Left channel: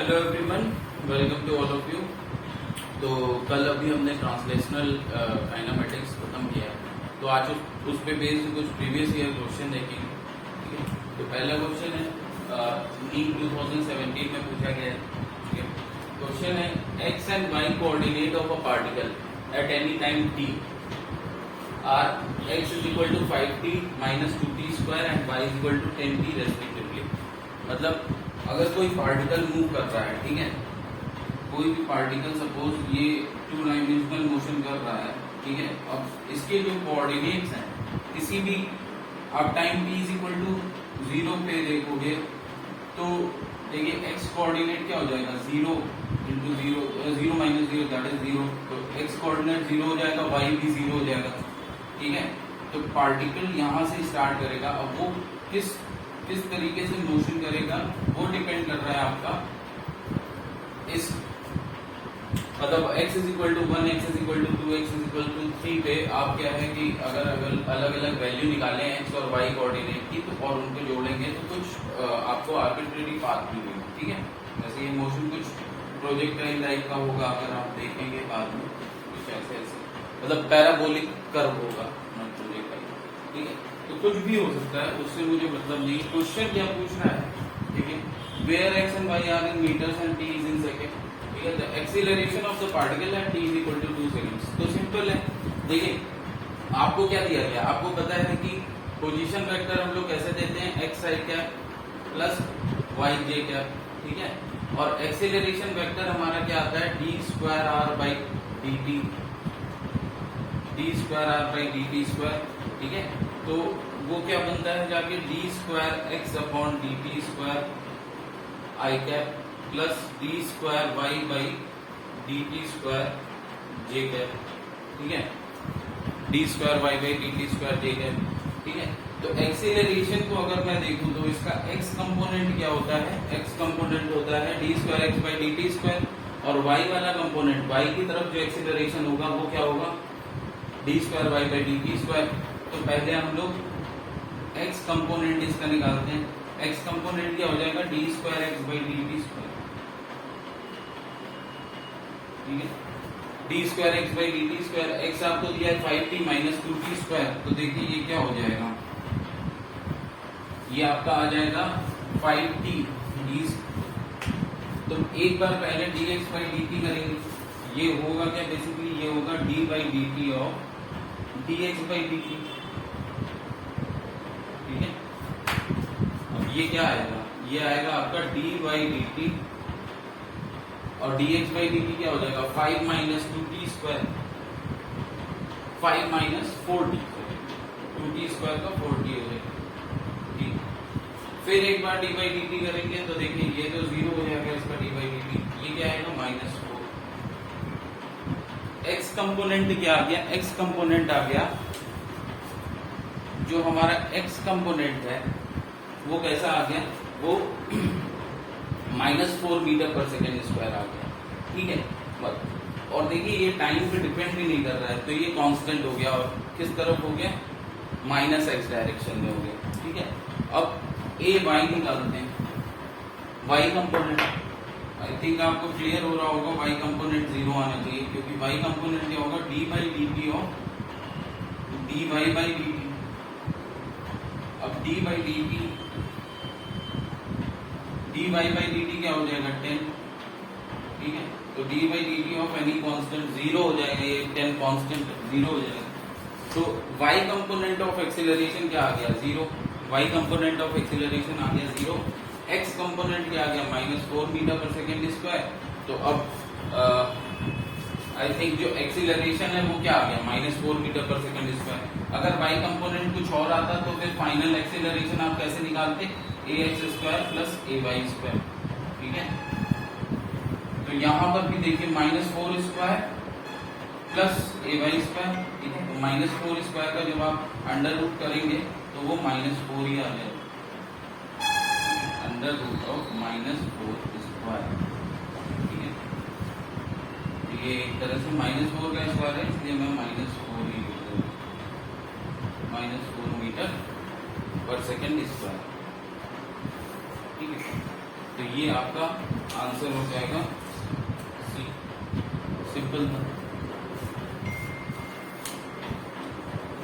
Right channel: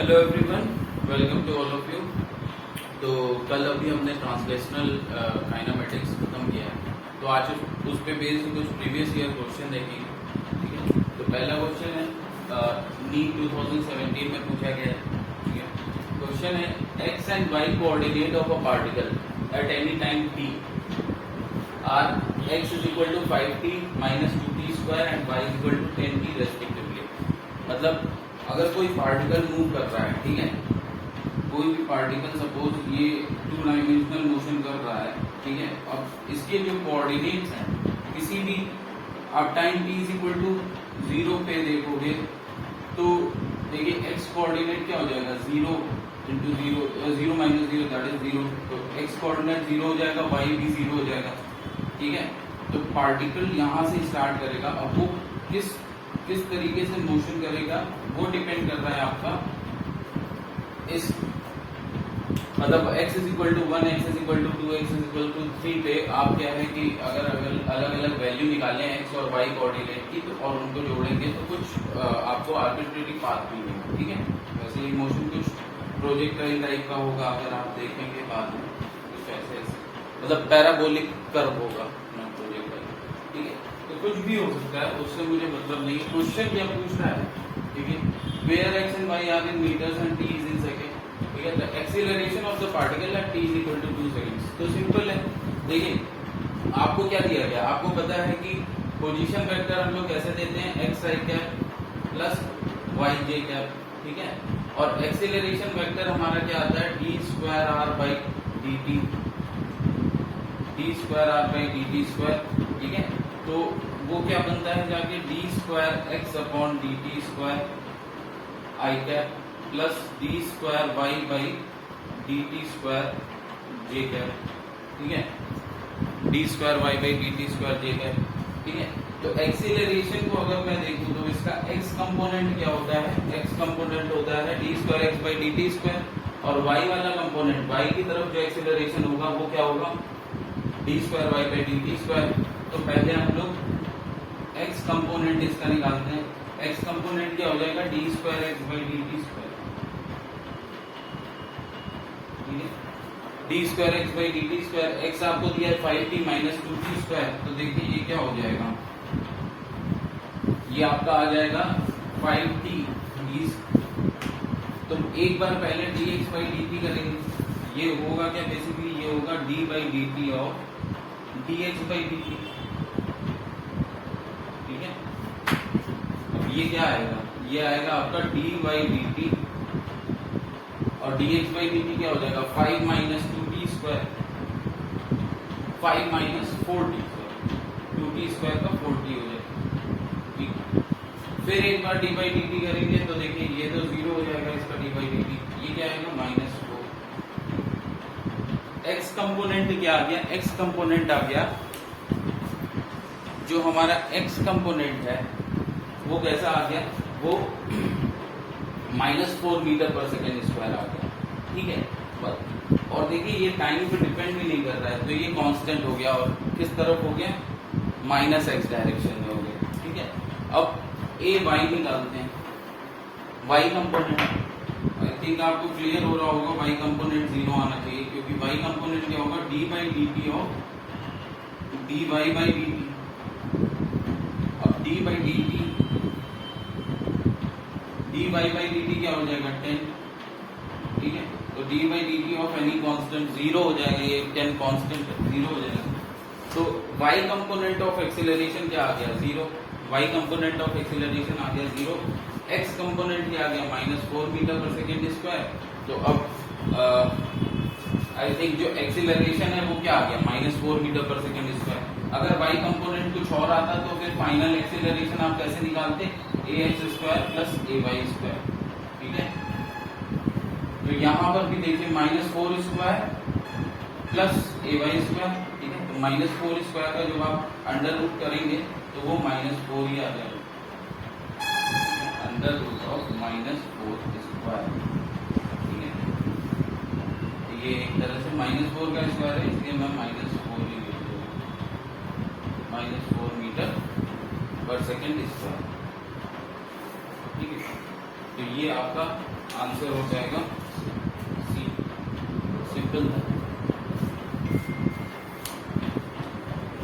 Hello everyone, welcome to all of you. तो कल अभी हमने ट्रांसलेशनल काइनेमेटिक्स खत्म किया है, तो आज उस पे बेस्ड कुछ प्रीवियस ईयर क्वेश्चन देखेंगे। ठीक है, तो पहला क्वेश्चन है नीट 2017 में पूछा गया है। ठीक है, क्वेश्चन है x and y coordinate of a particle at any time t are x is equal to 5t minus 2t square and y is equal to 10t respectively. मतलब अगर कोई पार्टिकल मूव कर रहा है, ठीक है, कोई भी पार्टिकल सपोज ये 2 डायमेंशनल मोशन कर रहा है, ठीक है, अब इसके जो कोऑर्डिनेट्स हैं किसी भी आप time t is equal to 0 पे देखोगे तो देखिए एक्स कोऑर्डिनेट क्या हो जाएगा 0 इंटू 0 माइनस 0 दैट इज 0। तो एक्स कोऑर्डिनेट 0 हो जाएगा, वाई भी 0 हो जाएगा। ठीक है, तो पार्टिकल यहां से स्टार्ट करेगा। अब वो किस तरीके से मोशन करेगा वो डिपेंड कर रहा है आपका इस मतलब x is equal to 1, x is equal to 2, x is equal to 3 पे आप क्या है कि अगर अलग अलग वैल्यू निकालें x और y कोऑर्डिनेट की तो और उनको जोड़ेंगे तो कुछ आपको आर्बिट्रेरी पाथ भी मिलेगा। ठीक है, वैसे ये मोशन कुछ प्रोजेक्टाइल टाइप का होगा, अगर आप देखेंगे बाद में कुछ ऐसे मतलब पैराबोलिक कर्व होगा प्रोजेक्टाइल। ठीक है, तो कुछ भी हो सकता है, उससे मुझे मतलब नहीं। क्वेश्चन क्या पूछ रहा है, ठीक है, where x and y are in meters and t is in second. ठीक है, the acceleration of the particle at t is equal to 2 seconds. तो सिंपल है, देखिए आपको क्या दिया गया, आपको पता है कि पोजीशन वेक्टर हम लोग कैसे देते हैं, x i cap plus y j cap. ठीक है, और एक्सीलरेशन वेक्टर हमारा क्या आता है, d square r by D T, d square r by D t square. ठीक है, तो वो क्या बनता है जाके d square x upon d t square i cap plus d square y by D t square j cap. ठीक है, d square y by D t square j cap. ठीक है, तो एक्सीलरेशन को अगर मैं देखूं तो इसका एक्स कंपोनेंट क्या होता है, एक्स कंपोनेंट होता है d square x by D t square, और वाई वाला कंपोनेंट वाई की तरफ जो एक्सीलरेशन होगा वो क्या होगा, d square y by D t square. तो पहले हम लोग एक्स कंपोनेंट इसका निकालते हैं। एक्स कंपोनेंट क्या हो जाएगा, D square x by D t square. ठीक है, d square x by D t square, x आपको दिया है 5t माइनस 2t स्क्वायर, तो देखिए ये क्या हो जाएगा, ये आपका आ जाएगा 5t डी। तो एक बार पहले D x by D T करेंगे, ये होगा क्या, बेसिकली ये होगा D by D T of D x by D T. ठीक है, अब ये क्या आएगा, ये आएगा आपका डी बाई डी टी और D x by D T क्या हो जाएगा 5 minus 2t square, 5 minus 4t, 2t square का 4t हो जाएगा। ठीक, फिर एक बार डी बाई डी टी करेंगे तो देखिए ये तो 0 हो जाएगा इसका डी बाई डी टी, ये क्या आएगा माइनस 4। एक्स कंपोनेंट क्या आ गया, एक्स कंपोनेंट आ गया, जो हमारा एक्स कंपोनेंट है वो कैसा आ गया, वो -4 मीटर पर सेकेंड स्क्वायर आ गया। ठीक है, बस, और देखिए ये टाइम पे डिपेंड भी नहीं कर रहा है, तो ये कांस्टेंट हो गया और किस तरफ हो गया, माइनस एक्स डायरेक्शन में हो गया। ठीक है, अब ए वाई निकालते हैं, वाई कंपोनेंट आई थिंक आपको क्लियर हो रहा होगा, वाई कंपोनेंट 0 आना चाहिए, क्योंकि वाई कंपोनेंट क्या होगा, D by D T of D Y by D T. अब D by D T, D Y by D T क्या हो जाएगा 10। ठीक है, तो D by D T of any constant 0 हो जाएगा, ये 10 कांस्टेंट 0 हो जाएगा। तो वाई कंपोनेंट ऑफ एक्सीलरेशन क्या आ गया 0, वाई कंपोनेंट ऑफ एक्सीलरेशन आ गया 0, एक्स कंपोनेंट क्या आ गया -4 मीटर पर सेकेंड स्क्वायर। तो अब आई थिंक जो एक्सीलरेशन है वो क्या आ गया -4 मीटर पर सेकेंड स्क्वायर। अगर वाई कंपोनेंट कुछ और आता तो फिर फाइनल एक्सीलरेशन आप कैसे निकालते, ए एक्स स्क्वायर प्लस ए वाई स्क्वायर। ठीक है, तो यहां पर भी देखिए -4 स्क्वायर प्लस ए वाई स्क्वायर। ठीक है, तो -4 स्क्वायर का जब आप अंडर रूट करेंगे तो वो -4 ही आ जाएगा, अंडर रूट ऑफ -4 स्क्वायर। ठीक है, ये एक तरह से -4 का स्क्वायर है, इसलिए मैं -4 ही यूज करूंगा, -4 मीटर पर सेकेंड स्क्वायर। ठीक है, तो ये आपका आंसर हो जाएगा सी। सिंपल था।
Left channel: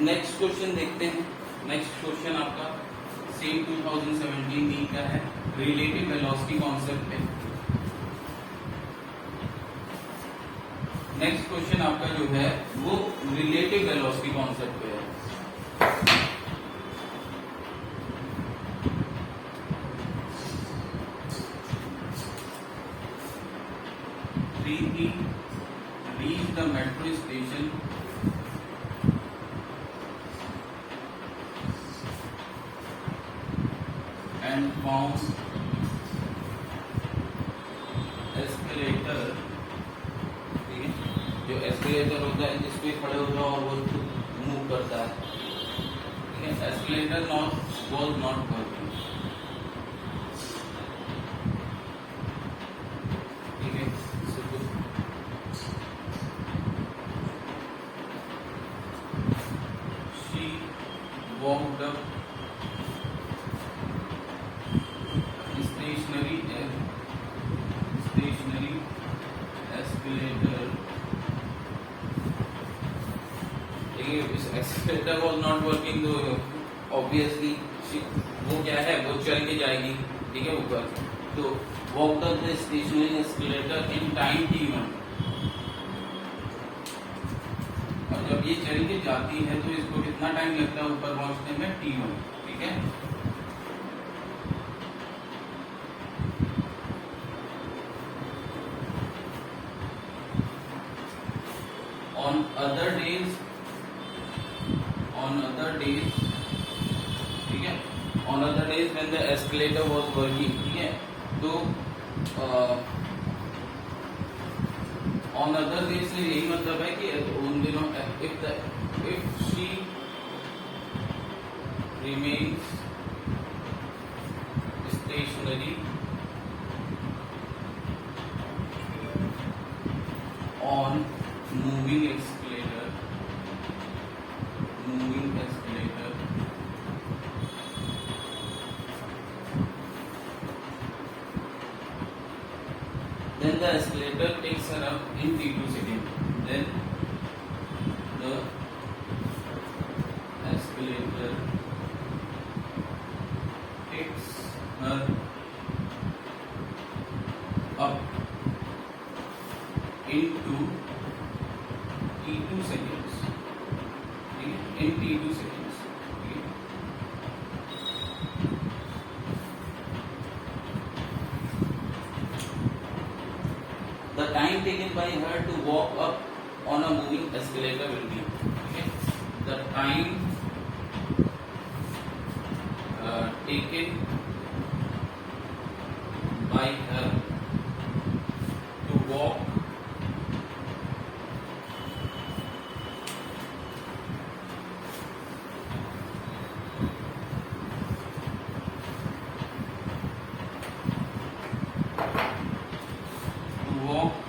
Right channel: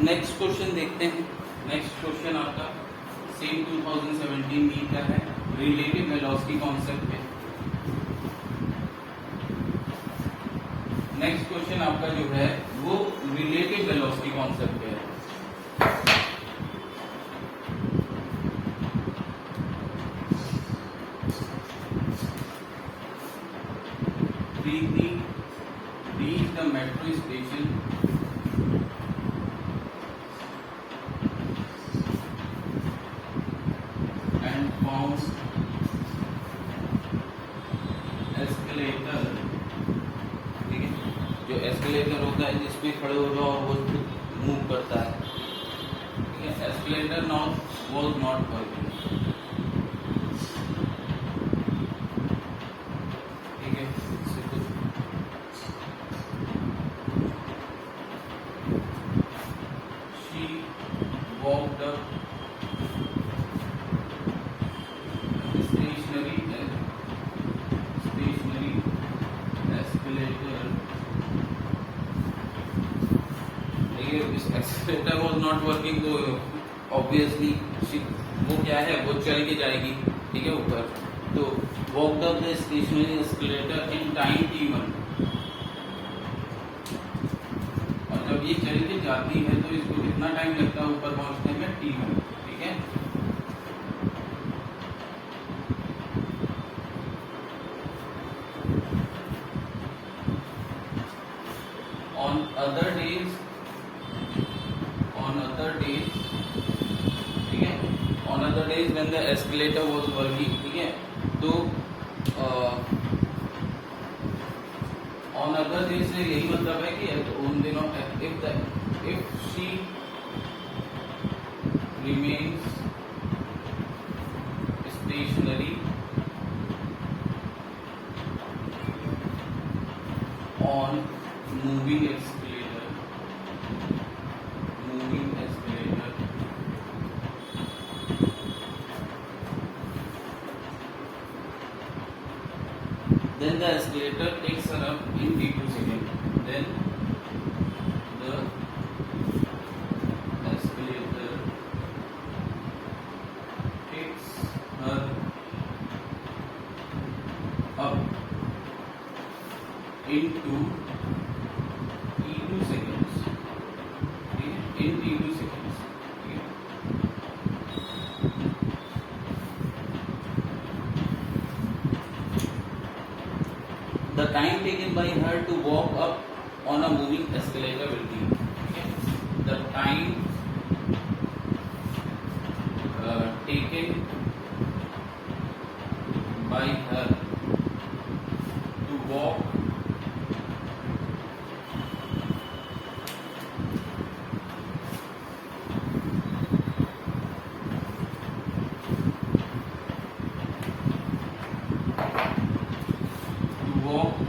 नेक्स्ट क्वेश्चन देखते हैं। नेक्स्ट क्वेश्चन आपका सेम 2017 डी का है, रिलेटिव वेलोसिटी कॉन्सेप्ट पे। नेक्स्ट क्वेश्चन आपका जो है वो रिलेटिव वेलोसिटी कॉन्सेप्ट पे है। reach the metro station and found escalator, ठीक है, जो एस्केलेटर होता है जिसपे खड़े हो जाओ और वो मूव करता है, ठीक है, एस्केलेटर was not working, ठीक है। She walked up stationary escalator, देखिए इस एस्केलेटर was not working, तो ऑब्वियसली वो क्या है, वो चल के जाएगी, ठीक है, ऊपर। तो walked up the stationary escalator in time t1, और जब ये चल के जाती है तो इसको कितना टाइम लगता है ऊपर पहुंचने में, t1, ठीक है। On other days, ठीक है, on other days when the escalator was working, ठीक है, तो on other days से यही मतलब है कि उन दिनों if she remains stationary on moving escalator, then the escalator takes her up in t2 seconds. Then the escalator takes her up into t2 seconds. In t2 seconds. The time taken by her to walk up on a moving escalator will be, okay? The time taken by her to walk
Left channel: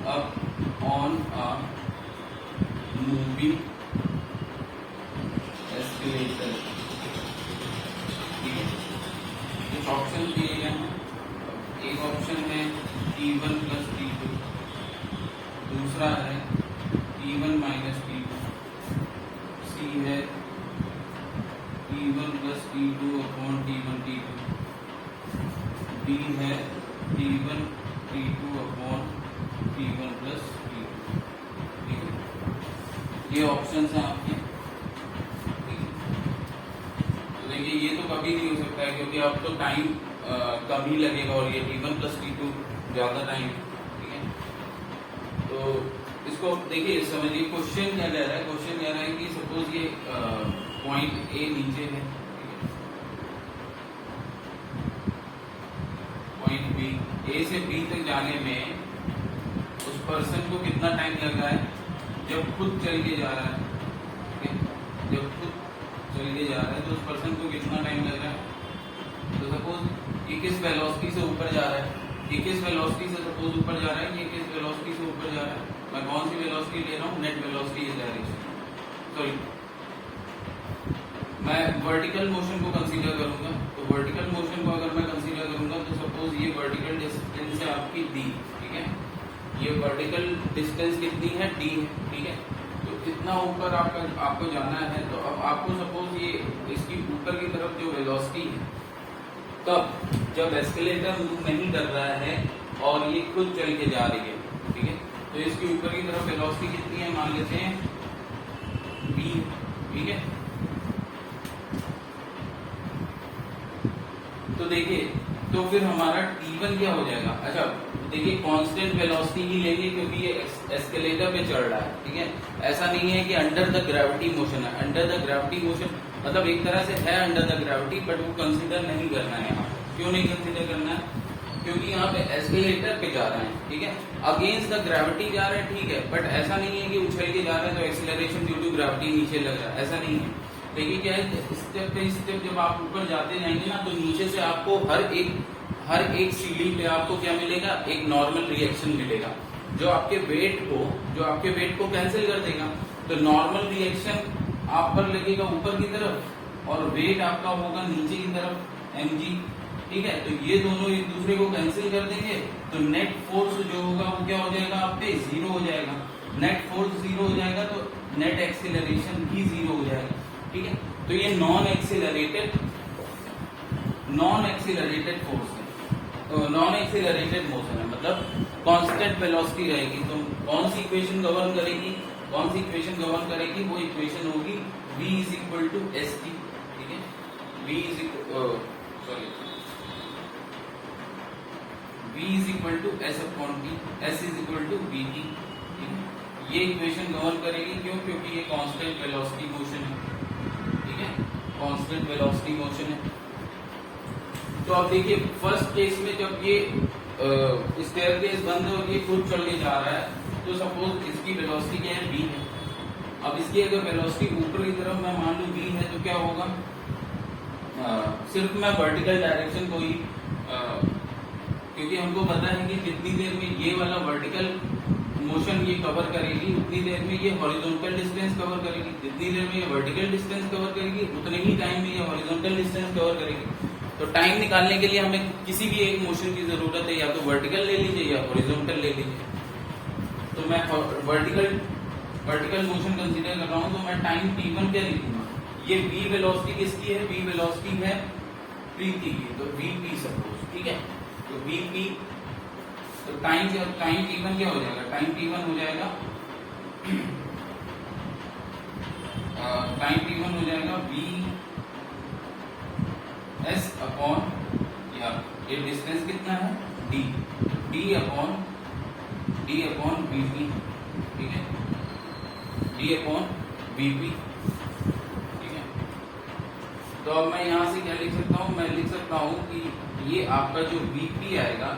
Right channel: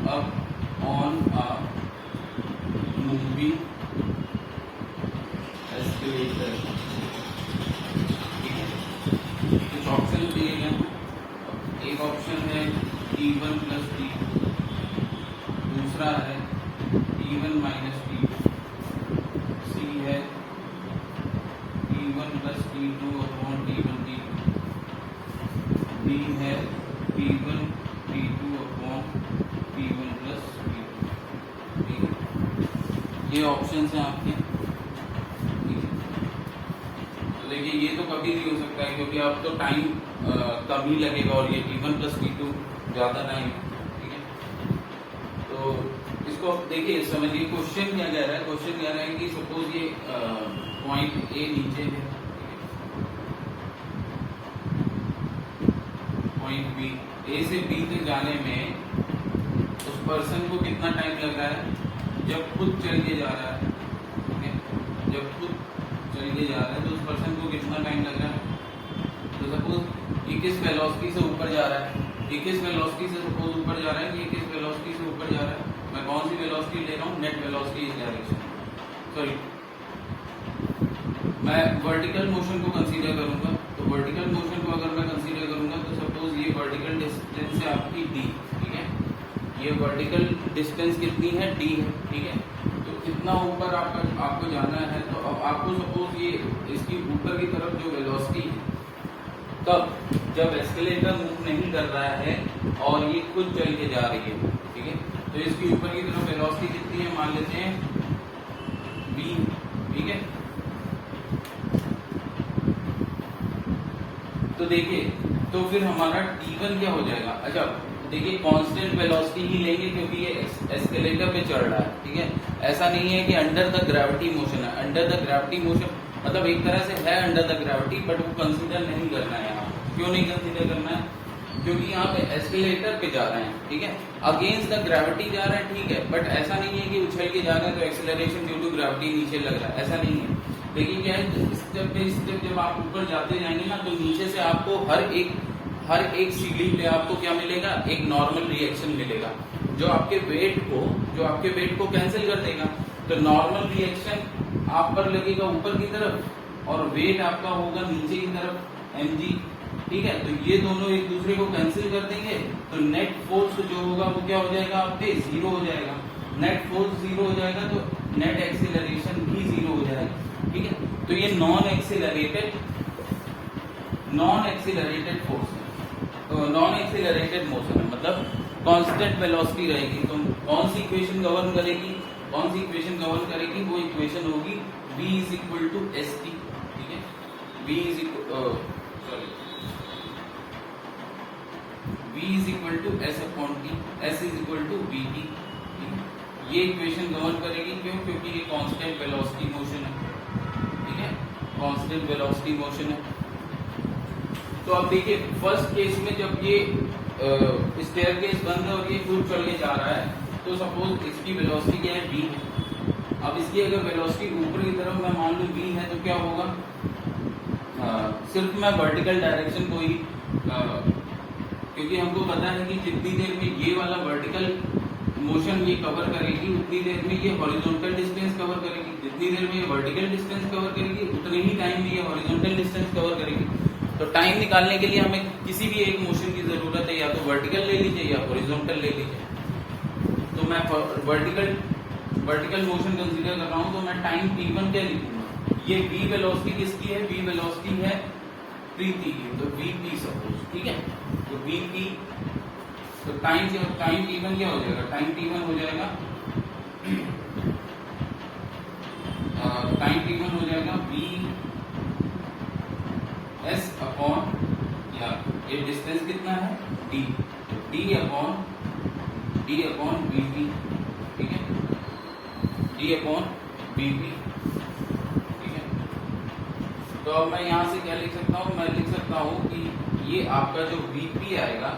up on a moving escalator, ठीक है। कुछ option दिए गए हैं, एक option है T1 plus T2, दूसरा है T1 माइनस T2, सी है T1 plus T2 upon T1 T2, D है T1 T2 upon T1 plus T2, ठीक है। ये ऑप्शन है आपके, तो देखिए ये तो कभी नहीं हो सकता है क्योंकि अब तो टाइम कम ही लगेगा और ये T1 प्लस T2 ज्यादा टाइम, ठीक है। तो इसको देखिए समझिए क्वेश्चन क्या कह रहा है। क्वेश्चन कह रहा है कि सपोज ये पॉइंट ए नीचे है, पॉइंट बी, ए से बी तक जाने में उस पर्सन को कितना टाइम लग रहा है जब खुद चल के जा रहा है, ठीक है, जब खुद चल के जा रहा है तो उस पर्सन को कितना टाइम लग रहा है। तो सपोज ये किस वेलोसिटी से ऊपर जा रहा है, ये किस वेलोसिटी से सपोज ऊपर जा रहा है, ये किस वेलोसिटी से ऊपर जा रहा है, मैं कौन सी वेलोसिटी ले रहा हूँ, net velocity is direction, sorry मैं वर्टिकल मोशन को कंसीडर करूंगा। तो वर्टिकल मोशन को अगर मैं कंसीडर करूंगा तो सपोज ये वर्टिकल डिस्टेंस है आपकी डी, ठीक है, ये वर्टिकल डिस्टेंस कितनी है डी, ठीक है, तो कितना ऊपर आपको जाना है, तो अब आपको सपोज ये इसकी ऊपर की तरफ जो वेलोसिटी, तब जब एस्केलेटर मूव नहीं कर रहा है और ये खुद चल के जा रही है, ठीक है, तो इसकी ऊपर की तरफ वेलोसिटी कितनी है, मान लेते हैं v, ठीक है। तो देखिए, तो फिर हमारा T1 क्या हो जाएगा, अच्छा देखिए कांस्टेंट वेलोसिटी ही लेंगे क्योंकि ये एस्केलेटर पे चल रहा है, ठीक है, ऐसा नहीं है कि अंडर द ग्रेविटी मोशन है, अंडर द ग्रेविटी मोशन मतलब एक तरह से है अंडर द ग्रेविटी, बट वो कंसीडर नहीं करना है यहाँ। क्यों नहीं कंसीडर करना है, क्योंकि यहाँ पे एस्केलेटर पे जा रहे हैं, ठीक है, अगेंस्ट द ग्रेविटी जा रहे हैं, ठीक है, बट ऐसा नहीं है कि उछल के जा रहे हैं तो एक्सेलरेशन ड्यू टू ग्रेविटी नीचे लग रहा है, ऐसा नहीं है। देखिए क्या है, स्टेप बाई स्टेप जब आप ऊपर जाते जाएंगे ना, तो नीचे से आपको हर एक सीढ़ी पे आपको क्या मिलेगा, एक नॉर्मल रिएक्शन मिलेगा जो आपके वेट को कैंसिल कर देगा। तो नॉर्मल रिएक्शन आप पर लगेगा ऊपर की तरफ और वेट आपका होगा नीचे की तरफ mg, ठीक है, तो ये दोनों एक दूसरे को कैंसिल कर देंगे, तो नेट फोर्स जो होगा वो क्या हो जाएगा, आपके जीरो हो जाएगा। नेट फोर्स जीरो हो जाएगा तो नेट एक्सीलरेशन भी जीरो हो जाएगा, ठीक है। तो ये नॉन एक्सीलरेटेड फोर्स है, तो नॉन एक्सीलरेटेड मोशन है, मतलब कांस्टेंट वेलोसिटी रहेगी। तो कौन सी इक्वेशन गवर्न करेगी, वो इक्वेशन होगी v is equal to s t, ठीक है, v is equal to s upon t, s is equal to v t, ठीक है, ये इक्वेशन गवर्न करेगी। क्यों, क्योंकि ये कांस्टेंट वेलोसिटी मोशन है, ठीक है, कांस्टेंट वेलोसिटी मोशन है। तो अब देखिए फर्स्ट केस में जब ये स्टेयरकेस बंद है और ये खुद चल के जा रहा है, तो सपोज इसकी वेलोसिटी क्या है, v है। अब इसकी अगर वेलोसिटी ऊपर की तरफ मैं मान लूं v है, तो क्या होगा, सिर्फ मैं वर्टिकल डायरेक्शन को ही क्योंकि हमको पता है कि जितनी देर में ये वाला वर्टिकल मोशन ये कवर करेगी, उतनी देर में ये हॉरिजॉन्टल डिस्टेंस कवर करेगी, जितनी देर में ये वर्टिकल डिस्टेंस कवर करेगी उतने ही टाइम में ये हॉरिजॉन्टल डिस्टेंस कवर करेगी। तो टाइम निकालने के लिए हमें किसी भी एक मोशन की जरूरत है, या तो वर्टिकल ले लीजिए या हॉरिजॉन्टल ले लीजिए। तो मैं वर्टिकल मोशन कंसीडर कर रहा हूं, तो मैं टाइम t1 क्या लिखूंगा, ये v वेलोसिटी किसकी है, v वेलोसिटी है प्रीति की, तो vp सपोज, ठीक है, तो vp, तो टाइम t1 क्या हो जाएगा, टाइम t1 हो जाएगा v s अपॉन, या ये डिस्टेंस कितना है d अपॉन vp, ठीक है, d अपॉन vp, ठीक है। तो अब मैं यहां से क्या लिख सकता हूं, मैं लिख सकता हूं कि ये आपका जो vp आएगा,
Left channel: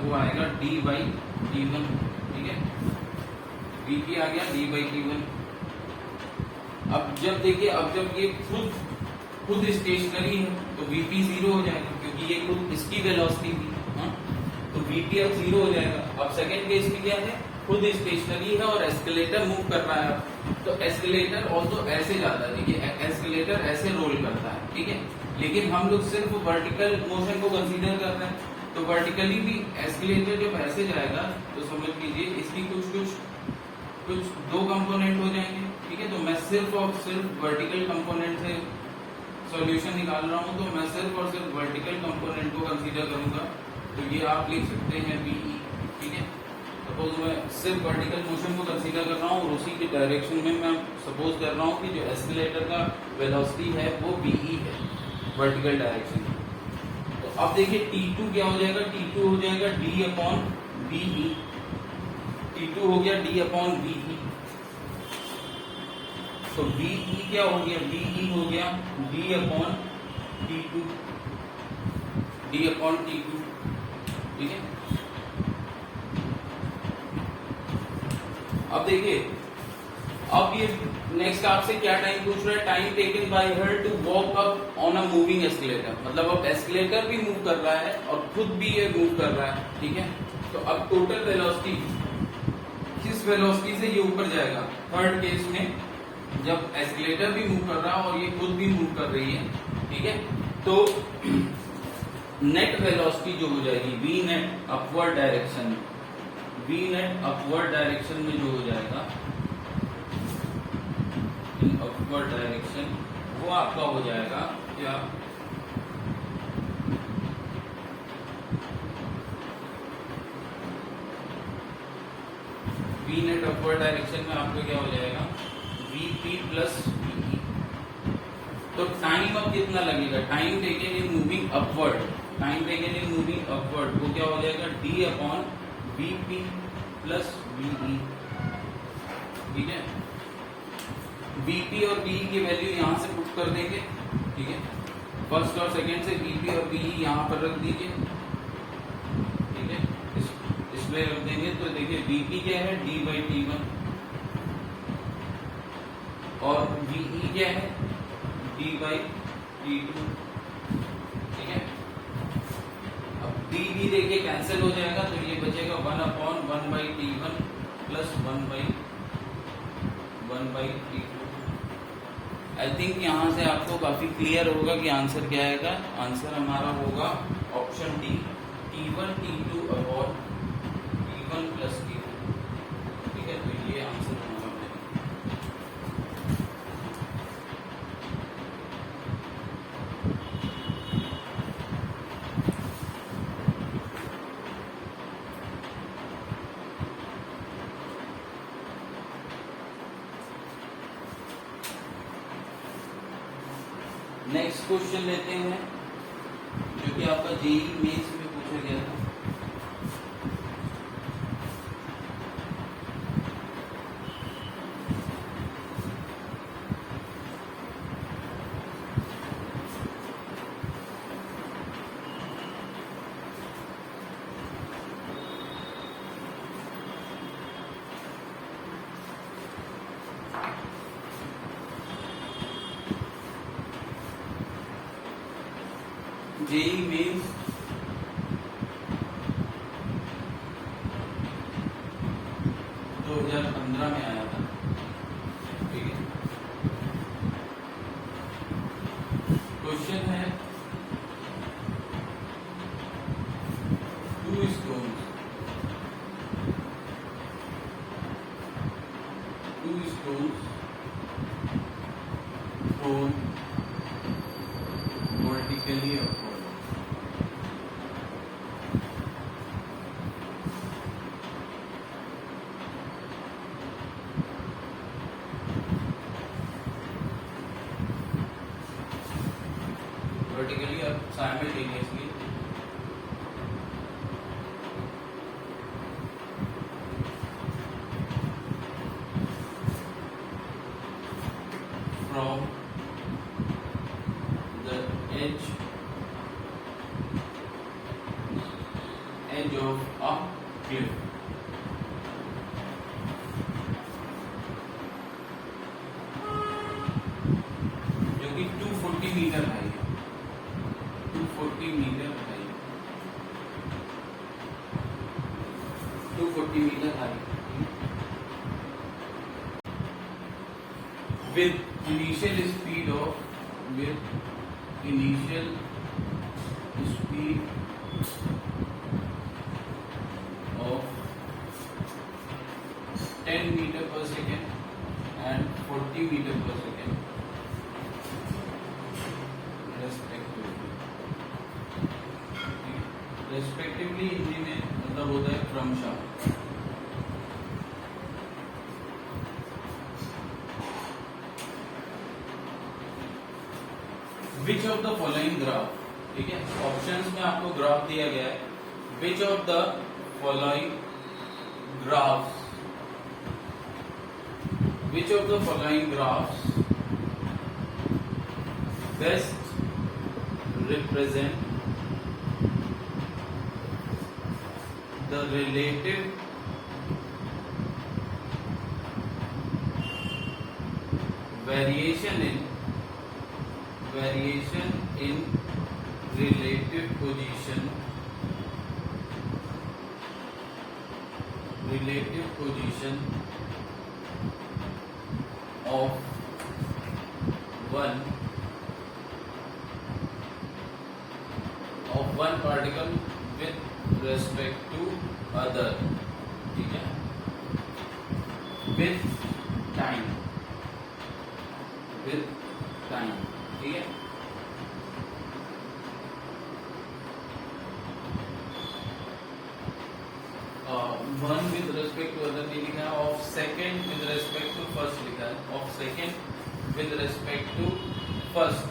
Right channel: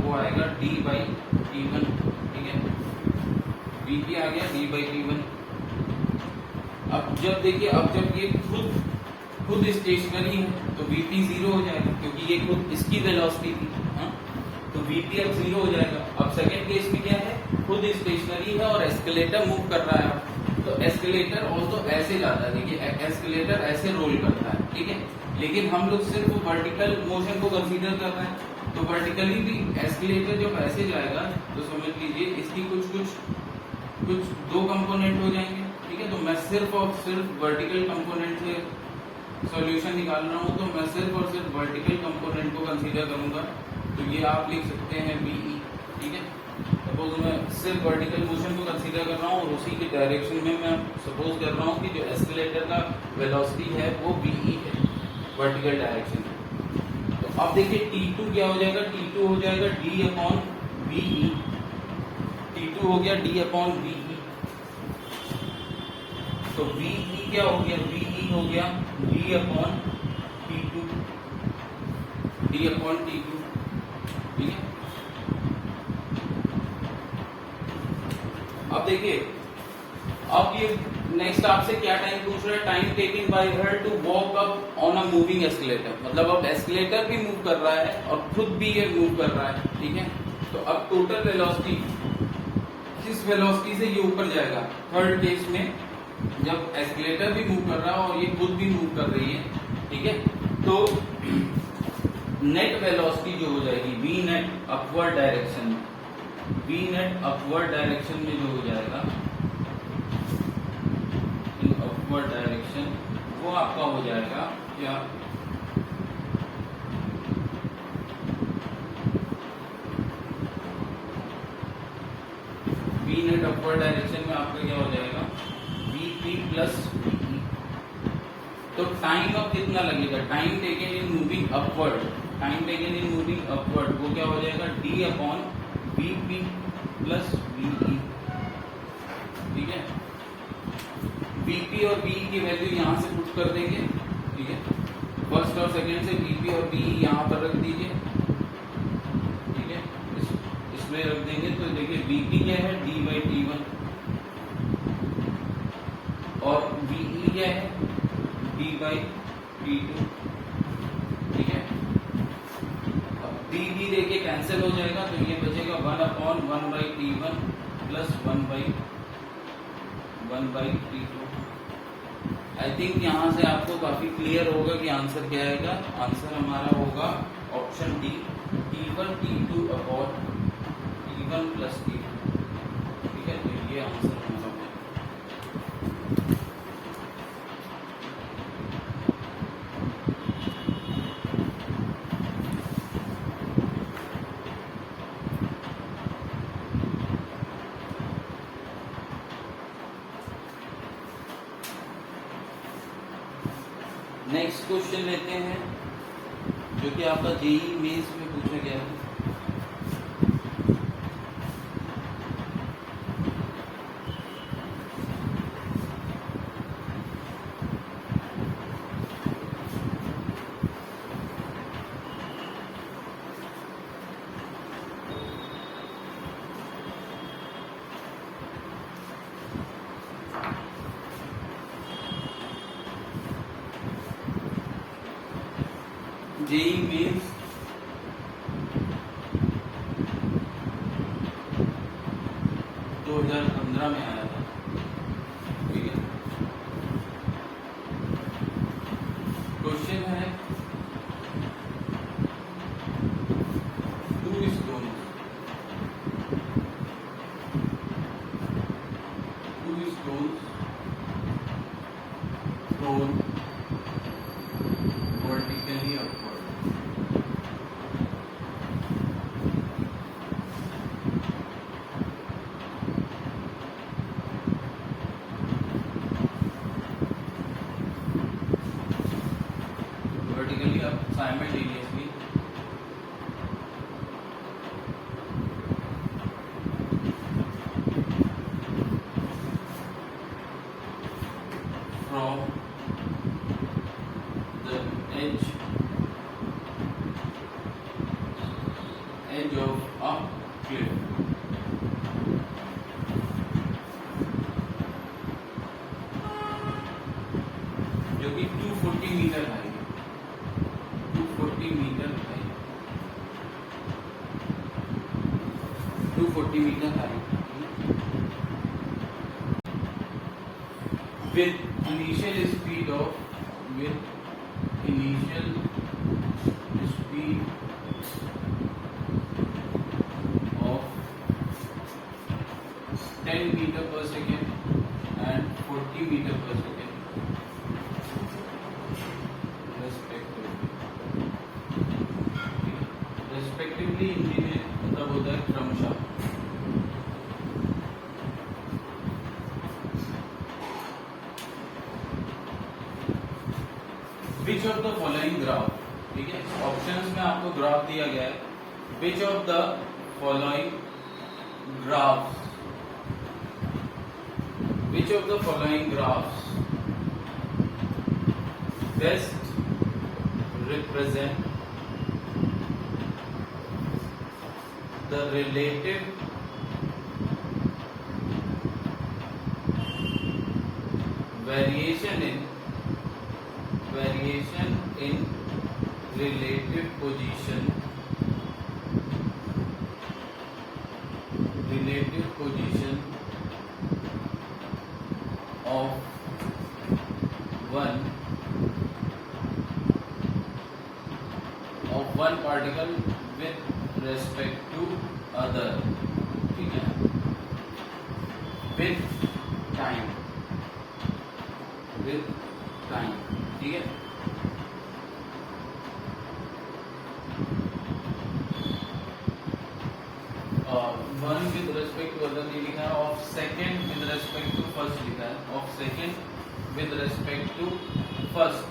वो आएगा d बाई t1, ठीक है, vp आ गया d बाई t1। अब जब देखिए, अब जब ये खुद स्टेशनरी है तो vp जीरो हो जाएगा, क्योंकि ये खुद इसकी वेलोसिटी थी, हाँ, तो vp अब जीरो हो जाएगा। अब सेकेंड केस में क्या है, खुद स्टेशनरी है और एस्केलेटर मूव कर रहा है, तो एस्केलेटर ऑल्सो ऐसे जाता है, देखिए एस्केलेटर ऐसे रोल करता है, ठीक है, लेकिन हम लोग सिर्फ वर्टिकल मोशन को कंसीडर कर रहे हैं, तो वर्टिकली भी एस्केलेटर जब ऐसे जाएगा तो समझ लीजिए इसकी कुछ दो कंपोनेंट हो जाएंगे, ठीक है। तो मैं सिर्फ और सिर्फ वर्टिकल कंपोनेंट से सॉल्यूशन निकाल रहा हूं, तो मैं सिर्फ और सिर्फ वर्टिकल कंपोनेंट को कंसीडर करूंगा, तो ये आप लिख सकते हैं VE, ठीक है। सपोज मैं सिर्फ वर्टिकल मोशन को कंसीडर कर रहा हूँ और उसी के डायरेक्शन में मैं सपोज कर रहा हूँ कि जो एस्केलेटर का वेलोसिटी है वो VE है, वर्टिकल डायरेक्शन में। तो अब देखिए T2 क्या हो जाएगा, T2 हो जाएगा D अपॉन VE, T2 हो गया D अपॉन VE। तो VE क्या हो गया, VE हो गया D अपॉन T2, ठीक है। अब देखिए, अब ये नेक्स्ट आपसे क्या टाइम पूछ रहा है, time taken by her to walk up on a moving escalator, मतलब अब एस्केलेटर भी मूव कर रहा है और खुद भी ये मूव कर रहा है, ठीक है। तो अब टोटल वेलोसिटी, किस वेलोसिटी से ये ऊपर जाएगा, थर्ड केस में जब एस्केलेटर भी मूव कर रहा है और ये खुद भी मूव कर रही है, ठीक है, तो नेट वेलोसिटी जो हो जाएगी वी नेट अपवर्ड डायरेक्शन में, वी नेट अपवर्ड डायरेक्शन में जो हो जाएगा इन अपवर्ड डायरेक्शन, वो आपका हो जाएगा क्या, वी नेट अपवर्ड डायरेक्शन में आपका क्या हो जाएगा वीपी प्लस वीई। तो टाइम अब कितना लगेगा, time taken in moving upward, time taken in moving upward वो क्या हो जाएगा D upon VP plus VE. ठीक है, वीपी और वीई की वैल्यू यहां से पुट कर देंगे। ठीक है, फर्स्ट और सेकेंड से वीपी और वीई यहां पर रख दीजिए। ठीक है, इसमें रख देंगे तो देखिए वीपी क्या है डी बाई टी वन और वीई क्या है डी बाई टी टू। ठीक है, अब डी डी देखिए कैंसिल हो जाएगा तो ये बचेगा one upon one by t one plus one by t two. I think यहाँ से आपको काफी क्लियर होगा कि आंसर क्या आएगा। आंसर हमारा होगा option d t one t two upon t one plus t two. ठीक है, तो ये आंसर हमारा नेक्स्ट क्वेश्चन लेते हैं जो कि आपका जेईई मेंस में पूछा गया था। जेईई मेंस 2015 में आया था। ठीक है, क्वेश्चन है two stones thrown vertically upward. Vertically up simultaneously from the edge of a cliff. जो कि 240 meter high, 240 meter high, 240 meter high with initial speed of 10 meter per second and 40 meter per second respectively Hindi में मतलब होता है क्रमशः। Which of the following graph, ठीक है, options में आपको ग्राफ दिया गया है। Which of the following graphs, which of the following graphs best represent the relative variation in relative position of one particle with respect to other, ठीक है, with time, ठीक है। One with respect to other ये लिखा है, of second with respect to first लिखा है, of second with respect to first,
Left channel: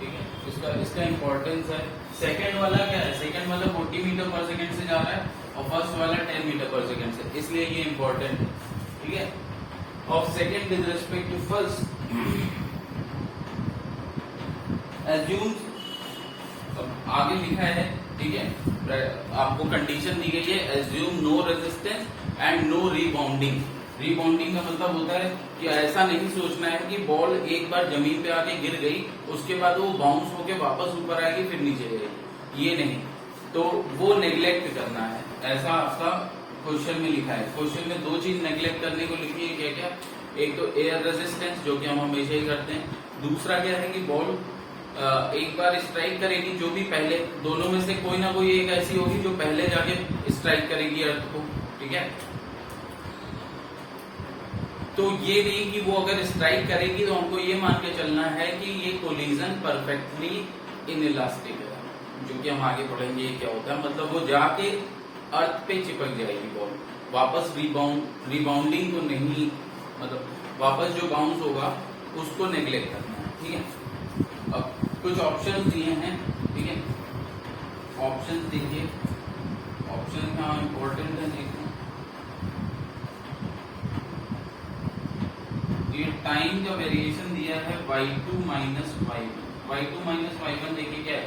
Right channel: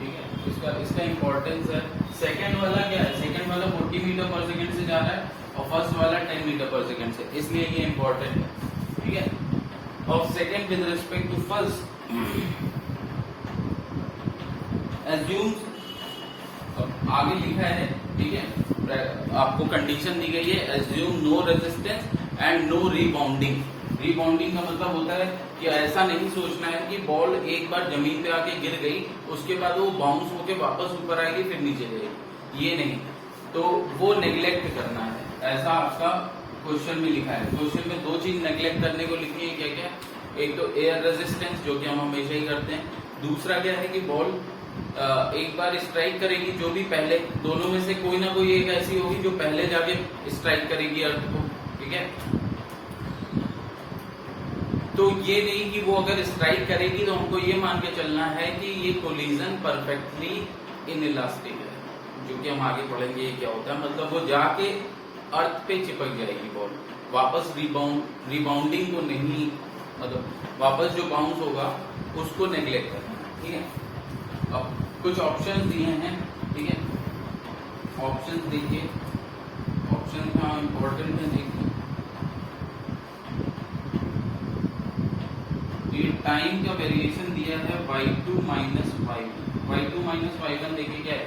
ठीक है। इसका इंपॉर्टेंस है, सेकेंड वाला क्या है, सेकेंड वाला 40 मीटर पर सेकेंड से जा रहा है और फर्स्ट वाला 10 मीटर पर सेकेंड से, इसलिए ये इंपॉर्टेंट है, ठीक है। Of second with respect to first, assume, आगे लिखा है, ठीक है, आपको कंडीशन दी गई है, assume no resistance and no rebounding. Rebounding का मतलब होता है कि ऐसा नहीं सोचना है कि बॉल एक बार जमीन पे आके गिर गई, उसके बाद वो बाउंस होके वापस ऊपर आएगी फिर नीचे गई, ये नहीं, तो वो नेग्लेक्ट करना है, ऐसा आपका क्वेश्चन में लिखा है। क्वेश्चन में दो चीज नेग्लेक्ट करने को लिखी है, क्या क्या, एक तो एयर रेजिस्टेंस जो कि हम हमेशा ही करते हैं, दूसरा क्या है कि बॉल एक बार स्ट्राइक करेगी, जो भी पहले, दोनों में से कोई ना कोई एक ऐसी होगी जो पहले जाके स्ट्राइक करेगी अर्थ को, ठीक है। तो ये नहीं कि वो अगर स्ट्राइक करेगी तो हमको ये मान के चलना है कि ये कोलिजन परफेक्टली इनइलास्टिक है, जो कि हम आगे पढ़ेंगे ये क्या होता है, मतलब वो जाके अर्थ पे चिपक जाएगी बॉल, वापस रिबाउंडिंग को नहीं, मतलब वापस जो बाउंस होगा उसको नेग्लेक्ट करना है, ठीक है। अब कुछ ऑप्शंस दिए हैं, ठीक है, ऑप्शंस देखिए, ऑप्शन का इम्पोर्टेंट है, देखिए ये टाइम का वेरिएशन दिया है y2 माइनस y1, देखिए क्या है,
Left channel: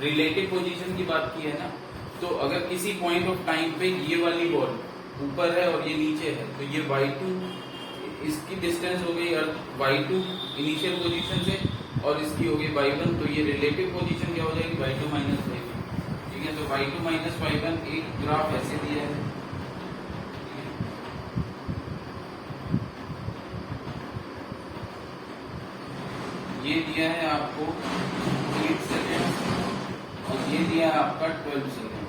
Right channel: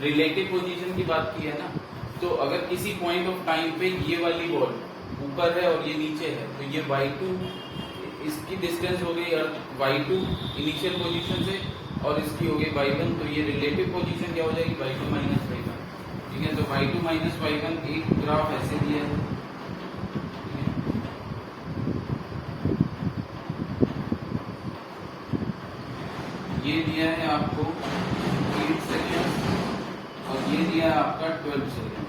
रिलेटिव पोजीशन की बात की है ना, तो अगर किसी पॉइंट ऑफ टाइम पे ये वाली बॉल ऊपर है और ये नीचे है, तो ये y2, इसकी डिस्टेंस हो गई y2 इनिशियल पोजीशन से, और इसकी हो गई y1, तो ये रिलेटिव पोजीशन क्या हो जाएगी, y2 माइनस y1, ठीक है। तो y2 माइनस y1 एक ग्राफ ऐसे दिया है, ये दिया है आपको 8 सेकेंड और ये दिया है आपका 12 सेकेंड।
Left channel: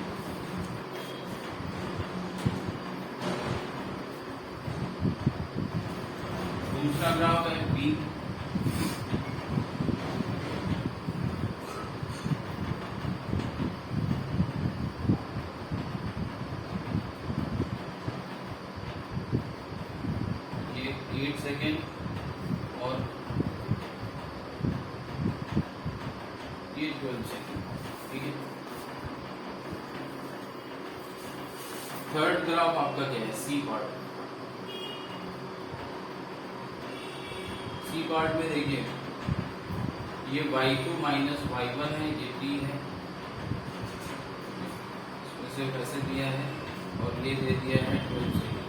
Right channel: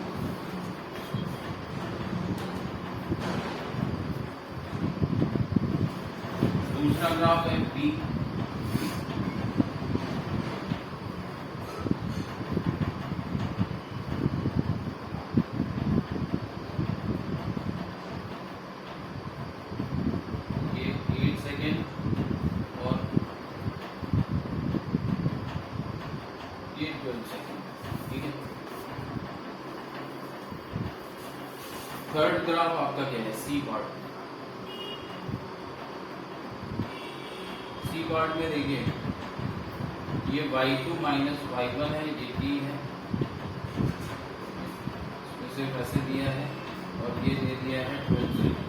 दूसरा ग्राफ है बी, ये 8 सेकेंड और ये 12 सेकेंड, ठीक है। थर्ड ग्राफ आपका क्या है, सी पार्ट। सी पार्ट में देखिए ये y2 माइनस y1 है, ये b है, इसे ऐसे दिया है और ये दे दिया है 12 सेकेंड।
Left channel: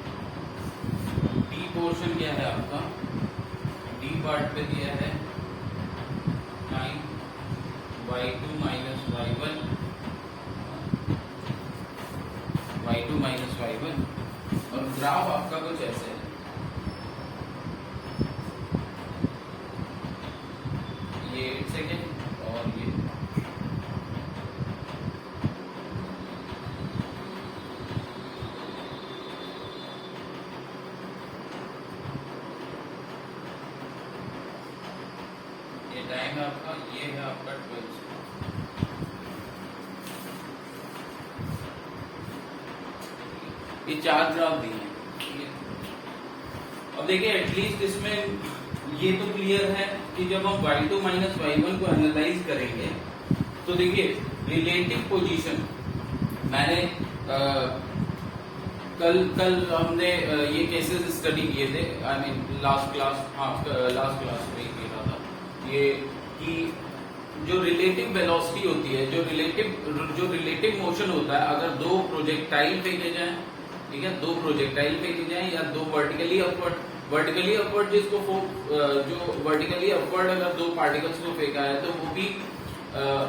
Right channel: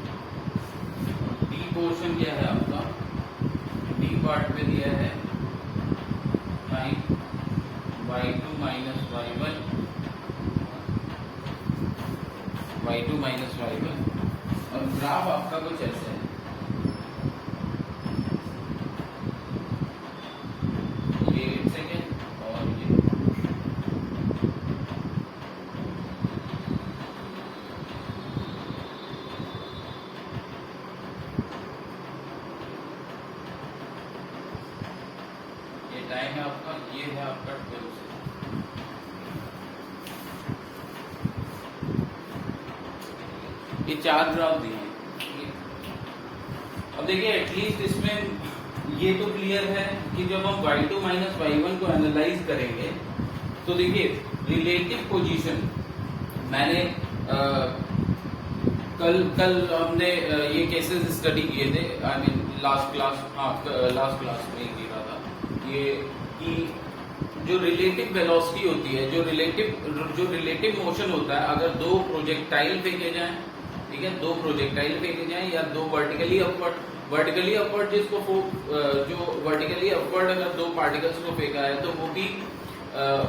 बी पोर्शन क्या है आपका, बी पार्ट पे दिया है टाइम y2 माइनस y1 और ग्राफ आपका कुछ ऐसे है, ये 8 सेकेंड और ये टाइम है आपका, ये है आपका 12 सेकेंड। ये 4 ग्राफ दिए हैं, ठीक है। अब देखिए एटलीस्ट इसमें ये तो क्लियर है कि जब हम y2 माइनस y1 को एनालाइज करेंगे तो देखिए रिलेटिव पोजीशन, मैंने कल हमने ये केसेस स्टडी किए थे, आई मीन लास्ट क्लास में किया था ये, कि जो रिलेटिव वेलोसिटी होती है, जो रिलेटिव मोशन होता है, अगर दो प्रोजेक्टाइल फेंके जाएं, ठीक है, दो प्रोजेक्टाइल फेंके जाएं या दो वर्टिकली अपवर्ड जिसको जो वर्टिकली अपवर्ड अगर दो पार्टिकल्स को फेंका है तो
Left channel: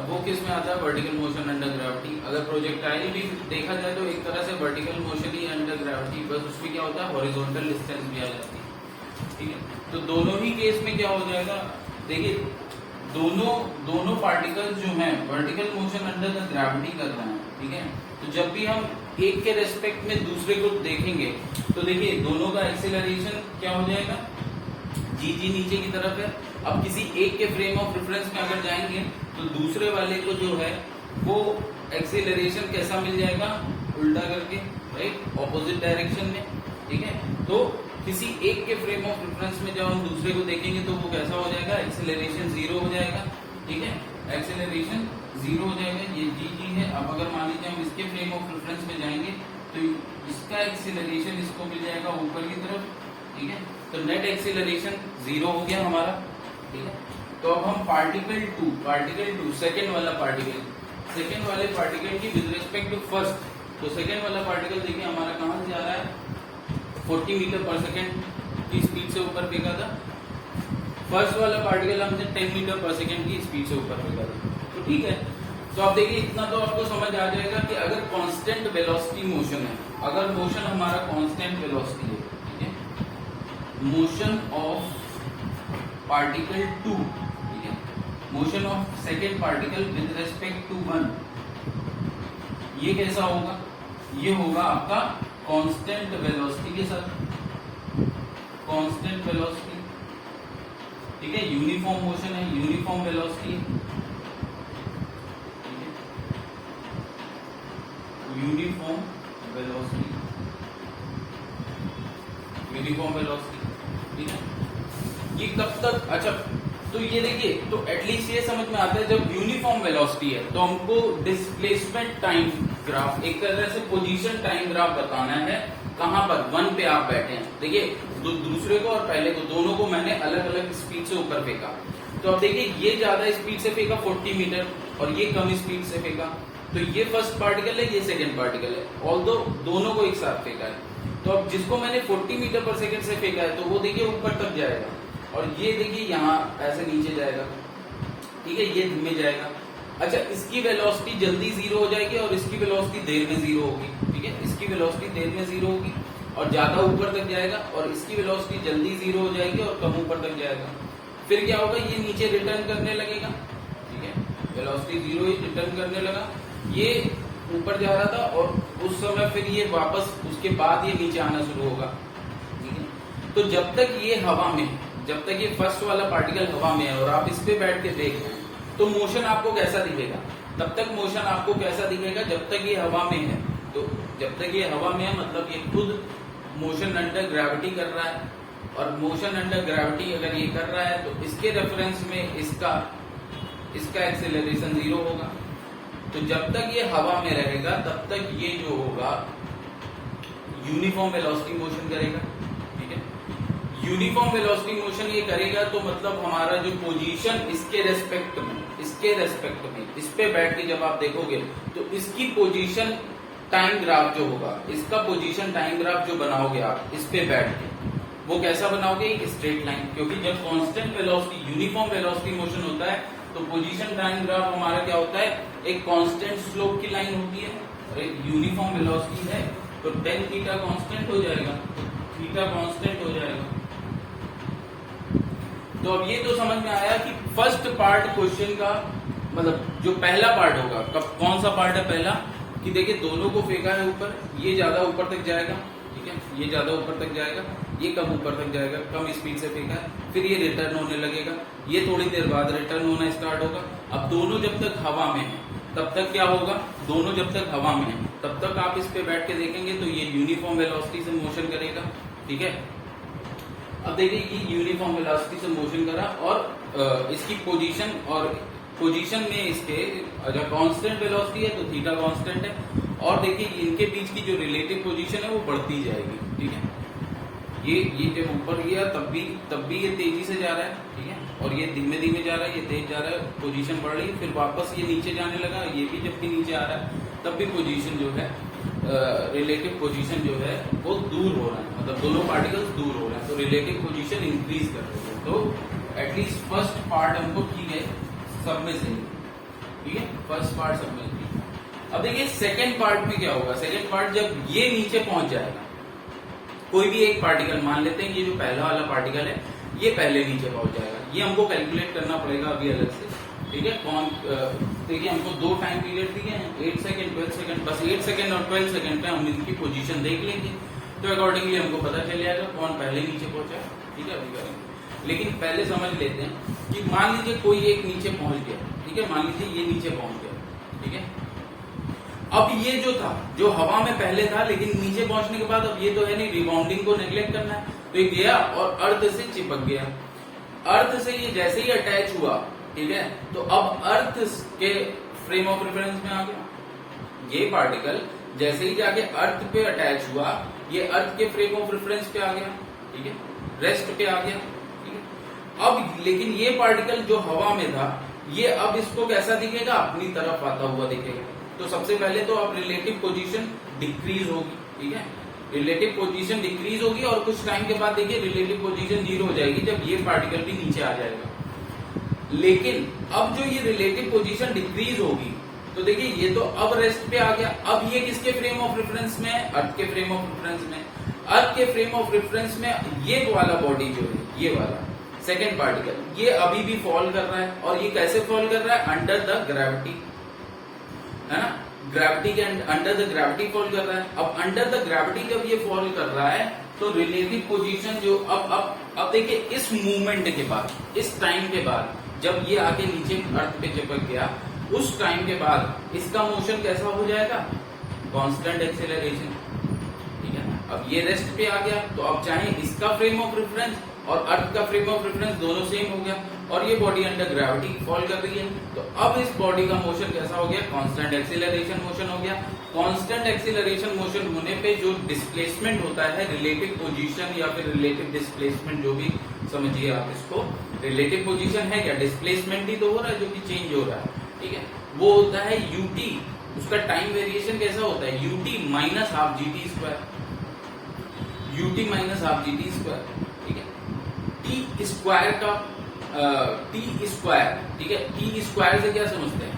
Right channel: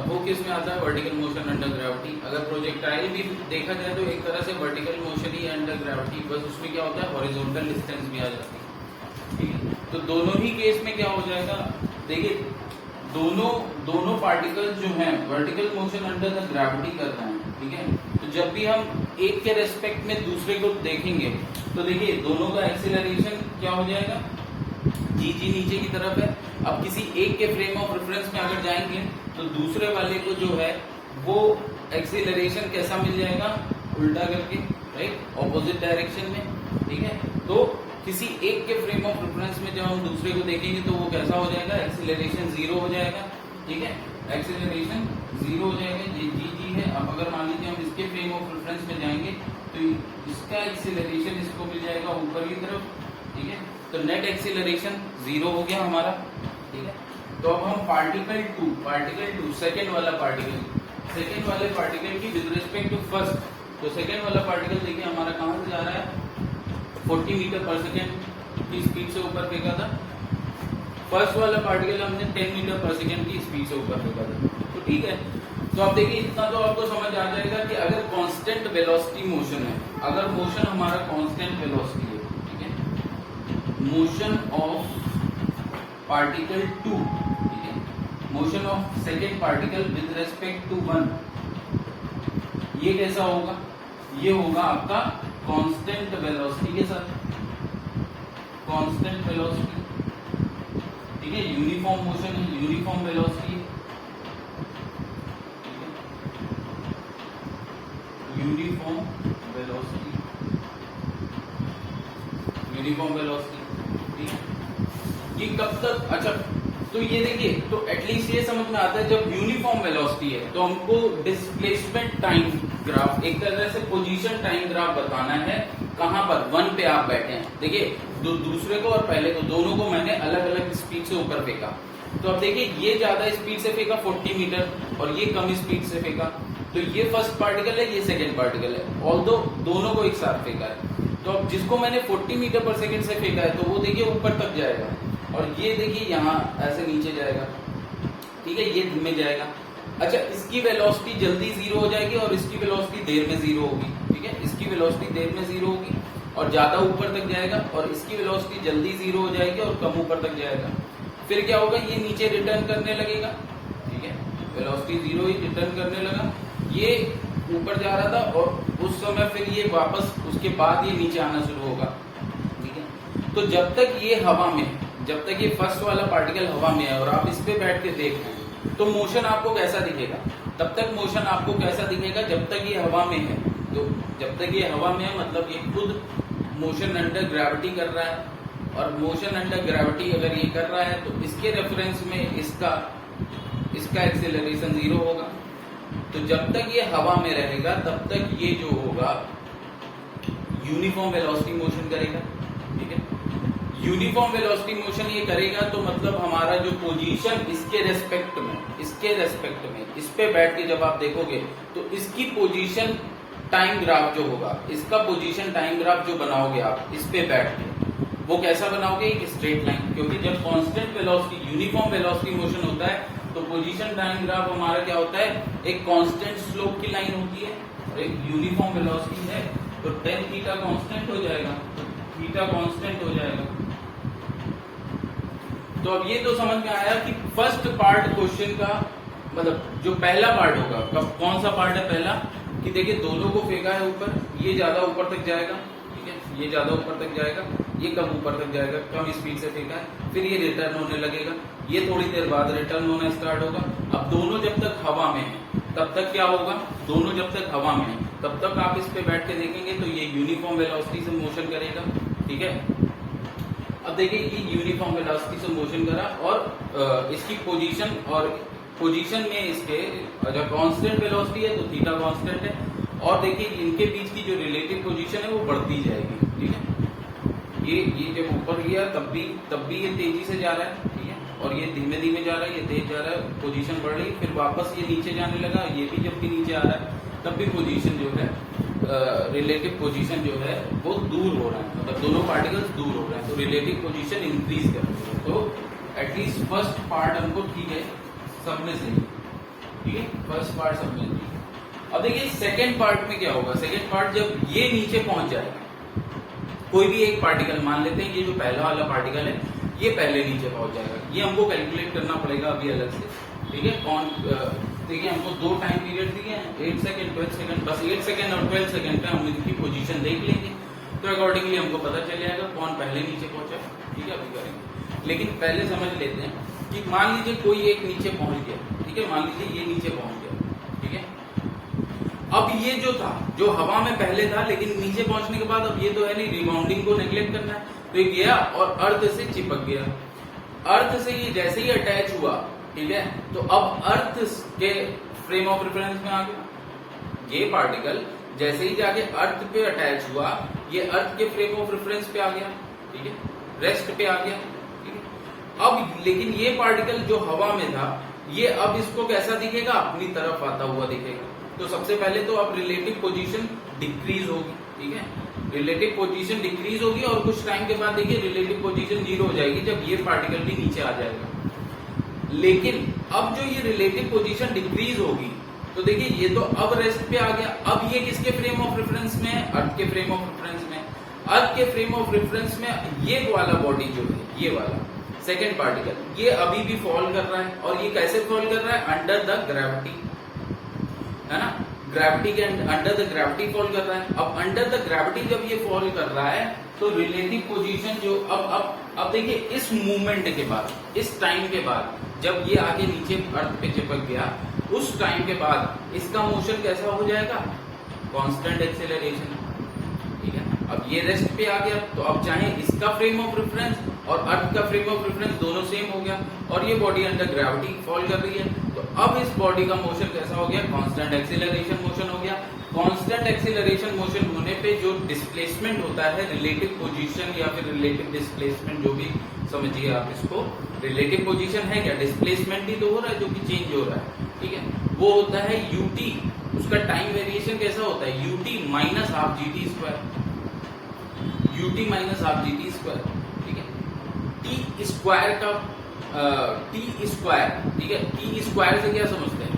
वो किस में आता है, वर्टिकल मोशन अंडर ग्रेविटी। अगर प्रोजेक्टाइल भी देखा जाए तो एक तरह से वर्टिकल मोशन ही अंडर ग्रेविटी, बस उसमें क्या होता है, हॉरिजॉन्टल डिस्टेंस भी आ जाती है, ठीक है। तो दोनों ही केस में क्या हो जाएगा, देखिए दोनों पार्टिकल्स जो हैं vertical motion under the gravity कर रहे हैं, ठीक है। तो जब भी हम एक के रेस्पेक्ट में दूसरे को देखेंगे तो देखिए दोनों का एक्सीलरेशन क्या हो जाएगा, जी नीचे की तरफ है। अब किसी एक के फ्रेम ऑफ रेफरेंस में अगर जाएंगे तो दूसरे वाले को जो है वो एक्सीलरेशन कैसा मिल जाएगा, उल्टा करके, राइट, ऑपोजिट डायरेक्शन में, ठीक है। तो किसी एक के फ्रेम ऑफ रेफरेंस में जब हम दूसरे को देखेंगे तो वो कैसा हो जाएगा, एक्सीलरेशन 0 हो जाएगा, ठीक है, एक्सीलरेशन 0 हो जाएगा, ये जी है। अब अगर मान लीजिए हम इसके फ्रेम ऑफ रेफरेंस में जाएंगे तो इसका एक्सीलरेशन इसको मिल जाएगा ऊपर की तरफ, ठीक है। तो नेट एक्सीलरेशन 0 हो गया हमारा, ठीक है। तो अब हम पार्टिकल टू सेकेंड वाले पार्टिकल की विद रिस्पेक्ट टू फर्स्ट, तो सेकेंड वाला पार्टिकल देखिए हमारा कहां से जा रहा है, 40 मीटर पर सेकेंड की स्पीड से ऊपर फेंका था। फर्स्ट वाला पार्टिकल हमने 10 मीटर पर सेकेंड की स्पीड से ऊपर फेंका था, तो ठीक है। तो आप देखिए इतना तो आपको समझ आ जाएगा कि अगर कांस्टेंट वेलोसिटी मोशन है, अगर मोशन हमारा कांस्टेंट वेलोसिटी है, ठीक है, मोशन ऑफ पार्टिकल 2, ठीक है, motion of second particle with respect to 1, ये कैसा होगा, ये होगा आपका कांस्टेंट वेलोसिटी के साथ, कांस्टेंट वेलोसिटी, ठीक है, यूनिफॉर्म मोशन है, यूनिफॉर्म वेलोसिटी, यूनिफॉर्म वेलोसिटी, ठीक है। ये कब तक, अच्छा तो ये देखिए, तो एटलीस्ट ये समझ में आता है जब यूनिफॉर्म वेलोसिटी है तो हमको डिस्प्लेसमेंट टाइम ग्राफ, एक तरह से पोजीशन टाइम ग्राफ बताना है, कहां पर 1 पे आप बैठे हैं। देखिए दूसरे को और पहले को, दोनों को मैंने अलग अलग स्पीड से ऊपर फेंका, तो अब देखिए ये ज्यादा स्पीड से फेंका 40 मीटर और ये कम स्पीड से फेंका, तो ये फर्स्ट पार्टिकल है, ये सेकेंड पार्टिकल है, ऑल्दो दोनों को एक साथ फेंका है। तो अब जिसको मैंने 40 मीटर पर सेकेंड से फेंका है तो वो देखिए ऊपर तक जाएगा, और ये देखिए यहाँ ऐसे नीचे जाएगा, ठीक है, ये धीमे जाएगा। अच्छा, इसकी वेलोसिटी जल्दी 0 हो जाएगी और इसकी वेलोसिटी देर में 0 होगी, ठीक है, इसकी वेलोसिटी देर में 0 होगी और ज्यादा ऊपर तक जाएगा, और इसकी वेलोसिटी जल्दी 0 हो जाएगी और कम ऊपर तक जाएगा। फिर क्या होगा, ये नीचे रिटर्न करने लगेगा, ठीक है, वेलोसिटी 0 ही रिटर्न करने लगा, ये ऊपर जा रहा था और उस समय फिर ये वापस उसके बाद ये नीचे आना शुरू होगा, ठीक है। तो जब तक ये हवा में, जब तक ये फर्स्ट वाला पार्टिकल हवा में है और आप इस पे बैठ के देख रहे हैं तो मोशन आपको कैसा दिखेगा, तब तक मोशन आपको कैसा दिखेगा जब तक ये हवा में है। तो जब तक ये हवा में है मतलब ये खुद मोशन अंडर ग्रेविटी कर रहा है, और मोशन अंडर ग्रेविटी अगर ये कर रहा है तो इसके रेफरेंस में इसका एक्सेलरेशन 0 होगा। तो जब तक ये हवा में रहेगा तब तक ये जो होगा यूनिफॉर्म वेलोसिटी मोशन करेगा, ठीक है। यूनिफॉर्म वेलोसिटी मोशन ये करेगा तो मतलब हमारा जो पोजीशन इसके रेस्पेक्ट में इस पे बैठ के जब आप देखोगे तो इसकी पोजीशन टाइम ग्राफ जो होगा, इसका पोजीशन टाइम ग्राफ जो बनाओगे आप इस पे बैठ के, वो कैसा बनाओगे, एक स्ट्रेट लाइन, क्योंकि जब constant velocity uniform velocity motion होता है तो पोजीशन टाइम ग्राफ हमारा क्या होता है, एक कांस्टेंट स्लोप की लाइन होती है और एक यूनिफॉर्म वेलोसिटी है, तो tan थीटा कांस्टेंट हो जाएगा, तो थीटा कांस्टेंट हो जाएगा। तो अब ये तो समझ में आया कि फर्स्ट पार्ट क्वेश्चन का मतलब जो पहला पार्ट होगा, कौन सा पार्ट है पहला, कि देखिए दोनों को फेंका है ऊपर, ये ज्यादा ऊपर तक जाएगा, ठीक है, ये ज्यादा ऊपर तक जाएगा, ये कम ऊपर तक जाएगा, कम स्पीड से फेंका है, फिर ये रिटर्न होने लगेगा, ये थोड़ी देर बाद रिटर्न होना स्टार्ट होगा। अब दोनों जब तक हवा में है तब तक क्या होगा, दोनों जब तक हवा में है तब तक आप इस पे बैठ के देखेंगे तो ये यूनिफॉर्म वेलोसिटी से मोशन करेगा, ठीक है। अब देखिए ये यूनिफॉर्म वेलोसिटी से मोशन करा और इसकी पोजीशन में इसके अगर कांस्टेंट वेलोसिटी है तो थीटा कांस्टेंट है, और देखिए इनके बीच की जो रिलेटिव पोजीशन है वो बढ़ती जाएगी, ठीक है। ये जब ऊपर गया तब भी ये तेजी से जा रहा है, ठीक है, और ये धीमे धीमे जा रहा है, ये तेज जा रहा है, पोजीशन बढ़ रही, फिर वापस ये नीचे जाने लगा, ये भी जब भी नीचे आ रहा है तब भी पोजीशन जो है रिलेटिव पोजीशन जो है वो दूर हो रहा है, मतलब दोनों पार्टिकल्स दूर हो रहे हैं, तो रिलेटिव पोजीशन इंक्रीज कर रही है। तो एटलीस्ट फर्स्ट पार्ट हमको ठीक है, सब में सही, ठीक है, फर्स्ट पार्ट सब में। अब देखिए सेकेंड पार्ट में क्या होगा, सेकेंड पार्ट जब ये नीचे पहुंच जाएगा, कोई भी एक पार्टिकल मान लेते हैं, ये जो पहला वाला पार्टिकल है ये पहले नीचे पहुंच जाएगा। ये हमको कैलकुलेट करना पड़ेगा अभी अलग से, ठीक है। कौन देखिए हमको 2 टाइम पीरियड दिए हैं, 8 सेकंड 12 सेकंड, बस 8 सेकंड और 12 सेकंड पे हम इनकी पोजीशन देख लेंगे, तो अकॉर्डिंगली हमको पता चल जाएगा कौन पहले नीचे पहुंचा, ठीक है। अभी करेंगे, लेकिन पहले समझ लेते हैं कि मान लीजिए कोई एक नीचे पहुंच गया, ठीक है, मान लीजिए ये नीचे पहुंच गया, ठीक है। अब ये जो था, जो हवा में पहले था, लेकिन नीचे पहुंचने के बाद अब ये तो है नहीं, रिबाउंडिंग को नेग्लेक्ट करना है, तो ये गया और अर्थ से चिपक गया। अर्थ से ये जैसे ही अटैच हुआ, ठीक है, तो अब अर्थ के फ्रेम ऑफ रेफरेंस में आ गया। ये पार्टिकल जैसे ही जाके अर्थ पे अटैच हुआ, ये अर्थ के फ्रेम ऑफ रेफरेंस पे आ गया, ठीक है, रेस्ट पे आ गया, ठीक है। अब लेकिन ये पार्टिकल जो हवा में था, ये अब इसको कैसा दिखेगा, अपनी तरफ आता हुआ दिखेगा। तो सबसे पहले तो अब रिलेटिव पोजीशन डिक्रीज होगी, ठीक है, रिलेटिव पोजीशन डिक्रीज होगी और कुछ टाइम के बाद देखिए रिलेटिव पोजीशन 0 हो जाएगी जब ये पार्टिकल भी नीचे आ जाएगा। लेकिन अब जो ये रिलेटिव पोजीशन डिक्रीज होगी, तो देखिए ये तो अब रेस्ट पे आ गया। अब ये किसके फ्रेम ऑफ रेफरेंस में है, अर्थ के फ्रेम ऑफ रेफरेंस में। अर्थ के फ्रेम ऑफ रेफरेंस में ये वाला बॉडी जो है, ये वाला सेकेंड पार्टिकल, ये अभी भी फॉल कर रहा है। और ये कैसे फॉल कर रहा है, अंडर द ग्रेविटी, है ना, ग्रेविटी के अंडर द ग्रेविटी फॉल कर रहा है। अब अंडर द ग्रेविटी जब ये फॉल कर रहा है, तो रिलेटिव पोजीशन जो अब देखिए इस मूवमेंट के बाद, इस टाइम के बाद, जब ये आके नीचे अर्थ पे चिपक गया, उस टाइम के बाद इसका मोशन कैसा हो जाएगा, कांस्टेंट एक्सेलरेशन, ठीक है। अब ये रेस्ट पे आ गया, तो अब चाहे इसका फ्रेम ऑफ रेफरेंस और अर्थ का फ्रेम ऑफ रेफरेंस दोनों सेम हो गया, और ये बॉडी अंडर ग्रेविटी फॉल कर रही है, तो अब इस बॉडी का मोशन कैसा हो गया, कांस्टेंट एक्सेलरेशन मोशन हो गया। कांस्टेंट एक्सेलरेशन मोशन होने पे जो डिस्प्लेसमेंट होता है, रिलेटिव पोजीशन या फिर रिलेटिव डिस्प्लेसमेंट, जो भी समझिए आप इसको, रिलेटिव पोजीशन है क्या, डिस्प्लेसमेंट ही तो हो रहा है जो कि चेंज हो रहा है, ठीक है, वो होता है यूटी। उसका टाइम वेरिएशन कैसा होता है, UT minus half GT square, UT minus half GT square, ठीक है। टी स्क्वायर का टी स्क्वायर, ठीक है, टी स्क्वायर से क्या समझते हैं,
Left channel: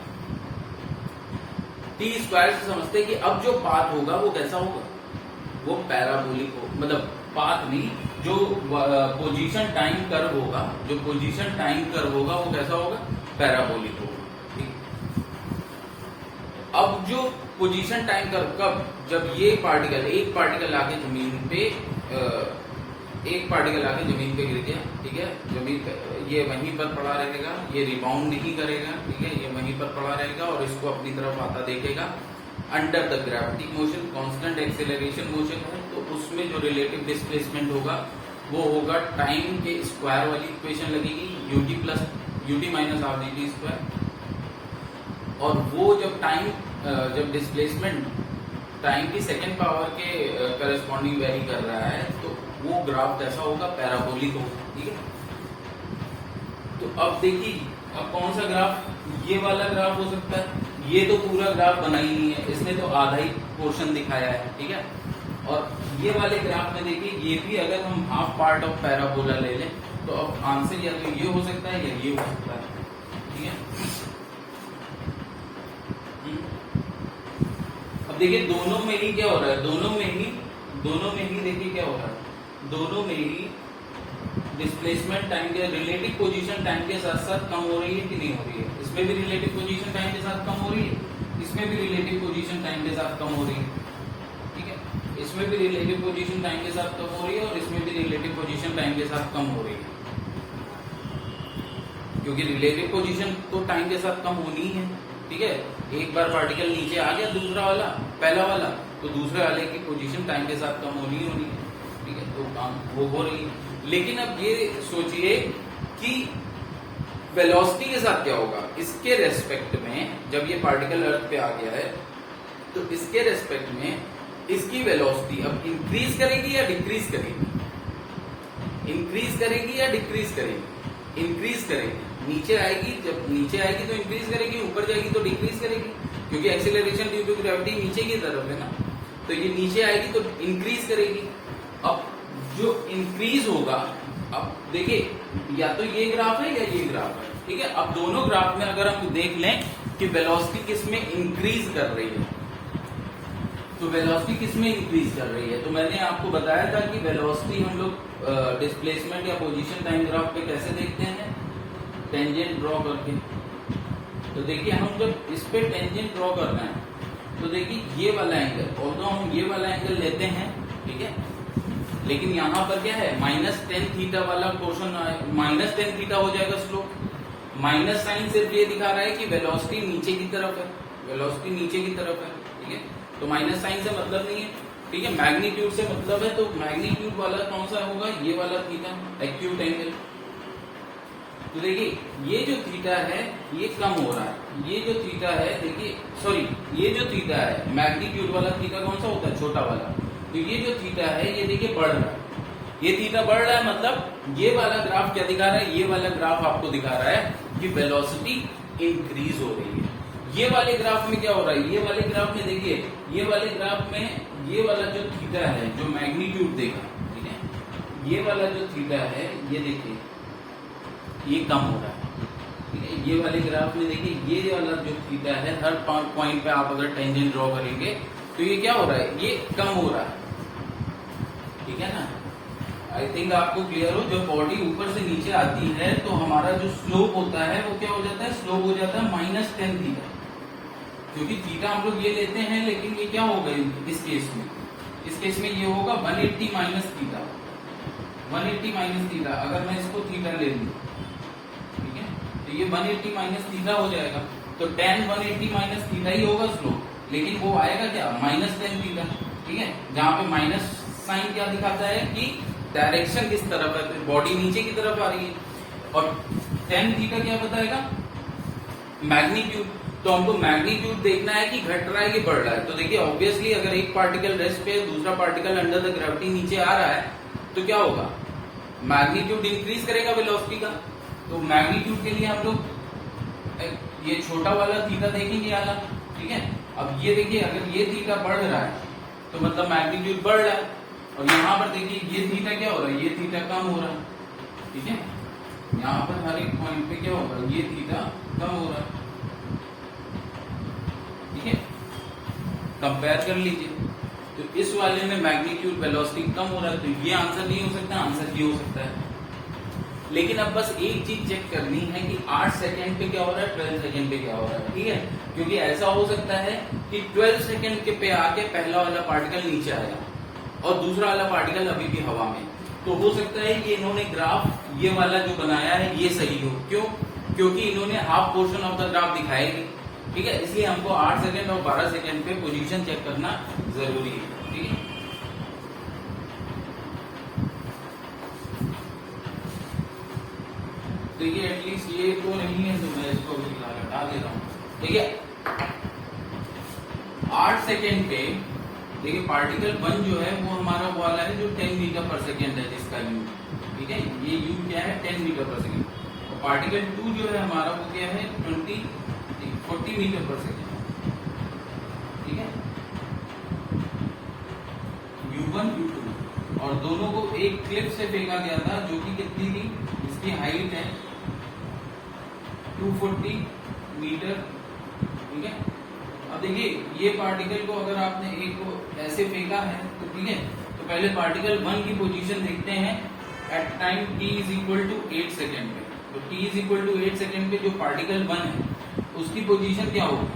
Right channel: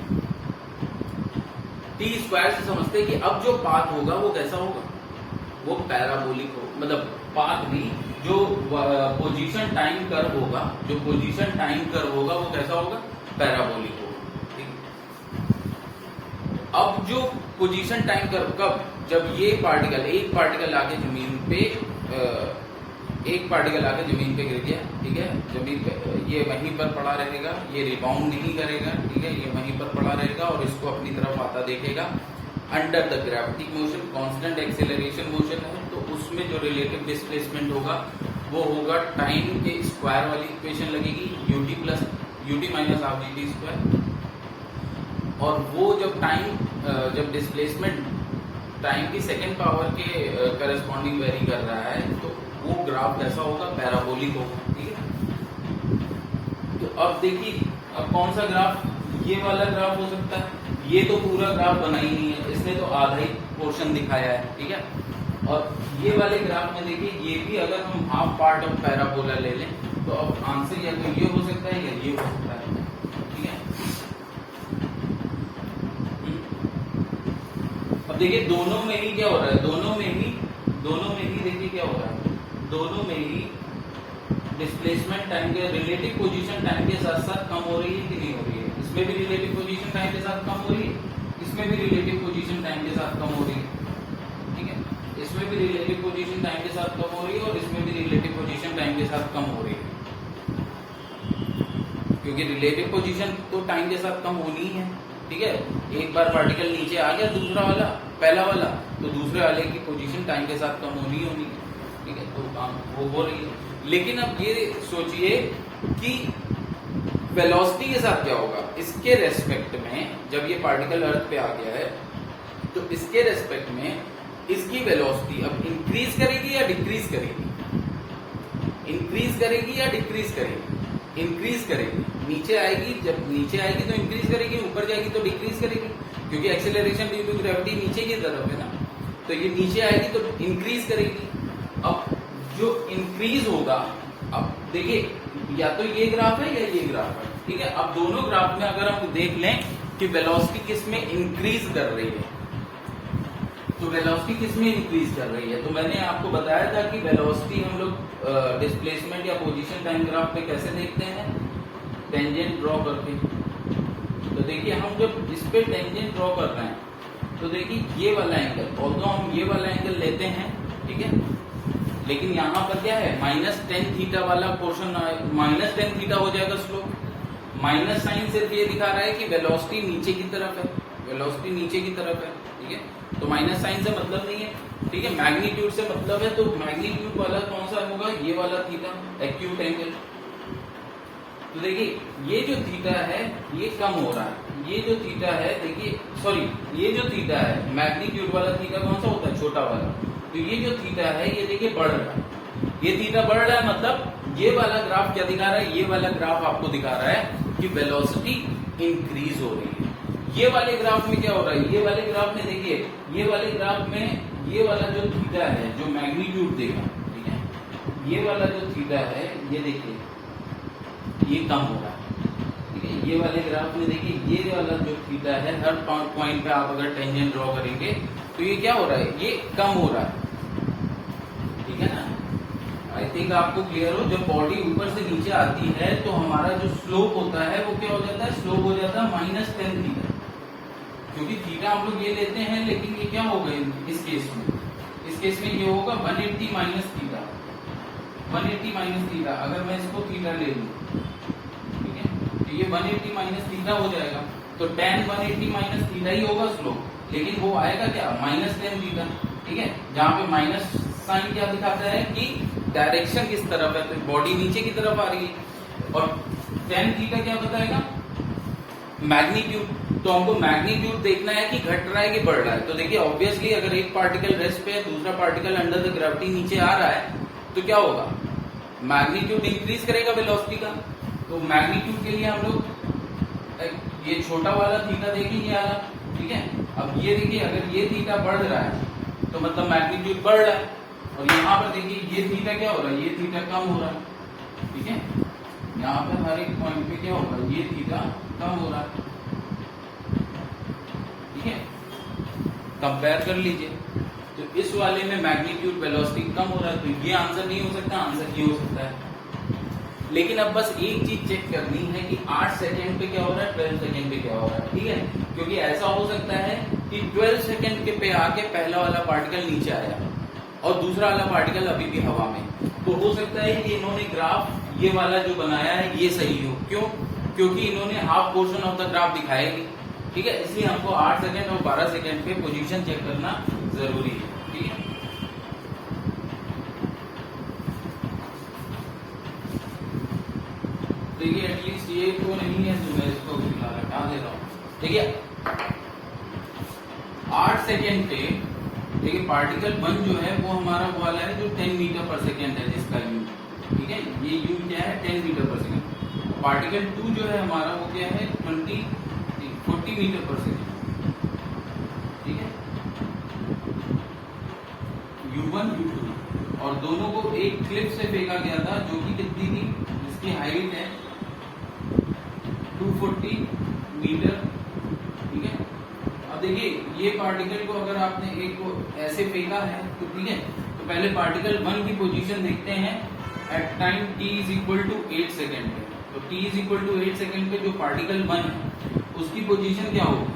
टी स्क्वायर से समझते हैं कि अब जो पाथ होगा वो कैसा होगा, वो पैराबोलिक हो, मतलब पाथ नहीं, जो पोजीशन टाइम कर्व होगा, जो पोजीशन टाइम कर्व होगा वो कैसा होगा, पैराबोलिक होगा, ठीक। अब जो पोजीशन टाइम कर्व कब, जब ये पार्टिकल, एक पार्टिकल आके जमीन पे एक पार्टिकल आके जमीन पे गिर गया, ठीक है, जमीन ये वहीं पर पड़ा रहेगा, ये रिबाउंड नहीं करेगा, ठीक है, ये वहीं पर पड़ा रहेगा और इसको अपनी तरफ आता देखेगा under the gravity motion, constant acceleration motion है, तो उसमें जो रिलेटिव डिस्प्लेसमेंट होगा वो होगा टाइम के स्क्वायर वाली इक्वेशन लगेगी, UT minus half GT square. और वो जब टाइम, जब डिस्प्लेसमेंट टाइम की सेकेंड पावर के करस्पॉन्डिंग वेरी कर रहा है, तो वो ग्राफ कैसा होगा, पैराबोलिक होगा, ठीक है। तो अब देखिए, अब कौन सा ग्राफ, ये वाला ग्राफ हो सकता है, ये तो पूरा ग्राफ बना ही नहीं है, इसने तो आधा ही पोर्शन दिखाया है, ठीक है। और ये वाले ग्राफ में देखिए, ये भी अगर हम हाफ पार्ट ऑफ पैराबोला ले लें, तो अब आंसर या तो ये हो सकता है या ये हो सकता है, ठीक है। अब देखिए दोनों में ही क्या हो रहा है, दोनों में ही देखिए क्या हो रहा है, दोनों में ही डिस्प्लेसमेंट टाइम के, रिलेटिव पोजीशन टाइम के साथ साथ कम हो रही है कि नहीं हो रही है, इसमें भी रिलेटिव पोजीशन टाइम के साथ कम हो रही है, इसमें भी रिलेटिव पोजीशन टाइम के साथ कम हो रही है, ठीक है, इसमें भी रिलेटिव पोजीशन टाइम के साथ कम हो रही है और इसमें भी रिलेटिव पोजीशन टाइम के साथ कम हो रही है, क्योंकि रिलेटिव पोजीशन तो टाइम के साथ कम होनी है, ठीक है। एक बार पार्टिकल नीचे आ गया, दूसरा वाला, पहला वाला, तो दूसरे वाले की पोजीशन टाइम के साथ कम होनी है, ठीक है, तो काम वो हो रही है। लेकिन अब ये सोचिए कि वेलोसिटी के साथ क्या होगा, इसके रेस्पेक्ट में, जब ये पार्टिकल अर्थ पे आ गया है, तो इसके रेस्पेक्ट में इसकी वेलोसिटी अब इंक्रीज करेगी या डिक्रीज करेगी, इंक्रीज करेगी या डिक्रीज करेगी, इंक्रीज करेगी। नीचे आएगी, जब नीचे आएगी तो इंक्रीज करेगी, ऊपर जाएगी तो डिक्रीज करेगी, क्योंकि एक्सेलरेशन ड्यू टू ग्रेविटी नीचे की तरफ है ना, तो ये नीचे आएगी तो इंक्रीज करेगी। अब जो इंक्रीज होगा, अब देखिए या तो ये ग्राफ है या ये ग्राफ है, ठीक है। अब दोनों ग्राफ में अगर हम देख लें कि वेलोसिटी किसमें इंक्रीज कर रही है, तो वेलोसिटी किसमें इंक्रीज कर रही है? तो मैंने आपको बताया था कि वेलोसिटी हम लोग डिस्प्लेसमेंट या पोजीशन टाइम ग्राफ पे कैसे देखते हैं, टेंजेंट ड्रॉ करके। तो देखिए हम जब इस पे टेंजेंट ड्रॉ कर रहे हैं तो देखिए ये वाला एंगल, ऑल्दो हम ये वाला एंगल लेते हैं, ठीक है, लेकिन यहाँ पर क्या है माइनस टेन थीटा वाला पोर्शन, माइनस टेन थीटा हो जाएगा स्लोप। माइनस साइन सिर्फ ये दिखा रहा है कि वेलोसिटी नीचे की तरफ है, वेलोसिटी नीचे की तरफ है, ठीक है। तो माइनस साइन से मतलब नहीं है, ठीक है, मैग्नीट्यूड से मतलब है। तो मैग्नीट्यूड वाला कौन सा होगा? ये वाला थीटा, एक्यूट एंगल। तो देखिए ये जो थीटा है ये कम हो रहा है, ये जो थीटा है देखिए, सॉरी ये जो थीटा है मैग्नीट्यूड वाला थीटा कौन सा होता है? छोटा वाला। तो ये जो थीटा है ये देखिए बढ़ रहा है, ये थीटा बढ़ रहा है, मतलब ये वाला ग्राफ क्या दिखा रहा है? ये वाला ग्राफ आपको दिखा रहा है कि वेलोसिटी इंक्रीज हो रही है। ये वाले ग्राफ में क्या हो रहा है? ये वाले ग्राफ में देखिए, ये वाले ग्राफ में ये वाला जो थीटा है जो मैग्नीट्यूड देखा, ठीक है, ये वाला जो थीटा है ये देखिए ये कम हो रहा है, ठीक है। ये वाले ग्राफ में देखिए ये वाला जो थीटा है हर पॉइंट पे आप अगर टेंजेंट ड्रॉ करेंगे तो ये क्या हो रहा है? ये कम हो रहा है, ठीक है ना। आई थिंक आपको क्लियर हो। जब बॉडी ऊपर से नीचे आती है तो हमारा जो स्लोप होता है वो क्या हो जाता है? स्लोप हो जाता है माइनस टेन थीटा, क्योंकि थीटा हम लोग ये लेते हैं, लेकिन ये क्या होगा इस केस में? इस केस में ये होगा 180 माइनस थीटा, 180 माइनस थीटा। अगर मैं इसको थीटा ले लूं, ठीक है, तो ये 180 माइनस थीटा हो जाएगा। तो tan 180 माइनस थीटा ही होगा स्लोप, लेकिन वो आएगा क्या? माइनस टेन थीटा, ठीक है, जहां पे माइनस साइन क्या दिखाता है कि डायरेक्शन किस तरफ है, तो बॉडी नीचे की तरफ आ रही है। और tan थीटा क्या बताएगा? मैग्नीट्यूड। तो हमको मैग्नीट्यूड देखना है कि घट रहा है कि बढ़ रहा है। तो देखिए ऑब्वियसली अगर एक पार्टिकल रेस्ट पे दूसरा पार्टिकल अंडर द ग्रेविटी नीचे आ रहा है तो क्या होगा? मैग्नीट्यूड इंक्रीज करेगा वेलोसिटी का। तो मैग्नीट्यूड के लिए हम लोग ये छोटा वाला थीटा देखेंगे आला, ठीक है। अब ये देखिए अगर ये थीटा बढ़ रहा है तो मतलब मैग्नीट्यूड बढ़ रहा है, और यहाँ पर देखिए ये थीटा क्या हो रहा है? ये थीटा कम हो रहा है, ठीक है। यहाँ पर हर एक पॉइंट पे क्या हो रहा है? ये थीटा कम हो रहा है, ठीक है। कंपेयर कर लीजिए, तो इस वाले में मैग्नीट्यूड वेलोसिटी कम हो रहा है, तो ये आंसर नहीं हो सकता, आंसर ये हो सकता है। लेकिन अब बस एक चीज चेक करनी है कि 8 सेकेंड पे क्या हो रहा है, 12 सेकेंड पे क्या हो रहा है, ठीक है। क्योंकि ऐसा हो सकता है कि 12 सेकेंड के पे आके पहला वाला पार्टिकल नीचे आया और दूसरा वाला पार्टिकल अभी भी हवा में। तो हो सकता है कि इन्होंने ग्राफ ये वाला जो बनाया है ये सही हो। क्यों? क्योंकि इन्होंने half portion of the graph दिखाए, ठीक है। इसलिए हमको 8 सेकेंड और 12 सेकेंड पे पोजीशन चेक करना जरूरी है, ठीक है। देखिए एटलीस्ट ये तो नहीं है जो मैं इसको हटा दे रहा हूँ। देखिए 8 सेकेंड पे देखिए पार्टिकल 1 जो है वो हमारा वो वाला है जो 10 मीटर पर सेकेंड है जिसका यू, ठीक है, ये यू क्या है 10 मीटर पर सेकेंड। पार्टिकल 2 जो है हमारा वो क्या है 40 मीटर पर सेकेंड, ठीक है। U1 U2 और दोनों को एक क्लिप से फेंका गया था जो कि कितनी थी? इसकी हाइट है 240 मीटर, ठीक है। अब देखिए ये पार्टिकल को अगर आपने एक को ऐसे फेंका है तो ठीक है, तो पहले पार्टिकल 1 की पोजीशन देखते हैं at time t is equal to 8 second पे। तो t is equal to 8 second पे जो पार्टिकल 1 है उसकी पोजीशन क्या होगी?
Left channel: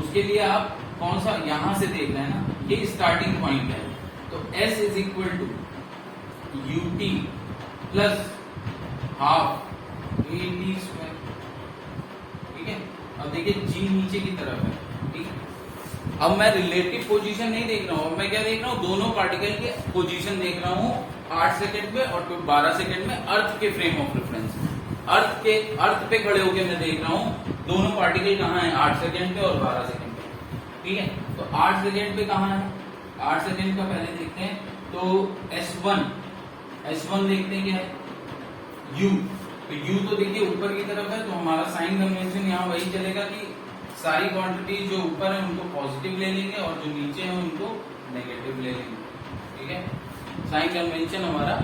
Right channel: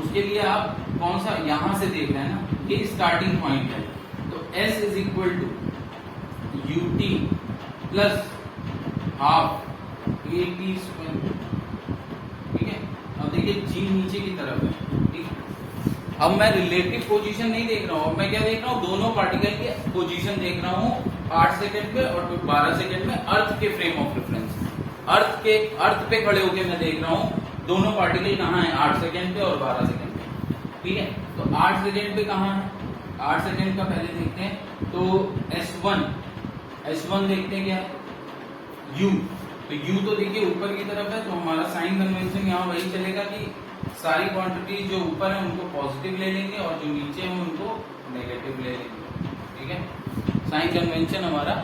उसके लिए आप कौन सा यहां से देख रहे हैं ना, ये स्टार्टिंग पॉइंट है। तो s is equal to ut plus half at square, ठीक है। अब देखिए g नीचे की तरफ है, ठीक है। अब मैं रिलेटिव पोजीशन नहीं देख रहा हूँ, अब मैं क्या देख रहा हूँ? दोनों पार्टिकल के पोजीशन देख रहा हूँ 8 सेकेंड पे और 12 सेकेंड में अर्थ के फ्रेम ऑफ रेफरेंस में। अर्थ पे खड़े होकर मैं देख रहा हूँ दोनों पार्टिकल कहाँ है, 8 सेकेंड पे और 12 सेकेंड पे, ठीक है। तो 8 सेकेंड पे कहाँ है? 8 सेकेंड का पहले देखते हैं। तो S1 देखते हैं क्या है? U। तो U तो देखिए ऊपर की तरफ है, तो हमारा साइन कन्वेंशन यहाँ वही चलेगा कि सारी क्वांटिटी जो ऊपर है उनको पॉजिटिव ले लेंगे और जो नीचे है उनको नेगेटिव ले लेंगे, ठीक है। साइन कन्वेंशन हमारा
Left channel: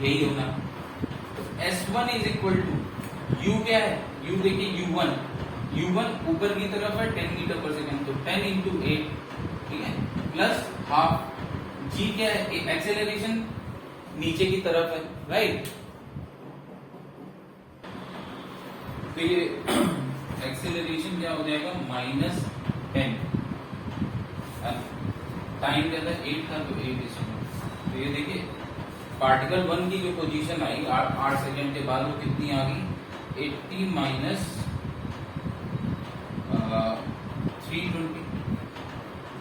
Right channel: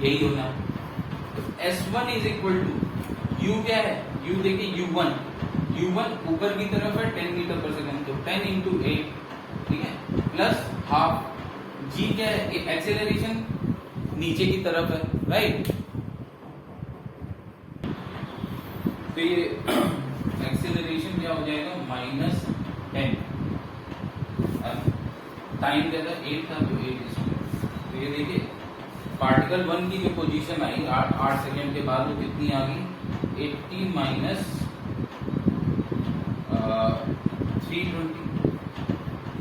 यही होगा। तो S1 is equal to U क्या है? U देखिए U1 ऊपर की तरफ है 10 मीटर पर सेकेंड, तो 10 इंटू 8, ठीक है, प्लस हाफ जी क्या है, एक्सेलरेशन नीचे की तरफ है, राइट। तो ये एक्सेलरेशन क्या हो जाएगा, -10, टाइम क्या था 8 था, तो 8 तो ये देखिए पार्टिकल 1 की जो पोजीशन आई 8 सेकेंड के बाद वो कितनी आ गई, 80 माइनस 320,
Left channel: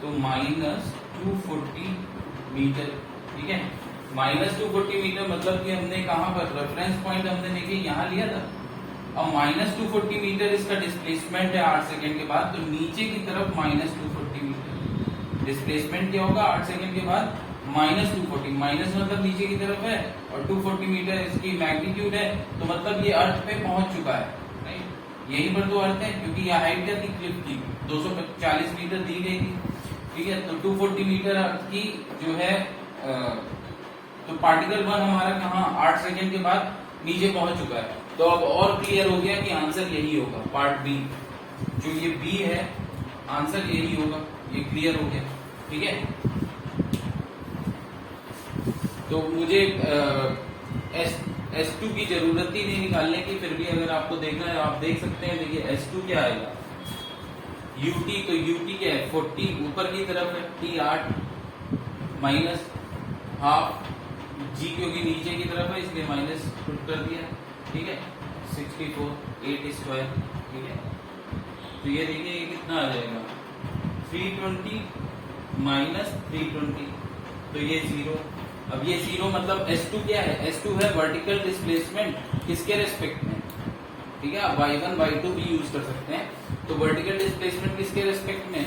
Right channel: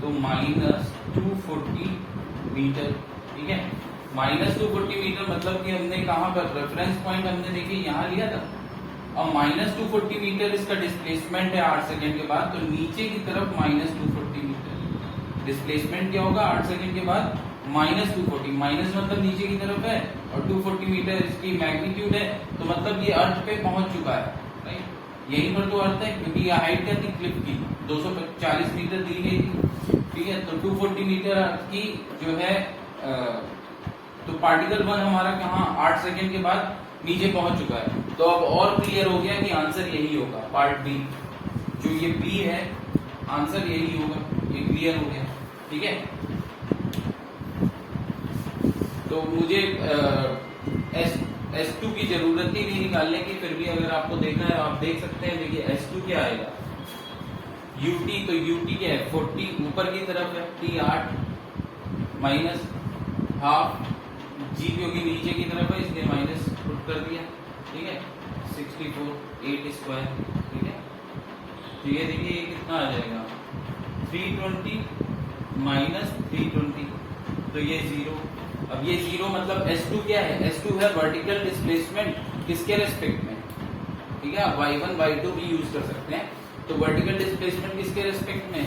तो -240 मीटर, ठीक है। -240 मीटर मतलब कि हमने कहां पर रेफरेंस पॉइंट हमने देखिए यहां लिया था। अब -240 मीटर इसका डिस्प्लेसमेंट है 8 सेकेंड के बाद, तो नीचे की तरफ -240 मीटर डिस्प्लेसमेंट क्या होगा 8 सेकेंड के बाद, -240, माइनस मतलब नीचे की तरफ है और 240 मीटर इसकी मैग्नीट्यूड है, तो मतलब ये अर्थ पे पहुंच चुका है, राइट। यहीं पर तो अर्थ है, क्योंकि ये हाइट क्या थी क्लिफ की 240 मीटर दी गई थी, ठीक है। तो 240 मीटर अर्थ की जो है तो पार्टिकल 1 हमारा कहाँ 8 सेकेंड के बाद नीचे पहुंच चुका है। तो अब और क्लियर हो गया कि आंसर यही होगा, पार्ट बी जो ये बी है आंसर यही होगा, ये क्लियर हो गया, ठीक है। तो मुझे S2 की जरूरत ही नहीं निकालने की, फिर भी अगर आपको देखना है आप देख सकते हैं। देखिए S2 क्या आएगा, UT, तो UT क्या है 40 ऊपर की तरफ है, T 8 माइनस हाफ जी क्योंकि नीचे की तरफ है इसलिए माइनस पुट कर दिया, ठीक है। 64 8 स्क्वायर, ठीक है। तो ये देखिए ये कितना आ जाएगा 320 माइनस 320, तो ये 0। अब ये 0 मतलब S2 क्या है, S2 है वर्टिकल डिस्प्लेसमेंट किसके रेस्पेक्ट में, ठीक है। आप y1 y2 भी यूज कर सकते हैं। तो वर्टिकल डिस्प्लेसमेंट किसके रेस्पेक्ट में,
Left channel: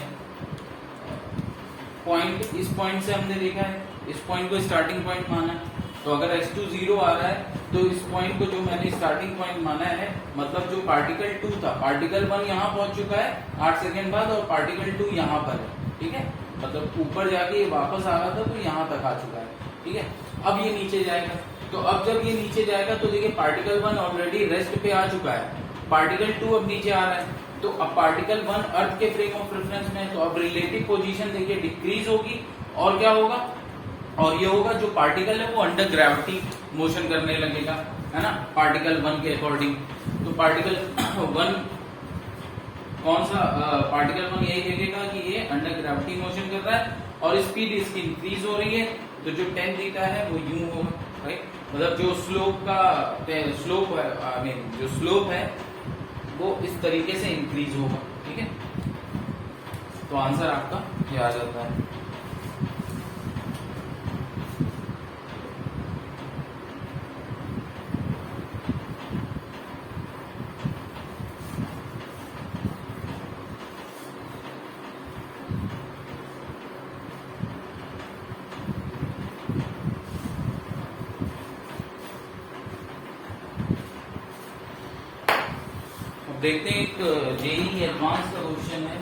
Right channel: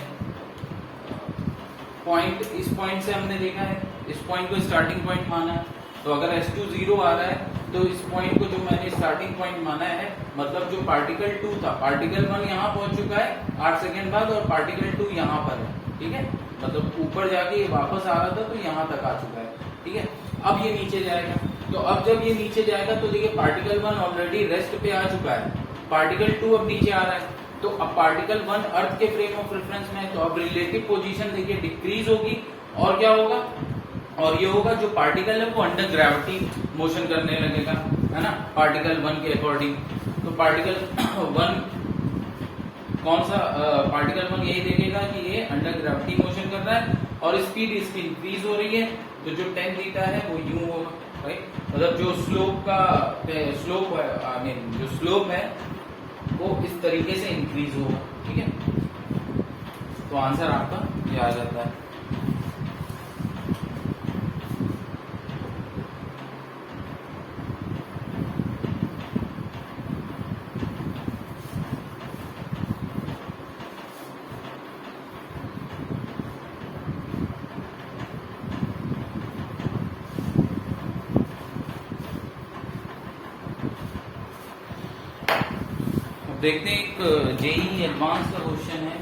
पॉइंट, इस पॉइंट से हमने देखा है, इस पॉइंट को स्टार्टिंग पॉइंट माना है। तो अगर S2 0 आ रहा है तो इस पॉइंट को जो मैंने स्टार्टिंग पॉइंट माना है, मतलब जो पार्टिकल 2 था, पार्टिकल 1 यहाँ पहुंच चुका है 8 सेकेंड बाद और पार्टिकल 2 यहाँ पर है, ठीक है। मतलब ऊपर जाके वापस आ रहा था तो यहाँ तक आ चुका है, ठीक है। अब ये नीचे जाएगा, तो अब जब ये नीचे जाएगा तो देखिए पार्टिकल 1 ऑलरेडी रेस्ट पे आ चुका है, पार्टिकल 2 अब नीचे आ रहा है। तो अब पार्टिकल 1 अर्थ के फ्रेम ऑफ रेफरेंस में है, तो अब रिलेटिव पोजीशन देखिए डिक्रीज होगी, और क्या होगा, और ये होगा जो पार्टिकल है वो अंडर ग्रेविटी मोशन करने लगेगा, है ना, पार्टिकल 1 के अकॉर्डिंग। तो पार्टिकल 1 कौन सा, पार्टिकल 1 यही देखेगा कि ये अंडर ग्रेविटी मोशन कर रहा है और स्पीड इसकी इंक्रीज हो रही है, तो जो tan थीटा है वो यूं होगा, राइट। मतलब जो स्लोप है, जो स्लोप है वो इस तरीके से इंक्रीज होगा, ठीक है। तो आंसर आपका ये आ जाता है। देखते हैं एक जेईई एडवांस का क्वेश्चन है।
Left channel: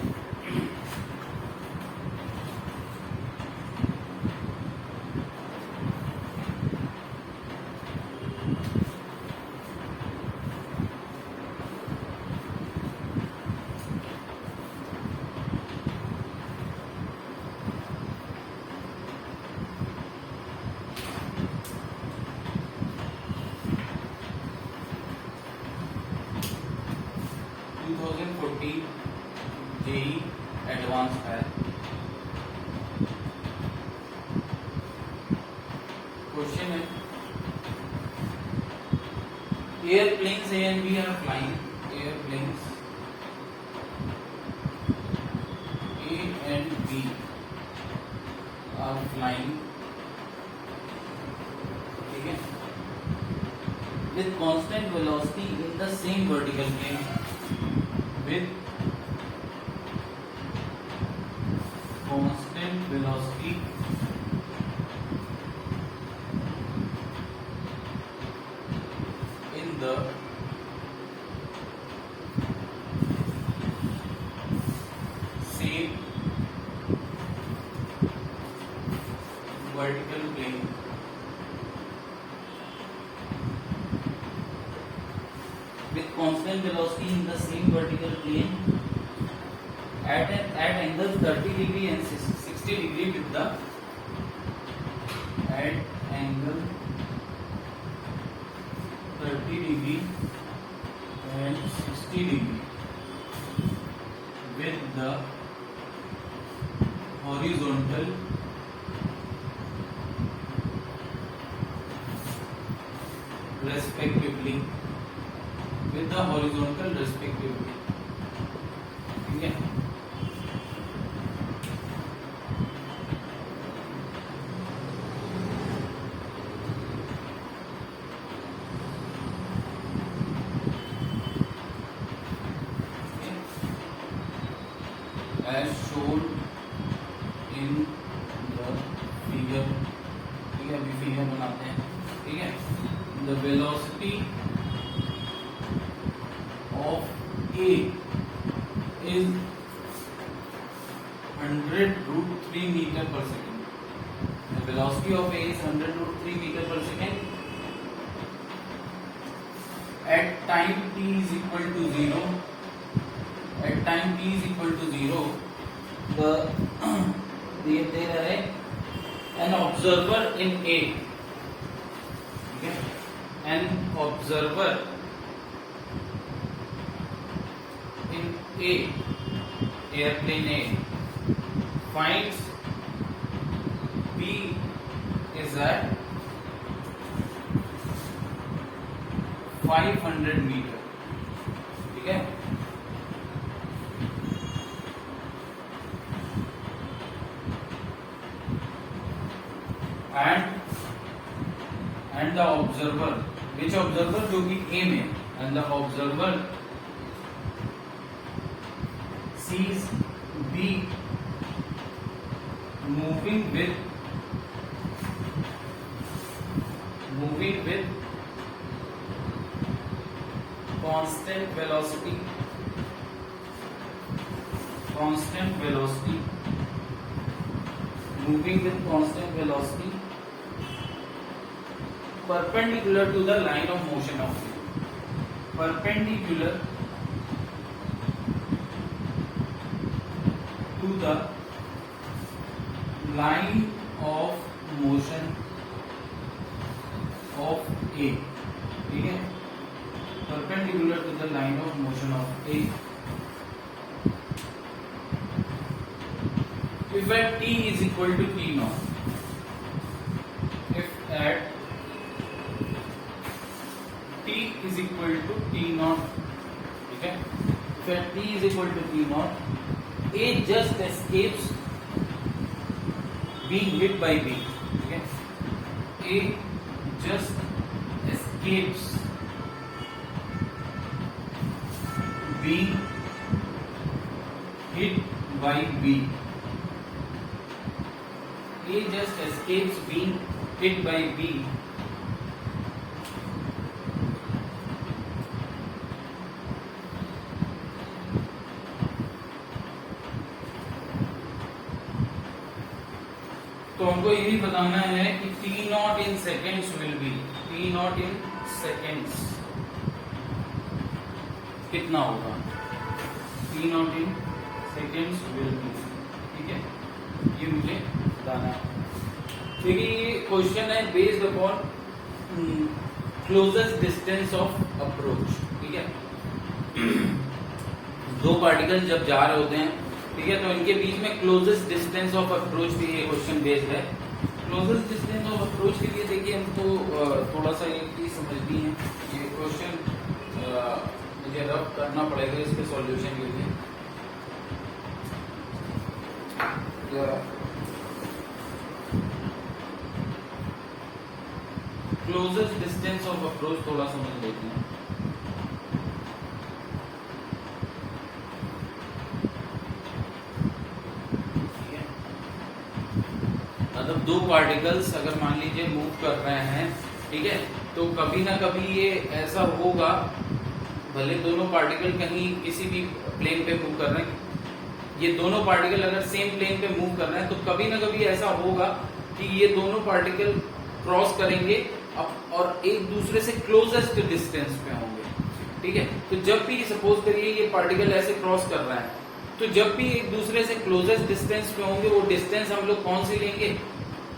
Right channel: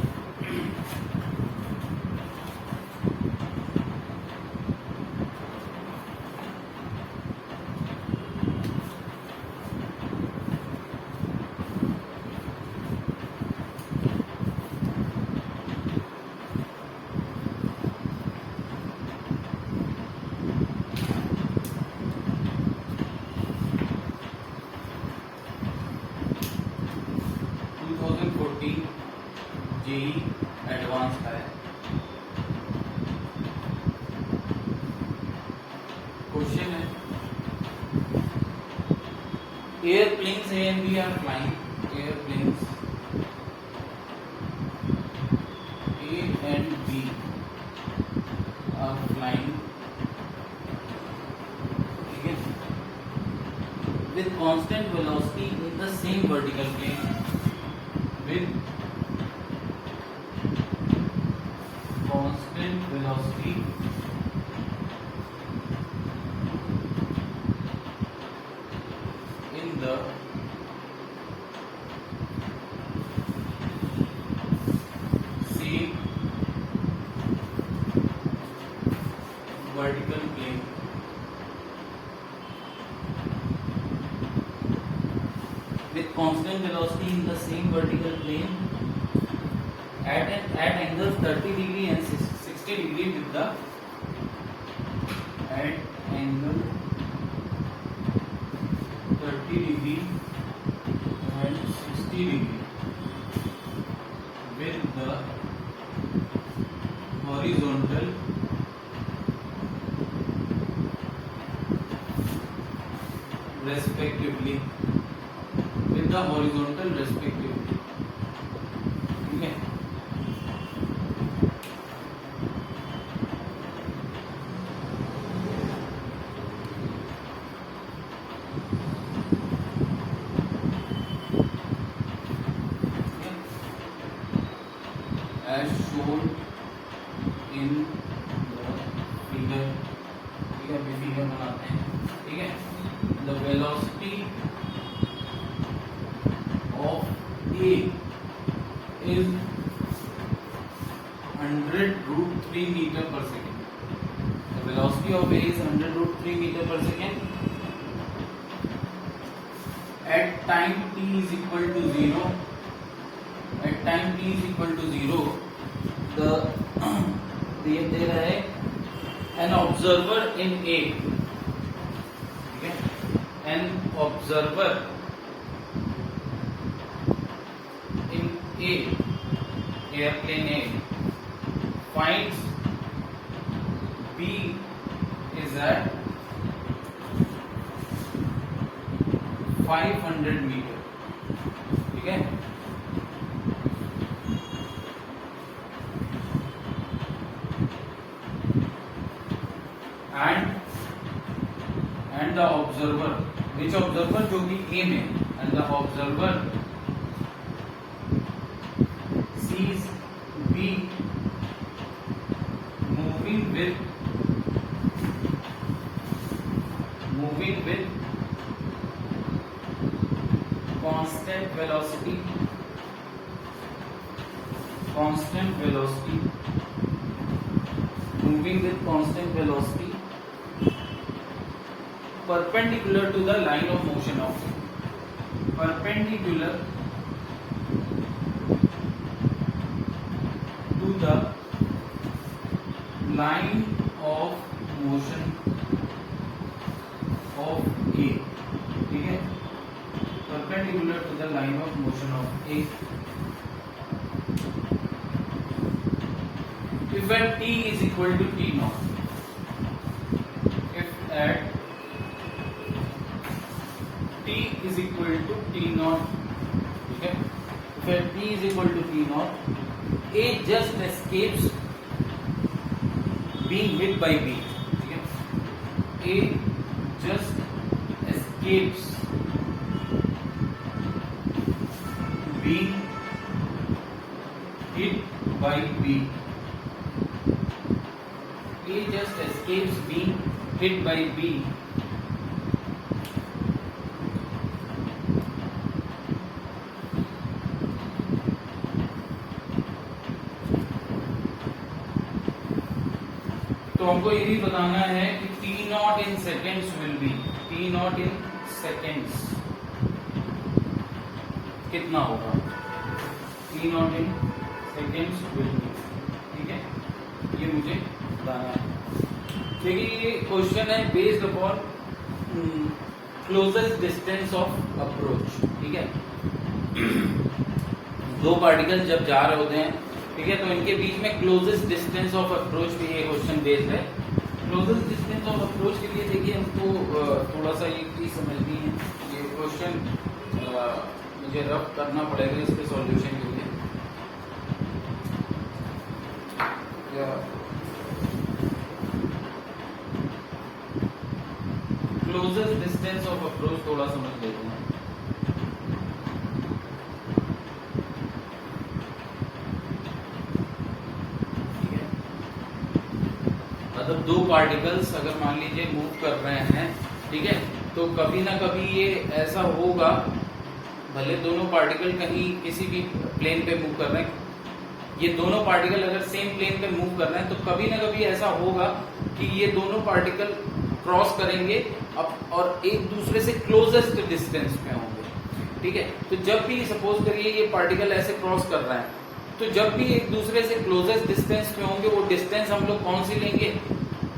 जेईई एडवांस का है क्वेश्चन है, airplanes A and B are flying, airplanes A and B are flying, ठीक है, with constant velocity in the same vertical plane, with constant velocity in the same vertical plane, with constant velocity in the same vertical plane at angle 30 degree and 60 60 degree with the at angle 30 degree and 60 degree with the horizontal respectively, with the horizontal respectively. ठीक है, as shown in the figure. ठीक है, अभी figure बनाते हैं. ठीक है, the velocity of A is 100√3 meter per second. The velocity of A is 100√3 meter per second. At time t is equal to 0. At time t is equal to 0, the दे रहा है an observer in A. ठीक है, an observer in A, airplane A, finds B is at 500 meter. ठीक है, and the observer, which observer, जो कि A में, and the observer sees B moving with constant velocity moving with constant velocity perpendicular to the line of motion of it. Perpendicular to the line of motion of A. ठीक है, perpendicular to the line of motion of A. If at t is equal to t naught, if at t is equal to t naught, ठीक है, if at t is equal to t naught, A just escapes being hit by B. ठीक है, A just escapes being hit by B. A just escapes being hit by B. तो हमको ये भी बताना है कि T naught in seconds will be, T naught in seconds कितना होगा, T naught in seconds will be. ठीक है, ये मुझे बताना है. फिर ये क्वेश्चन है based upon closest distance of approach. ठीक है, दो पार्टिकल जब जा रहे होते हैं, ठीक है, तो इनके बीच में क्लोजेस्ट डिस्टेंस ऑफ अप्रोच के लिए क्वेश्चन बेस्ड है. क्लोजेस्ट डिस्टेंस ऑफ अप्रोच के लिए देखिए हमको थोड़ा सा एक चीज समझनी है. ये क्वेश्चन मुझे रफ करना पड़ेगा इसके सॉल्यूशन के लिए. क्लोजेस्ट डिस्टेंस ऑफ अप्रोच थोड़ा समझ लेते हैं. मतलब दो पार्टिकल्स अगर मान लीजिए मूव कर रहे हैं, ठीक है, तो कभी ना कभी ये ऐसा होगा, भले दोनों पार्टिकल कहीं किसी भी प्लेन पे मूव कर रहे हैं, ये दोनों पार्टिकल अगर सेम प्लेन पे मूव कर रहे हैं, तो कभी ना कभी ऐसा होगा कि ये दोनों पार्टिकल क्रॉस करेंगे और एक दूसरे से क्लोजेस्ट डिस्टेंस पे होंगे. ठीक है, तो जब भी सपोज करिए ये पार्टिकल ऐसे क्रॉस कर रहा है, तो जब भी एक दूसरे से क्लोजेस्ट डिस्टेंस पे होंगे वो डिस्टेंस हम लोग कौन सी लेंगे,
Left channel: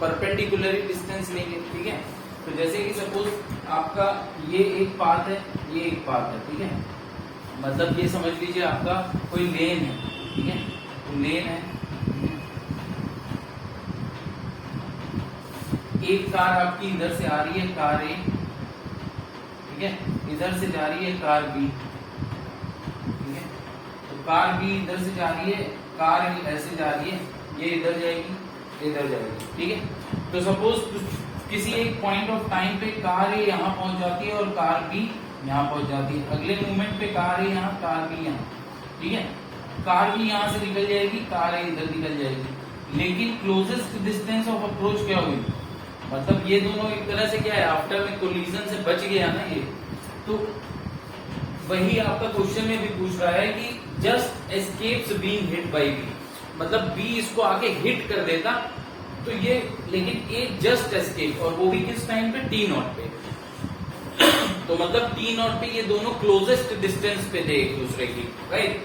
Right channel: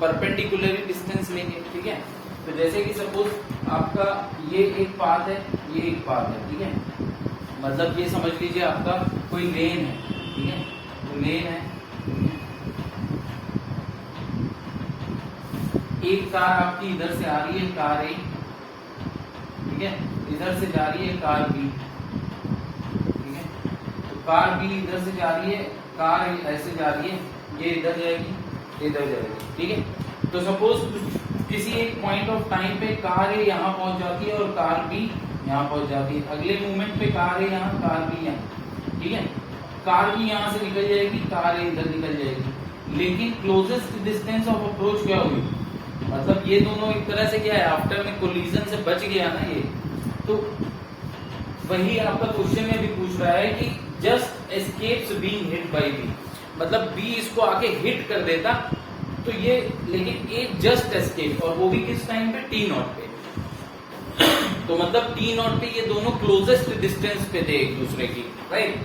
परपेंडिकुलर डिस्टेंस लेंगे, ठीक है। तो जैसे कि सपोज आपका ये एक पाथ है, ये एक पाथ है, ठीक है, मतलब ये समझ लीजिए आपका कोई लेन है, ठीक है, तो लेन है, एक कार आपकी इधर से आ रही है, कार ए, ठीक है, इधर से जा रही है कार बी, ठीक है, तो कार बी इधर से जा रही है, कार ए ऐसे जा रही है, ये इधर जाएगी, इधर जाएगी, ठीक है। तो सपोज किसी एक पॉइंट ऑफ टाइम पे कार ए यहाँ पहुंच जाती है और कार बी यहाँ पहुंच जाती है, अगले मोमेंट पे कार ए यहाँ, कार बी यहाँ, ठीक है, कार बी यहाँ से निकल जाएगी, कार ए इधर निकल जाएगी, लेकिन क्लोजेस्ट डिस्टेंस ऑफ अप्रोच क्या होगी, मतलब ये दोनों एक तरह से क्या है, आफ्टर में कोलिजन से बच गया ना ये, तो वही आपका क्वेश्चन में भी पूछ रहा है कि just escapes being hit by B, मतलब बी इसको आके हिट कर देता, तो ये लेकिन ए जस्ट एस्केप, और वो भी किस टाइम पे, टी नॉट पे, तो मतलब टी नॉट पे ये दोनों क्लोजेस्ट डिस्टेंस पे थे एक दूसरे की, राइट।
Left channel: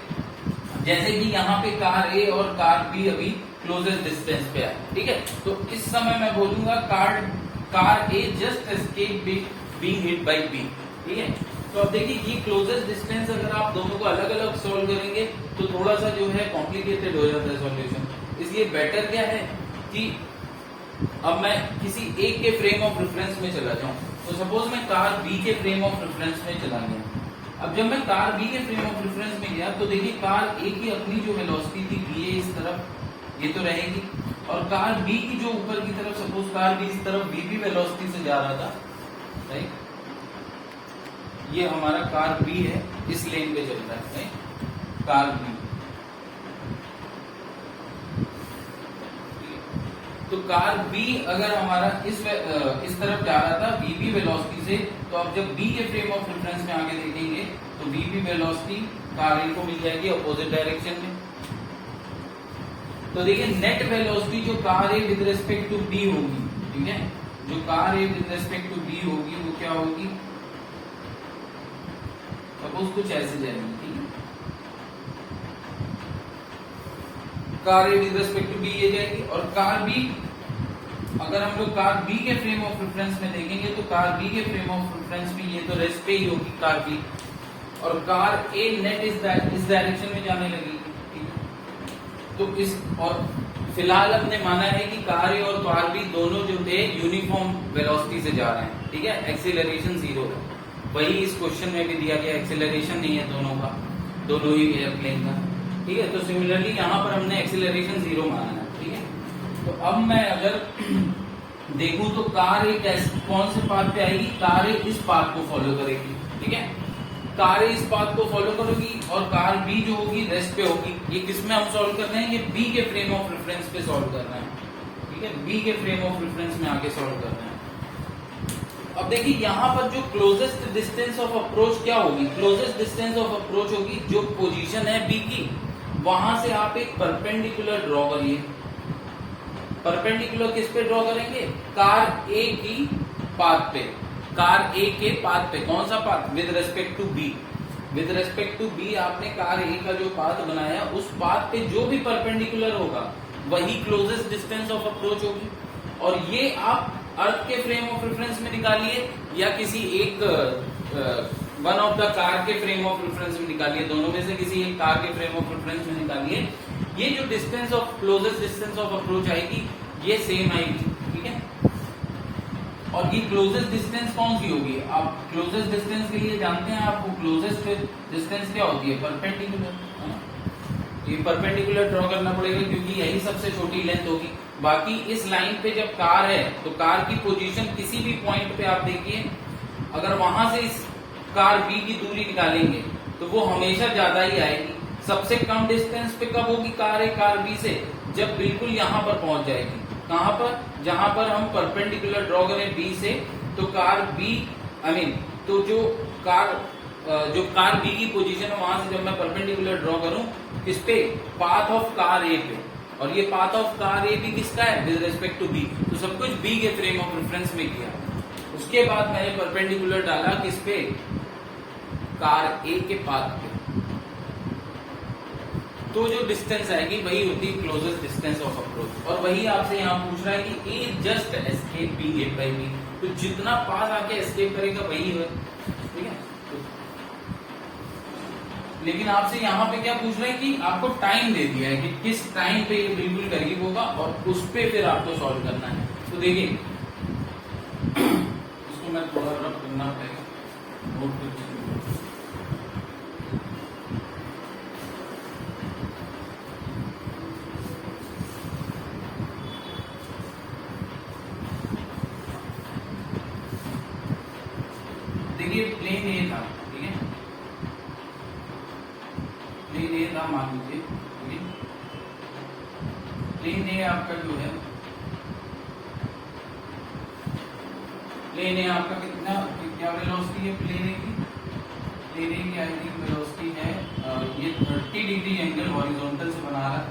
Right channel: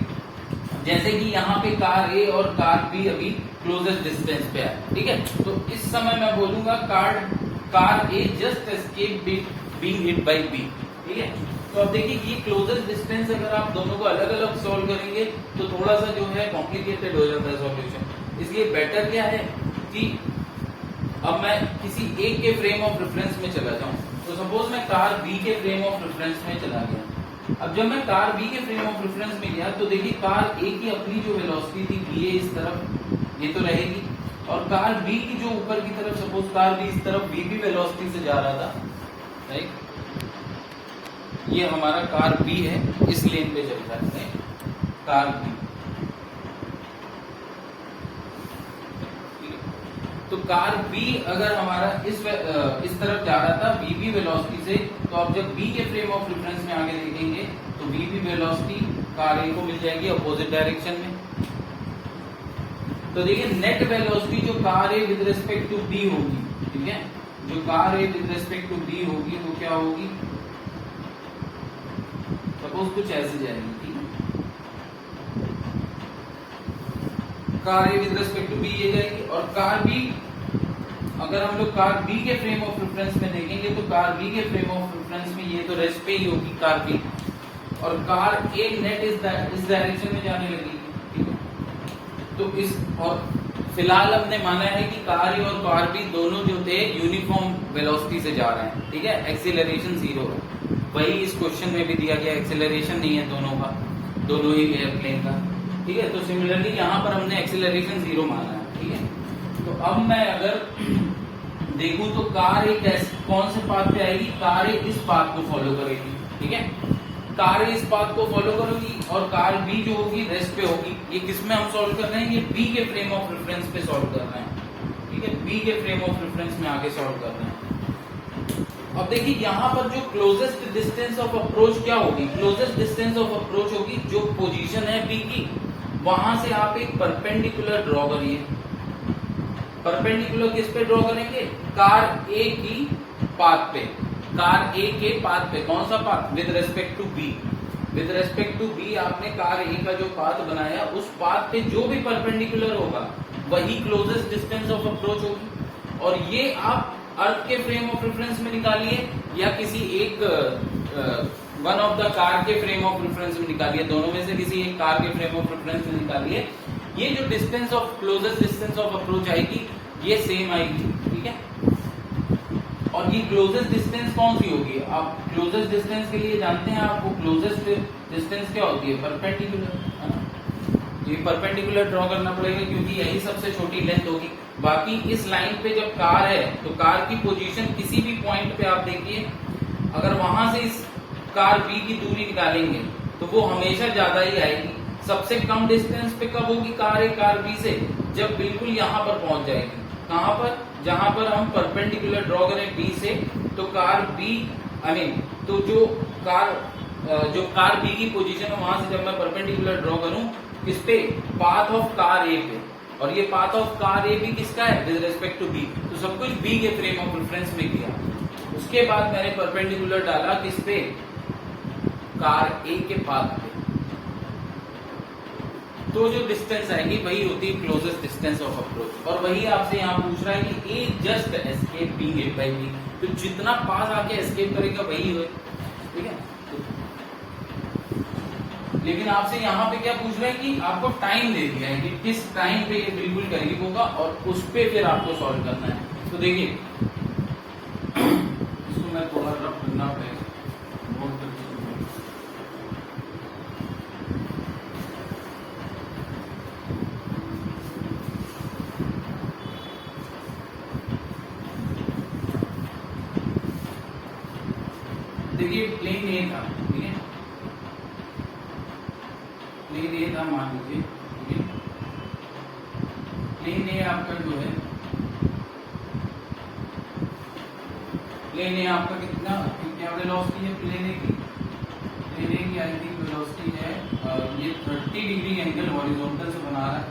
जैसे कि यहाँ पे कार ए और कार बी अभी क्लोजेस्ट डिस्टेंस पे है, ठीक है, तो इस समय मैं बोलूंगा car A just escape being hit by B, ठीक है। तो अब देखिए ये क्लोजेस्ट डिस्टेंस अगर आप दोनों को अलग अलग सोल्व करेंगे तो थोड़ा सा जो है कॉम्प्लिकेटेड हो जाता है सॉल्यूशन, इसलिए बेटर क्या है कि अब मैं किसी एक के फ्रेम ऑफ रेफरेंस में चला जाऊं, तो सपोज मैं कार बी के फ्रेम ऑफ रेफरेंस में चला गया। अब जब मैं कार बी के फ्रेम ऑफ रेफरेंस में गया तो देखिए कार ए की अपनी जो वेलोसिटी थी बी ए इस तरफ, ये तो रहेगी, और कार बी की जो ऊपर की तरफ, सपोज कार बी इस तरफ वी भी वेलोसिटी से जा रहा था, राइट, ये हमारा कार बी है, इस लेन पे चल रहा है कार बी, तो कार बी अगर हमारा इस तरफ जा रहा था वी वेलोसिटी से, तो अब जब बी के फ्रेम ऑफ रेफरेंस में आगे देखेंगे तो वी वेलोसिटी कार ए को मिल जाएगी अपोजिट डायरेक्शन में। तो देखिए नेट वेलोसिटी जो car A with respect to B होगी, ठीक है, जो car A with respect to B होगी वो क्या होगी, सपोज कुछ ऐसे जाएगी, ठीक है, car A with respect to B ये जाएगी, और कार बी अगर हम लोग कार बी के फ्रेम ऑफ रेफरेंस में देखेंगे तो कार बी के फ्रेम ऑफ रेफरेंस में ये तो रेस्ट पे ही होगी कार बी, और कार ए नेट इस डायरेक्शन में जाने लगेगी, तो इस, और फिलहाल हमने माना है कि कार ए और कार बी दोनों जो थे यूनिफॉर्म वेलोसिटी से जा रहे हैं, ठीक है, एक्सीलरेशन 0 है, वही इस क्वेश्चन में भी दिया गया, एक्सीलरेशन नहीं है दोनों का, दोनों ही एयरप्लेन का, ठीक है। तो सिमिलरली यहाँ पर हमने एक्सीलरेशन 0 माना है, ठीक है। तो अब मैं अगर देखूं तो कार एक कौन से पाथ पे आएगी, कार ए इस पाथ को फॉलो करेगी, ठीक है, कार ए इस पाथ को फॉलो करेगी, और कार बी जो होगी रेस्ट पे होगी। ये किस में हम सॉल्व कर रहे हैं, ये बी के फ्रेम ऑफ रेफरेंस पे सॉल्व कर रहे हैं, ठीक है, बी के फ्रेम ऑफ रेफरेंस में आगे सॉल्व कर रहे हैं। अब देखिए यहाँ पर जो क्लोजेस्ट डिस्टेंस ऑफ अप्रोच क्या होगी, क्लोजेस्ट डिस्टेंस ऑफ अप्रोच होगी जो पोजीशन है बी की, वहां से आप एक परपेंडिकुलर ड्रॉ करिए। परपेंडिकुलर किस पे ड्रॉ करेंगे, कार ए की पाथ पे, कार ए के पाथ पे, कौन सा path, with respect to B, with respect to B आपने कार ए का जो पाथ बनाया उस पाथ पे जो भी परपेंडिकुलर होगा वही क्लोजेस्ट डिस्टेंस ऑफ अप्रोच होगी। और ये आप अर्थ के फ्रेम ऑफ रेफरेंस में निकालिए या किसी एक वन ऑफ द कार के फ्रेम ऑफ रेफरेंस में निकालिए, दोनों में से किसी एक कार के फ्रेम ऑफ रेफरेंस में निकालिए, ये जो distance of closest distance of approach आएगी ये सेम आएगी, ठीक है। और ये क्लोजेस्ट डिस्टेंस कौन सी होगी, आप क्लोजेस्ट डिस्टेंस के लिए जानते हैं, आपको क्लोजेस्ट डिस्टेंस क्या होती है, परपेंडिकुलर, ये परपेंडिकुलर ड्रॉ करना पड़ेगा क्योंकि यही सबसे छोटी लेंथ होगी। बाकी इस लाइन पे जब कार है तो कार की पोजीशन किसी भी पॉइंट पे आप देखिए, अगर वहां से इस कार बी की दूरी निकालेंगे तो वो हमेशा ज्यादा ही आएगी। सबसे कम डिस्टेंस पे कब होगी कार ए कार बी से, जब बिल्कुल यहाँ पर पहुंच जाएगी, कहां पर, जहां पर हम परपेंडिकुलर ड्रॉ करें बी से, तो कार बी तो जो कार बी की पोजीशन है वहां से जब मैं परपेंडिकुलर ड्रॉ करूं किस पे, पाथ ऑफ कार ए पे, और ये पाथ ऑफ कार ए भी किसका है, विद रिस्पेक्ट टू बी, तो सब कुछ बी के फ्रेम ऑफ रेफरेंस में किया। उसके बाद मैंने परपेंडिकुलर डाला किस पे, कार ए के पाथ पे, तो जो डिस्टेंस आएगी वही होती है क्लोजेस्ट डिस्टेंस ऑफ अप्रोच। और वही आपसे यहाँ पूछ रहा है कि A just escape B hit by B, तो जितना पास आके एस्केप करेगा वही है, ठीक है। लेकिन आपसे यहाँ पे क्या पूछ रहे हैं कि आपको टाइम दे दिया है कि किस टाइम पे ये बिल्कुल करीब होगा और उस पे फिर आपको सॉल्व करना है। तो देखिए इसको मैं थोड़ा रफ करना पड़ेगा, नोट करके। देखिए प्लेन ए था, ठीक है, प्लेन ए था मान लीजिए, ठीक है। प्लेन ए आपका जो है, प्लेन ए आपका कितना क्या वेलोसिटी है प्लेन ए की? प्लेन ए की आई थिंक वेलोसिटी है ये 30 डिग्री एंगल हॉरिजॉन्टल से बना रहा है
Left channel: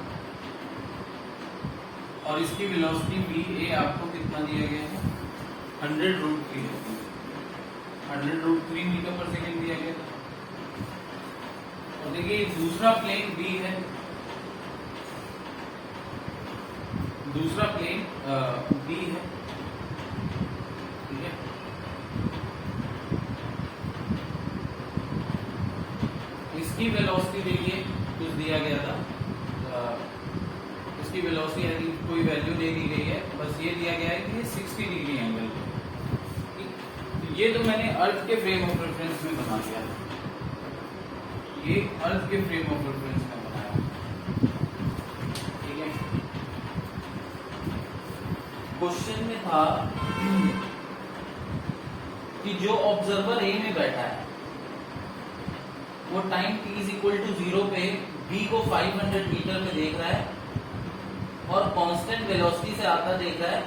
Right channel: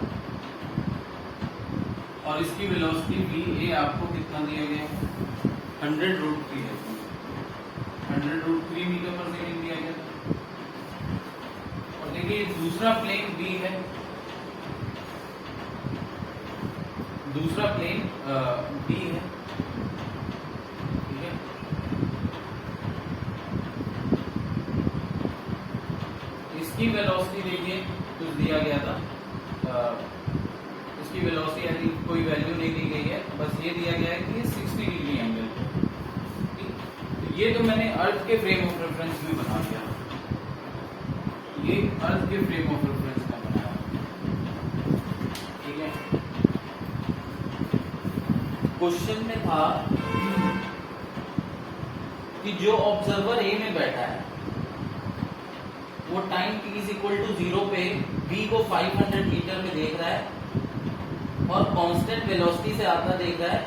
और इसकी वेलोसिटी वी ए आपको कितना दिया गया है? 100√3 है, 100√3 मीटर पर सेकेंड दिया गया था। और देखिए दूसरा प्लेन बी है, दूसरा प्लेन बी है, ठीक है। इसकी वेलोसिटी देखिए कुछ दिया गया था, इसकी वेलोसिटी यानी कोई वैल्यू नहीं दी गई है, बस ये दिया गया है कि ये 60 डिग्री एंगल, ये तो मैंने अर्थ के फ्रेम ऑफ रेफरेंस में बना दिया, ये अर्थ के फ्रेम ऑफ रेफरेंस में बनाया, ठीक है। क्वेश्चन में था कि जो ऑब्जर्वर ए में बैठा है वो time t is equal to 0 पे b को 500 मीटर में देख रहा है और कांस्टेंट वेलोसिटी से आता देख रहा है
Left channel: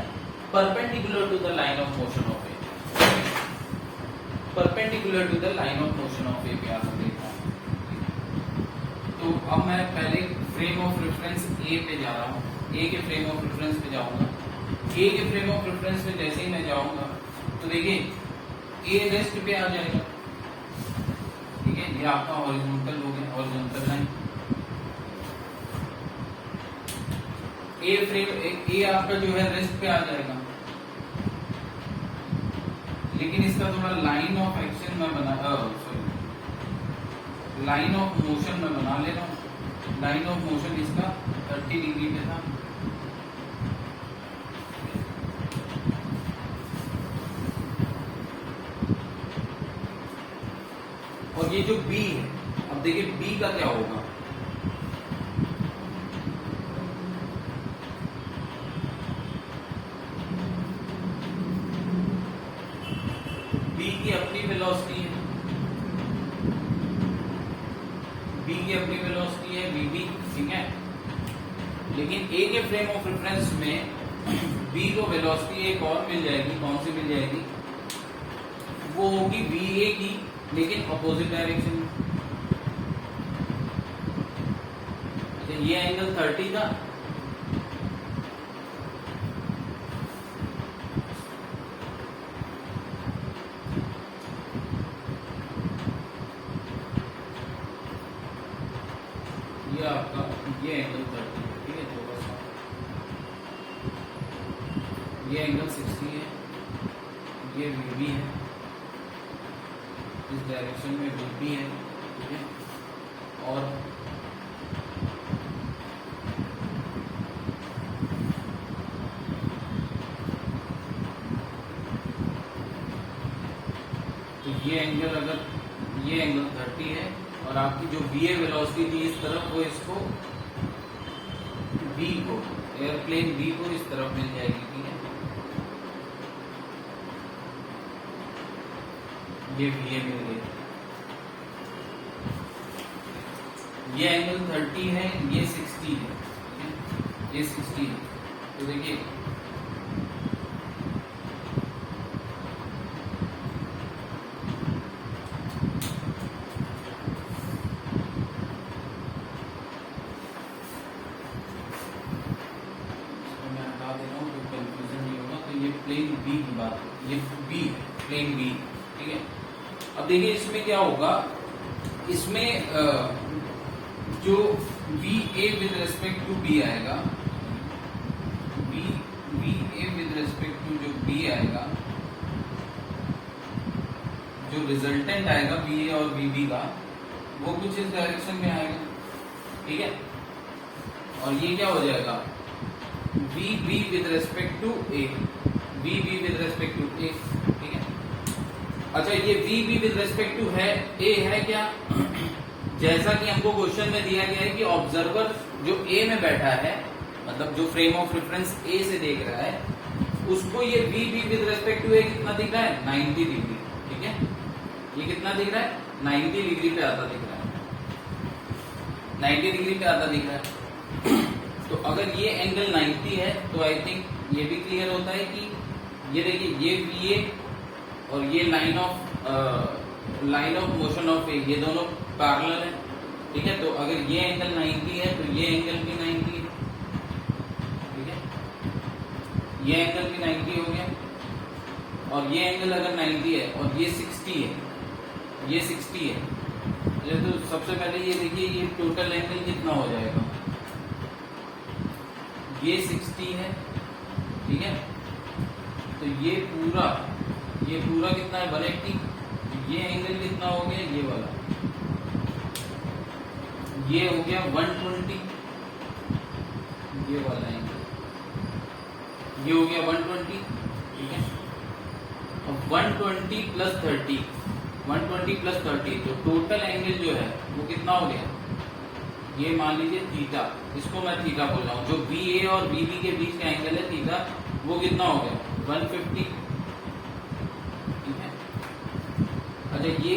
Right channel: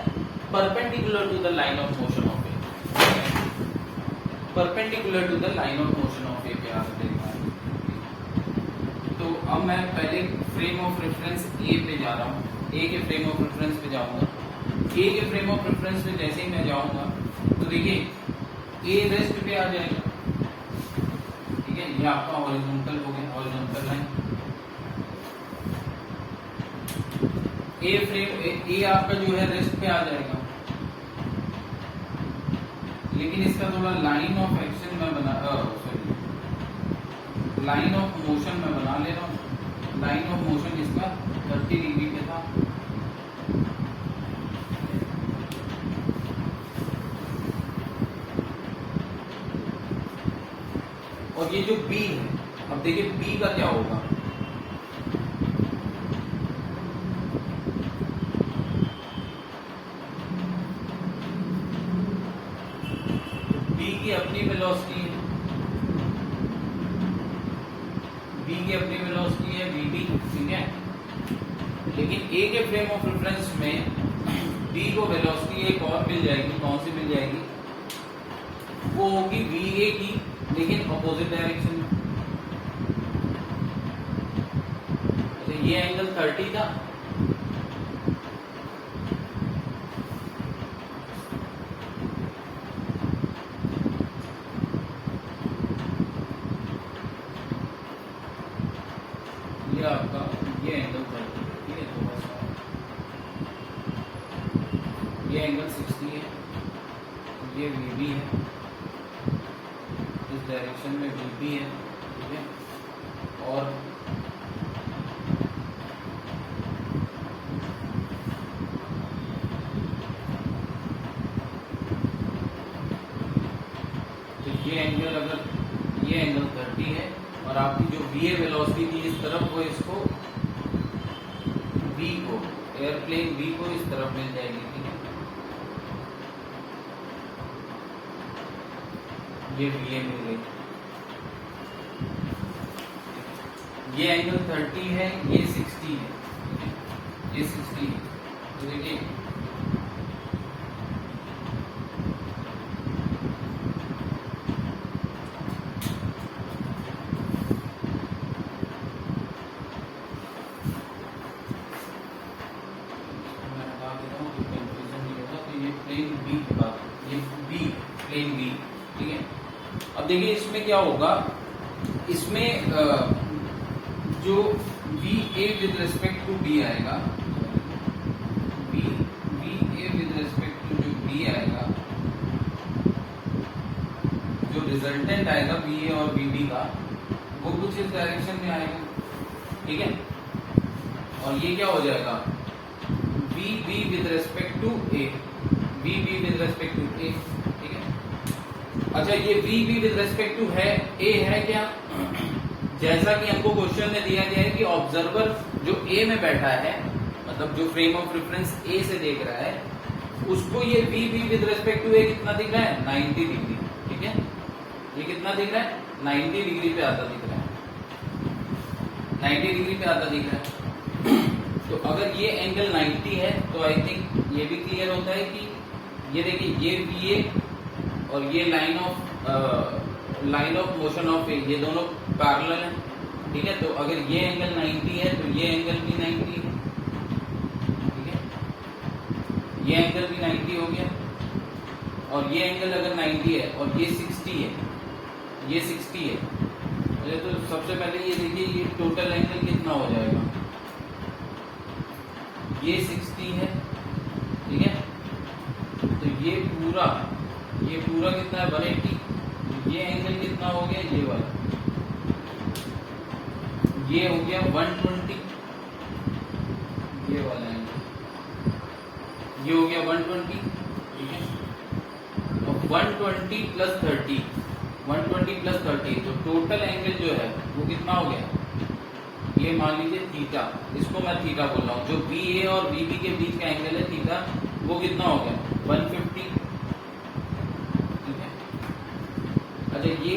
perpendicular to the line of motion of A, perpendicular to the line of motion of A के आगे देखा है। तो अब मैं पहले फ्रेम ऑफ रेफरेंस ए पे जा रहा हूँ, ए के फ्रेम ऑफ रेफरेंस पे जाऊंगा। ए के फ्रेम ऑफ रेफरेंस पे जैसे ही मैं जाऊंगा तो देखिए ए रेस्ट पे आ जाएगा, ठीक है। ये आपका हॉरिजॉन्टल हो गया, हॉरिजॉन्टल लाइन। ए फ्रेम ए आपका जो है रेस्ट पे आ जाएगा, लेकिन इसका थोड़ा लाइन ऑफ एक्शन में बना लाइन ऑफ मोशन में बना ले रहा हूं। लाइन ऑफ मोशन इसका 30 डिग्री पे था, और ये जो B है, अब देखिए B का क्या होगा। B की अपनी वेलोसिटी है, B की अपनी वेलोसिटी है VB, ठीक है। लेकिन A के फ्रेम ऑफ रेफरेंस में B को वेलोसिटी एक और मिल जाएगी, कौन सी मिल जाएगी? वो होगी VA की, लेकिन अपोजिट डायरेक्शन में। तो ये एंगल 30 था, ये आपका ये एंगल 30 है, ठीक है। तो बस ये एंगल 60 है, ये VB है, इस डायरेक्शन में VB है, ठीक है। और तो ये एंगल, अगर ये एंगल 30 है और आपकी जो VA वेलोसिटी थी इस तरफ, वो इसको B को, एयरप्लेन B को इस तरफ मिल जाएगी, ठीक है। ये VA मिल गई, ये एंगल 30 है, ये 60 है, ये 60 है। तो देखिए प्लेन बी की बात, ये बी प्लेन बी, ठीक है। अब देखिए इसमें क्या होगा, इसमें जो V A with respect to B आएगा, we A with respect to जो बी आएगा, जो रिजल्टेंट आएगा बी ए और बी डी का, वो कुछ इस डायरेक्शन में आएगा, ठीक है। और ये क्या हो जाएगा, V B with respect to A, V B with respect to A, ठीक है। अच्छा, ये V B with respect to है ए है क्या, जैसा कि हमको क्वेश्चन में दिया गया है कि ऑब्जर्वर जो ए में बैठा है, मतलब जो फ्रेम ऑफ रेफरेंस ए से देख रहा है, उसको ये V B with respect to A कितना दिख रहा है, 90 डिग्री, ठीक है। ये कितना दिख रहा है, 90 डिग्री पे आता दिख रहा है, 90 डिग्री पे आता दिख रहा है। तो अगर ये एंगल 90 है तो आई थिंक ये भी क्लियर होता है कि ये देखिए, ये बी ए और ये लाइन ऑफ मोशन ऑफ ए, ये दोनों पैरेलल है, ठीक है। तो अगर ये एंगल 90 है तो ये एंगल भी 90 है, ठीक है। ये एंगल भी 90 हो गया, और ये एंगल अगर 90 है और ये 60 है, ये 60 है, तो सबसे पहले ये देखिए ये टोटल एंगल कितना हो जाएगा, ये 60 है, ठीक है। तो ये पूरा कितना है, 180। ये एंगल कितना हो गया, ये वाला, ये हो गया 120, ये वाला एंगल, ये हो गया 120, ठीक है। और 120 प्लस 30, 120 प्लस 30, तो टोटल एंगल जो है वो कितना हो गया, ये मान लीजिए थीटा, इसको मैं थीटा बोल रहा हूँ, जो बी ए और बी डी के बीच का एंगल है थीटा, वो कितना हो गया 150, ठीक है। अच्छा, ये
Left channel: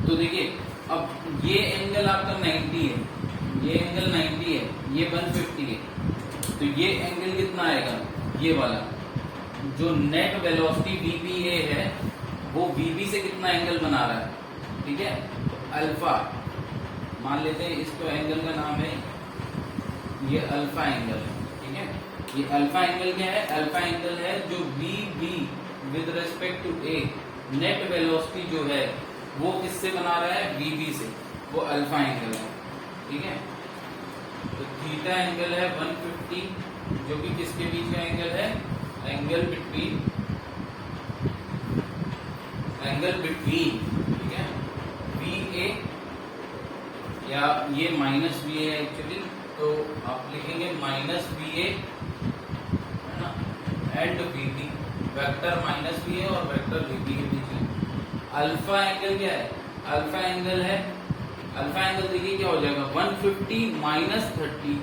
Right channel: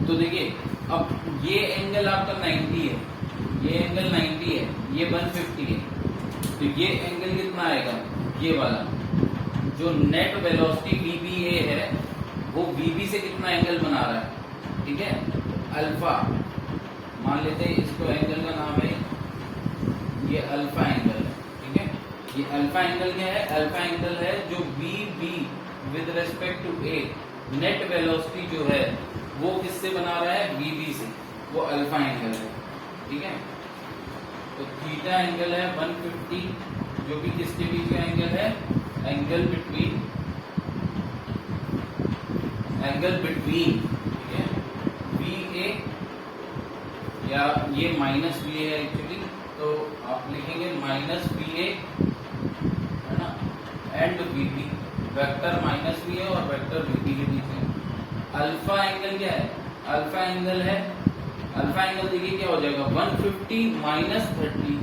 तो देखिए, अब ये एंगल आपका 90 है, ये एंगल 90 है, ये 150 है, तो ये एंगल कितना आएगा, ये वाला, जो नेट वेलोसिटी वीबीए है वो वीबी से कितना एंगल बना रहा है, ठीक है, अल्फा मान लेते हैं, इसको एंगल का नाम है, ये अल्फा एंगल, ठीक है। ये अल्फा एंगल क्या है, अल्फा एंगल है जो we B with respect to A, net velocity जो है वो किससे बना रहा है, वीबी से, वो अल्फा एंगल है, ठीक है। तो थीटा एंगल है 150, जो कि किसके बीच का एंगल है, एंगल बिटवीन, ठीक है, वी ए, या ये माइनस वी ए एक्चुअली, तो आप लिखेंगे माइनस वी ए, है ना, and we B, vector minus we A और वेक्टर वी बी के बीच में। अल्फा एंगल क्या है, अल्फा एंगल है, अल्फा एंगल देखिए क्या हो जाएगा, 150 माइनस 30,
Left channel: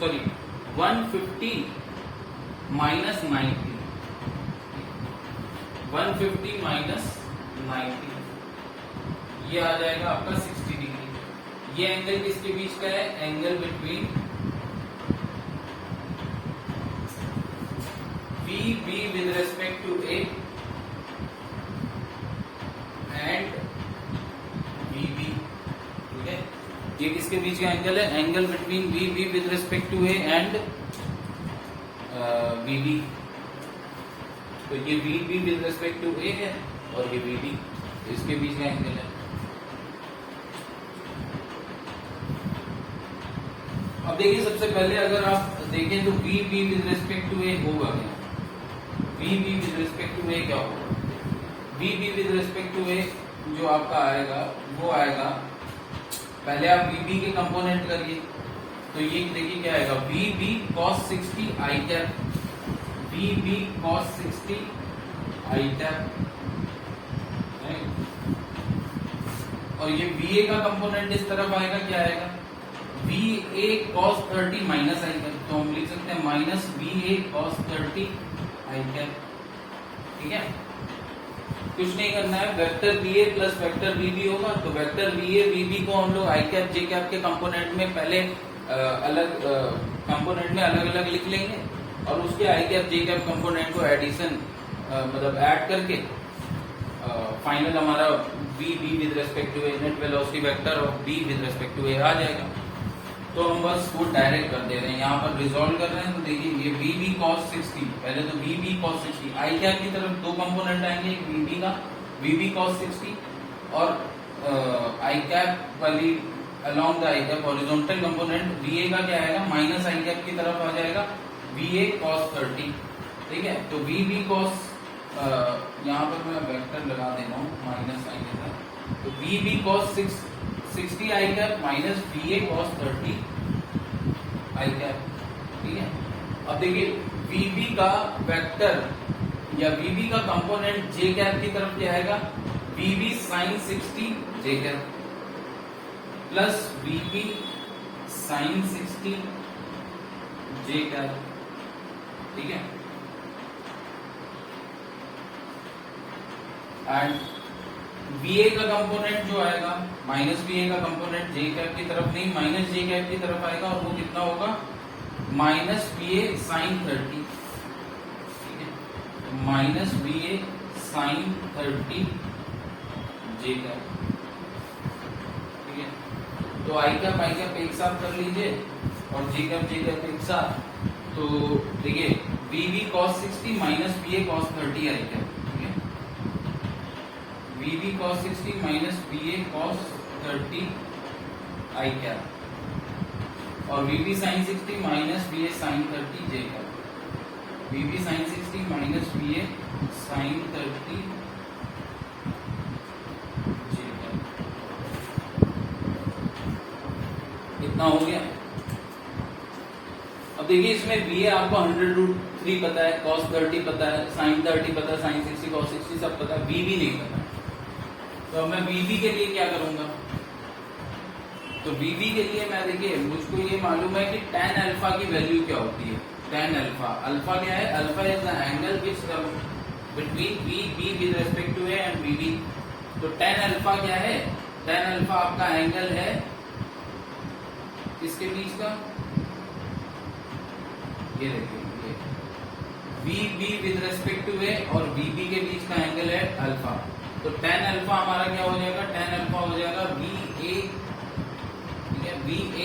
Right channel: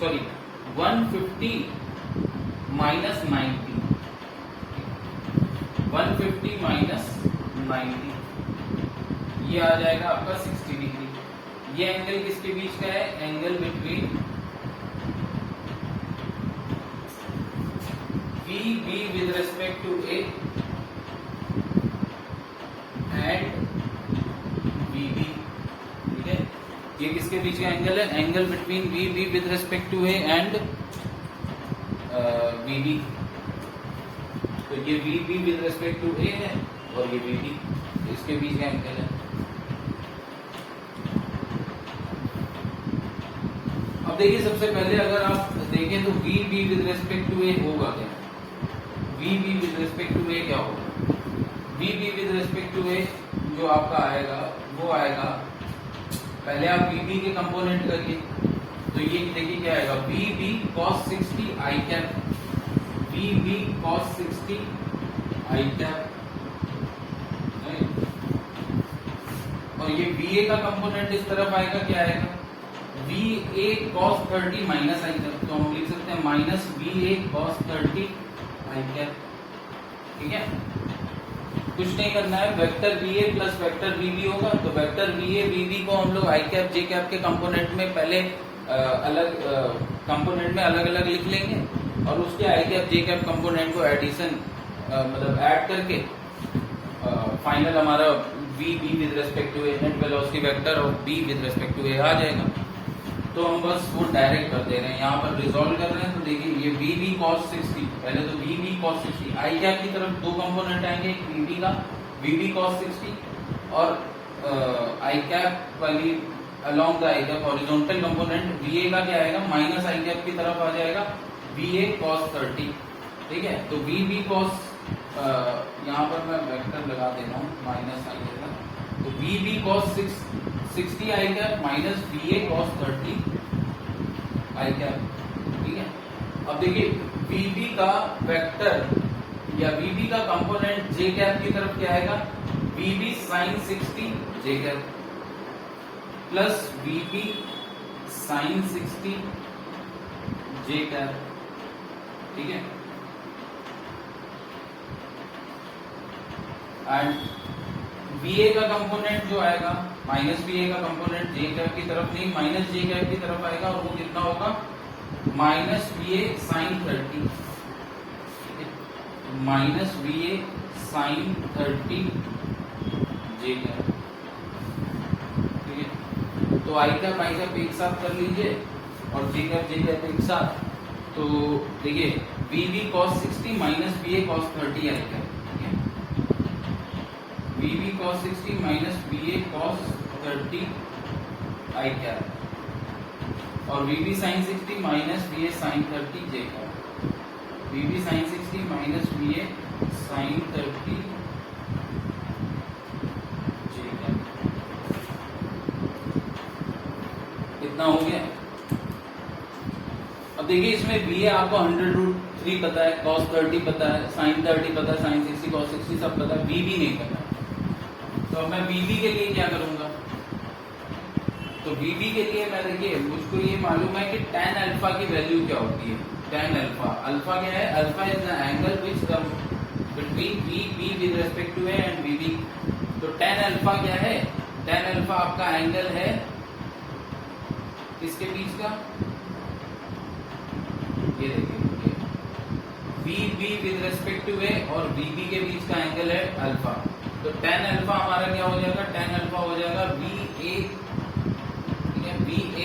सॉरी 150 माइनस 90, 150 माइनस 90, ये आ जाएगा आपका 60 डिग्री। ये एंगल किसके बीच का है, angle between V B with respect to A and we B, ठीक है। ये किसके बीच का एंगल है, angle between V B with respect to A and we B. तो ये V B with respect to A है और ये वी डी, इसके बीच का एंगल है। अब देखिए, सबसे पहले अगर आप देखें तो V B with respect to A होगा क्या, V B with respect to A क्या होगा, V B with respect to A जो आपका आएगा वो आएगा, पहले आप वी बी के कंपोनेंट करिए, तो ये देखिए क्या आएगा, वी बी कॉस 60 आई कैप, वी बी कॉस 60 आई कैप, और ये वी ए का कंपोनेंट इस तरफ आएगा, क्या आएगा, we A cos 30 minus I cap, तो हम लिख सकते हैं minus we A cos 30 I cap, ठीक है। कुछ नहीं करना है, vector B A plus vector B B होगा, तो vector B A B B को हम लोग आई कैप जे कैप के कंपोनेंट में पहले अलग कंपोनेंट में अलग अलग लिख लेंगे, और उसके I cap J cap component को एडिशन मतलब ऐड करके फाइनल हमारा V B with respect to A net velocity vector और B with respect to A आ जाएगा। तो हम बस वो डायरेक्ट कर दे रहे हैं, यहाँ पर रिजोल्व कर रहे हैं। तो देखिए ये वी cos 60, पहले तो वी cos 60 आई कैप की तरफ दो कंपोनेंट आएंगे, एक का वी cos 60 और आई कैप वाली along the I cap horizontal component वीए का क्या आएगा, माइनस आई कैप की तरफ आ जाएगा वीए cos 30, ठीक है। तो वी cos यहाँ पर मैं वेक्टर लगा देता हूँ माइनस आई कैप, तो वी cos 60 आई कैप माइनस वीए cos 30 आई कैप, ठीक है। अब देखिए वीबी का वेक्टर या वीबी का कंपोनेंट जे कैप की तरफ क्या आएगा, वीबी sin 60 जे कैप प्लस वीबी sin 60 जे कैप, ठीक है। एंड वीए का कंपोनेंट जो आएगा माइनस वीए का कंपोनेंट जे कैप की तरफ नहीं, माइनस जे कैप की तरफ आएगा और वो कितना होगा, माइनस वीए sin 30, ठीक है, minus V A sin 30 J cap, ठीक है। तो आई कैप एक साथ कर लीजिए और जे कैप एक साथ। तो देखिए V cos 60 minus V A cos 30 आई cap, V cos 60 minus V A cos 30 आई कैप और V sin 60 minus V A sin 30 J cap, V sin 60 minus V A sin 30 J cap. कितना हो गया? अब देखिए इसमें वीए आपको 100√3 पता है, cos 30 पता है, sin 30 पता है, sin 60 cos 60 सब पता है, वीबी नहीं पता। तो अब मैं वीबी के लिए क्या करूंगा, तो वीबी के लिए मैं देखिए मुझको ये मालूम है कि tan अल्फा की वैल्यू क्या होती है, tan अल्फा, अल्फा क्या है, alpha is the angle which between B with respect to A and V B. तो tan अल्फा क्या है, tan अल्फा आपका एंगल है किसके बीच का, ये देखिए बी विद रिस्पेक्ट टू ए और वीबी के बीच का एंगल है अल्फा। तो tan अल्फा हमारा क्या हो जाएगा, tan अल्फा हो जाएगा वी ए, ठीक है, V A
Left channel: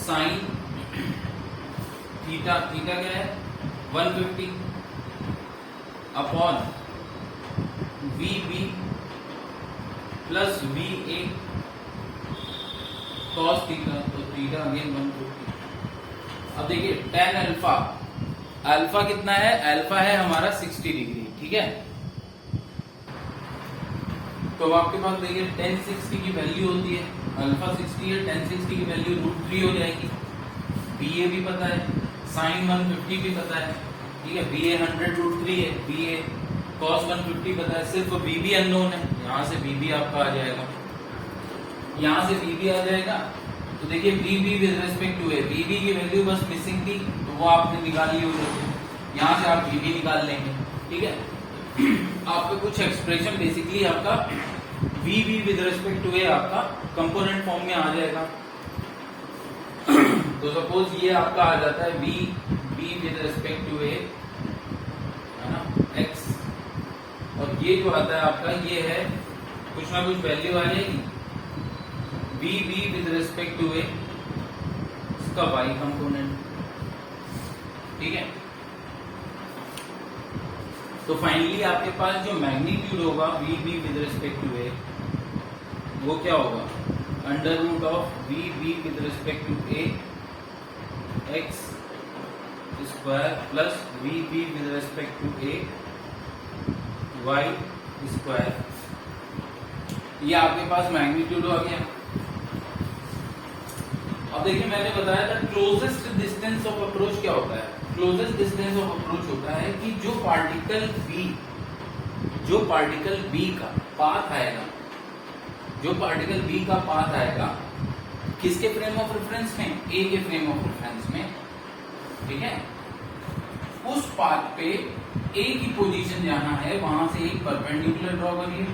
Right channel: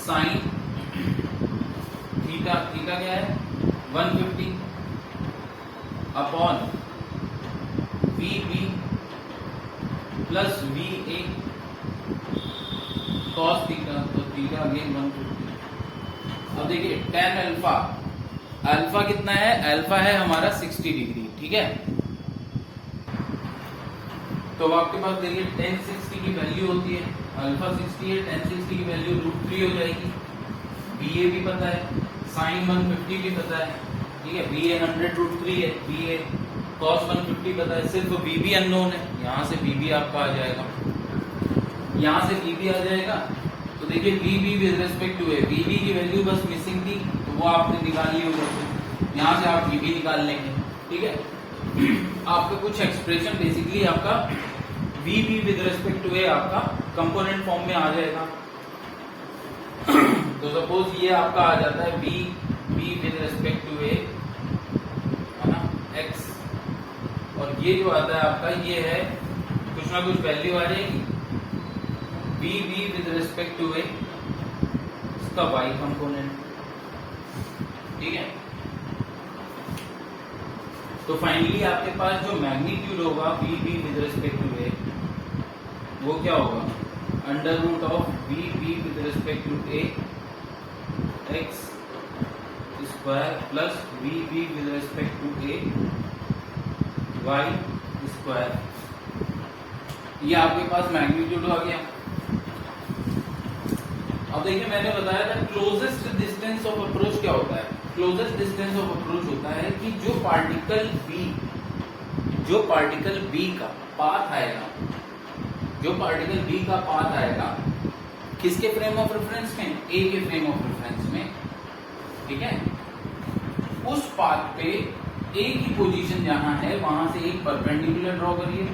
sine theta, theta क्या है 150 upon V B plus V A cos theta, तो थीटा अगेन 150। अब देखिए tan अल्फा, अल्फा कितना है, अल्फा है हमारा 60 डिग्री, ठीक है। तो आपके पास देखिए tan 60 की वैल्यू होती है, अल्फा 60 है, tan 60 की वैल्यू √3 हो जाएगी, बीए भी पता है, sin 150 भी पता है, ठीक है, बीए 100√3 है, बीए cos 150 पता है, सिर्फ बीबी अननोन है, यहाँ से बीबी आपका आ जाएगा, यहाँ से बीबी आ जाएगा। तो देखिए बीबी विद रिस्पेक्ट टू ए, बीबी की वैल्यू बस मिसिंग थी तो वो आपने निकाल ली हो जाएगी, यहाँ से आप बीबी निकाल लेंगे, ठीक है। आपको कुछ एक्सप्रेशन बेसिकली आपका V B with respect to A आपका कंपोनेंट फॉर्म में आ जाएगा। तो सपोज ये आपका आ जाता है V B with respect to A, है ना, एक्स, और ये जो आता है आपका ये है कुछ ना कुछ वैल्यू आ जाएगी V B with respect to A इसका वाई कंपोनेंट, ठीक है। तो फाइनली आपके पास जो मैग्नीट्यूड होगा V B with respect to A वो क्या होगा, √of V B with respect to A X square plus V B with respect to A Y square. ये आपके पास मैग्नीट्यूड आ गया। अब देखिए मैंने बताया था क्लोजेस्ट डिस्टेंस ऑफ अप्रोच क्या होता है, क्लोजेस्ट डिस्टेंस ऑफ अप्रोच होता है कि जो पार्टिकल बी का पाथ आएगा, जो पार्टिकल बी का पाथ आएगा किसके फ्रेम ऑफ रेफरेंस में, ए के फ्रेम ऑफ रेफरेंस में, ठीक है, उस पाथ पे ए की पोजीशन जहां है वहां से एक परपेंडिकुलर ड्रॉ करिए,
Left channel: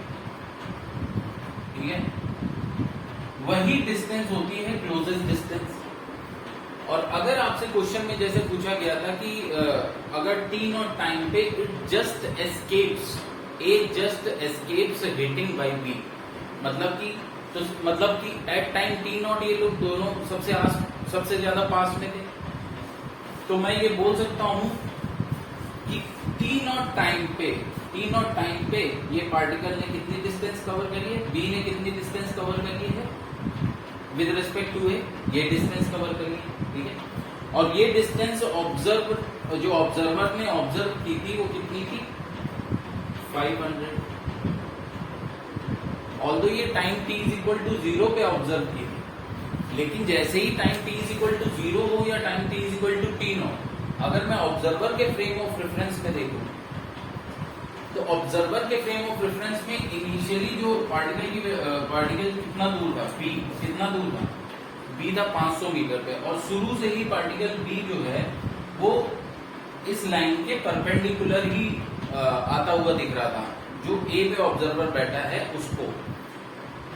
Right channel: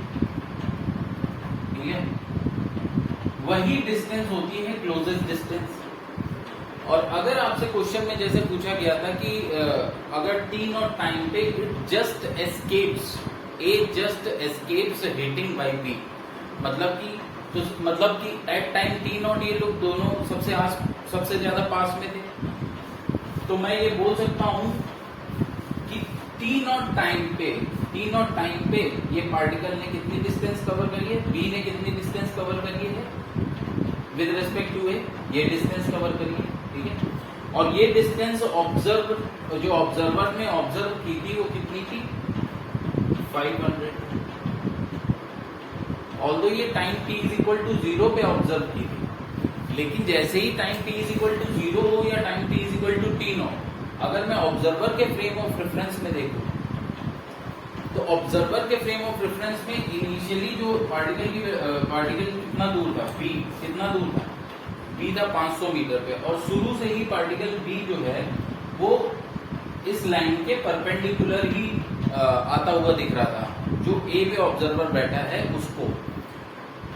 ठीक है, वही डिस्टेंस होती है क्लोजेस्ट डिस्टेंस। और अगर आपसे क्वेश्चन में जैसे पूछा गया था कि अगर टी नॉट टाइम पे it just escapes, A just escapes hitting by B, मतलब कि तो मतलब कि एट टाइम टी नॉट ये लोग दोनों सबसे ज्यादा पास में थे। तो मैं ये बोल सकता हूं कि टी नॉट टाइम पे ये पार्टिकल ने कितनी डिस्टेंस कवर करी है, बी ने कितनी डिस्टेंस कवर करी है विद रिस्पेक्ट टू ए, ये डिस्टेंस कवर करी है, ठीक है। और ये डिस्टेंस जो ऑब्जर्वर ने ऑब्जर्व की थी वो कितनी थी, 500। ऑल्दो ये time t is equal to 0 पे ऑब्जर्व की थी, लेकिन जैसे ही time t is equal to 0 हो या time t is equal to t nought, अगर मैं ऑब्जर्वर के फ्रेम ऑफ रेफरेंस में देखूं तो ऑब्जर्वर के फ्रेम ऑफ रेफरेंस में इनिशियली जो पार्टिकल कितना दूर था, b कितना दूर था, b था 500 मीटर पे, और शुरू से ही पार्टिकल b जो है वो इस लाइन के परपेंडिकुलर ही आता हुआ दिख रहा था। जो ए पे ऑब्जर्वर बैठा है उसको,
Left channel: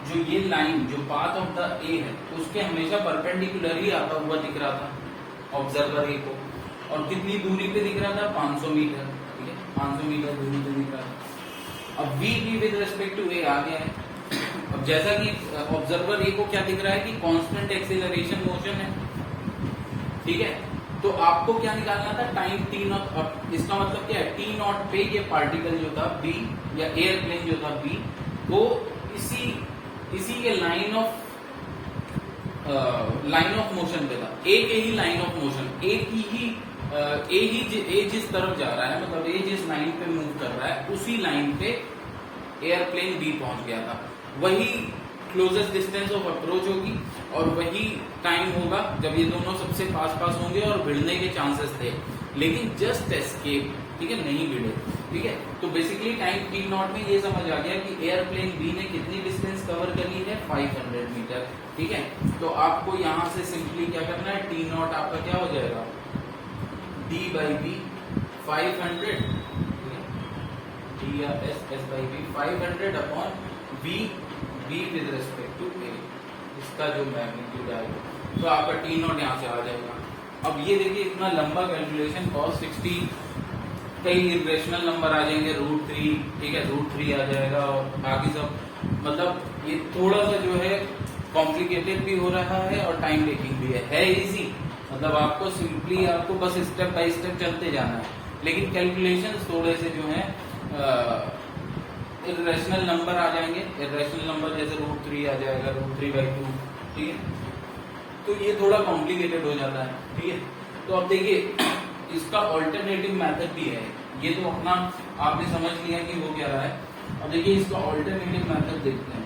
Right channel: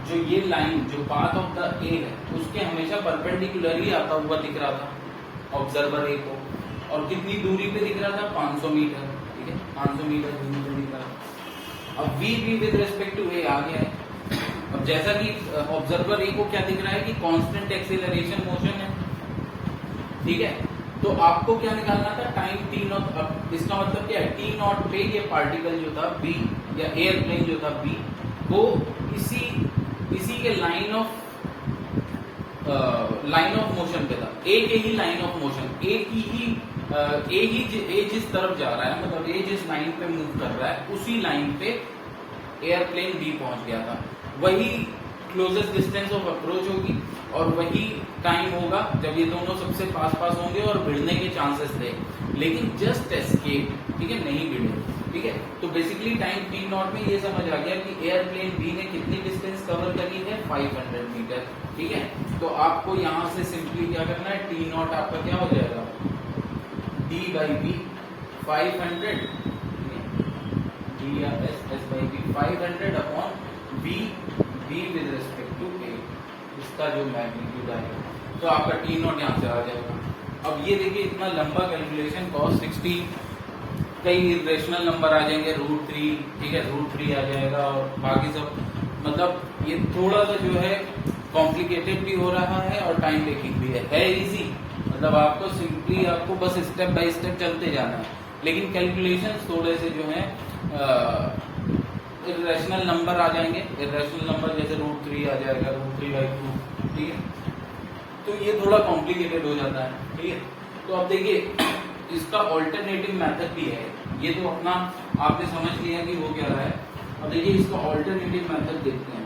जो ये लाइन जो पाथ ऑफ द ए है उसके हमेशा परपेंडिकुलर ही आता हुआ दिख रहा था ऑब्जर्वर ए को, और कितनी दूरी पे दिख रहा था, 500 मीटर, ठीक है, 500 मीटर दूरी पे दिख रहा था। अब B with respect to A आ गया है। अब जैसा कि ऑब्जर्वर ए को क्या दिख रहा है कि कांस्टेंट एक्सीलरेशन मोशन है, ठीक है। तो आपको क्या निकालना था, टाइम टी नॉट। अब इसका मतलब क्या है, टी नॉट पे ये पार्टिकल जो था बी या एयरप्लेन जो था बी वो इसी के लाइन ऑफ मोशन पे था, ए के ही लाइन ऑफ मोशन, ए जिस तरफ जा रहा है, मतलब ए जिस लाइन पे मूव कर रहा है उसी लाइन पे एयरप्लेन बी पहुंच गया था। वही क्लोजेस्ट डिस्टेंस ऑफ अप्रोच होगी और वही टाइम होगा जब ये दोनों सबसे पास होंगे और भिड़ने के चांसेस थे, लेकिन जस्ट एस्केप, ठीक है, नहीं भिड़े, ठीक है। तो बेसिकली टाइम टी नॉट में ये समझ आ गया कि एयरप्लेन बी ने कितनी डिस्टेंस कवर करी है, 500 मीटर, ठीक है। तो आपको यहां से सिंपली क्या करना है, टी नॉट आपका क्या हो जाएगा, डी बाई बी 500, डी या S by B 500 upon B with respect to A, इसका जो मैग्नीट्यूड आएगा। तो आपका टी नॉट यहाँ से आ जाएगा। अब ये देखिए इतना लंबा कैलकुलेशन, cos 60, कई इरेशनल नंबर आ जाएंगे, √3, ठीक है, √3 आ जाएगा, और बाकी सब, मतलब ये थोड़ा सा जो है कॉम्प्लिकेटेड भी हो रहा है और टाइम टेकिंग भी है इजी, मतलब आपको सिंपली आपको बस स्टेप बाय स्टेप चलते जाना है, लेकिन कैलकुलेशन थोड़े से जो है इरेशनल नंबर आ जाएंगे, इरेशनल नंबर जैसे √3 आ जाएगा, √3/2, ठीक है। तो ये थोड़ा कॉम्प्लिकेटेड हो जाता है, ठीक है। तो अब देखिए इसका ऑल्टरनेटिव मेथड भी है, ये तो अपना आपने समझ लिया कि वो क्या रहा है। अब देखिए इसका ऑल्टरनेटिव मेथड देखते हैं।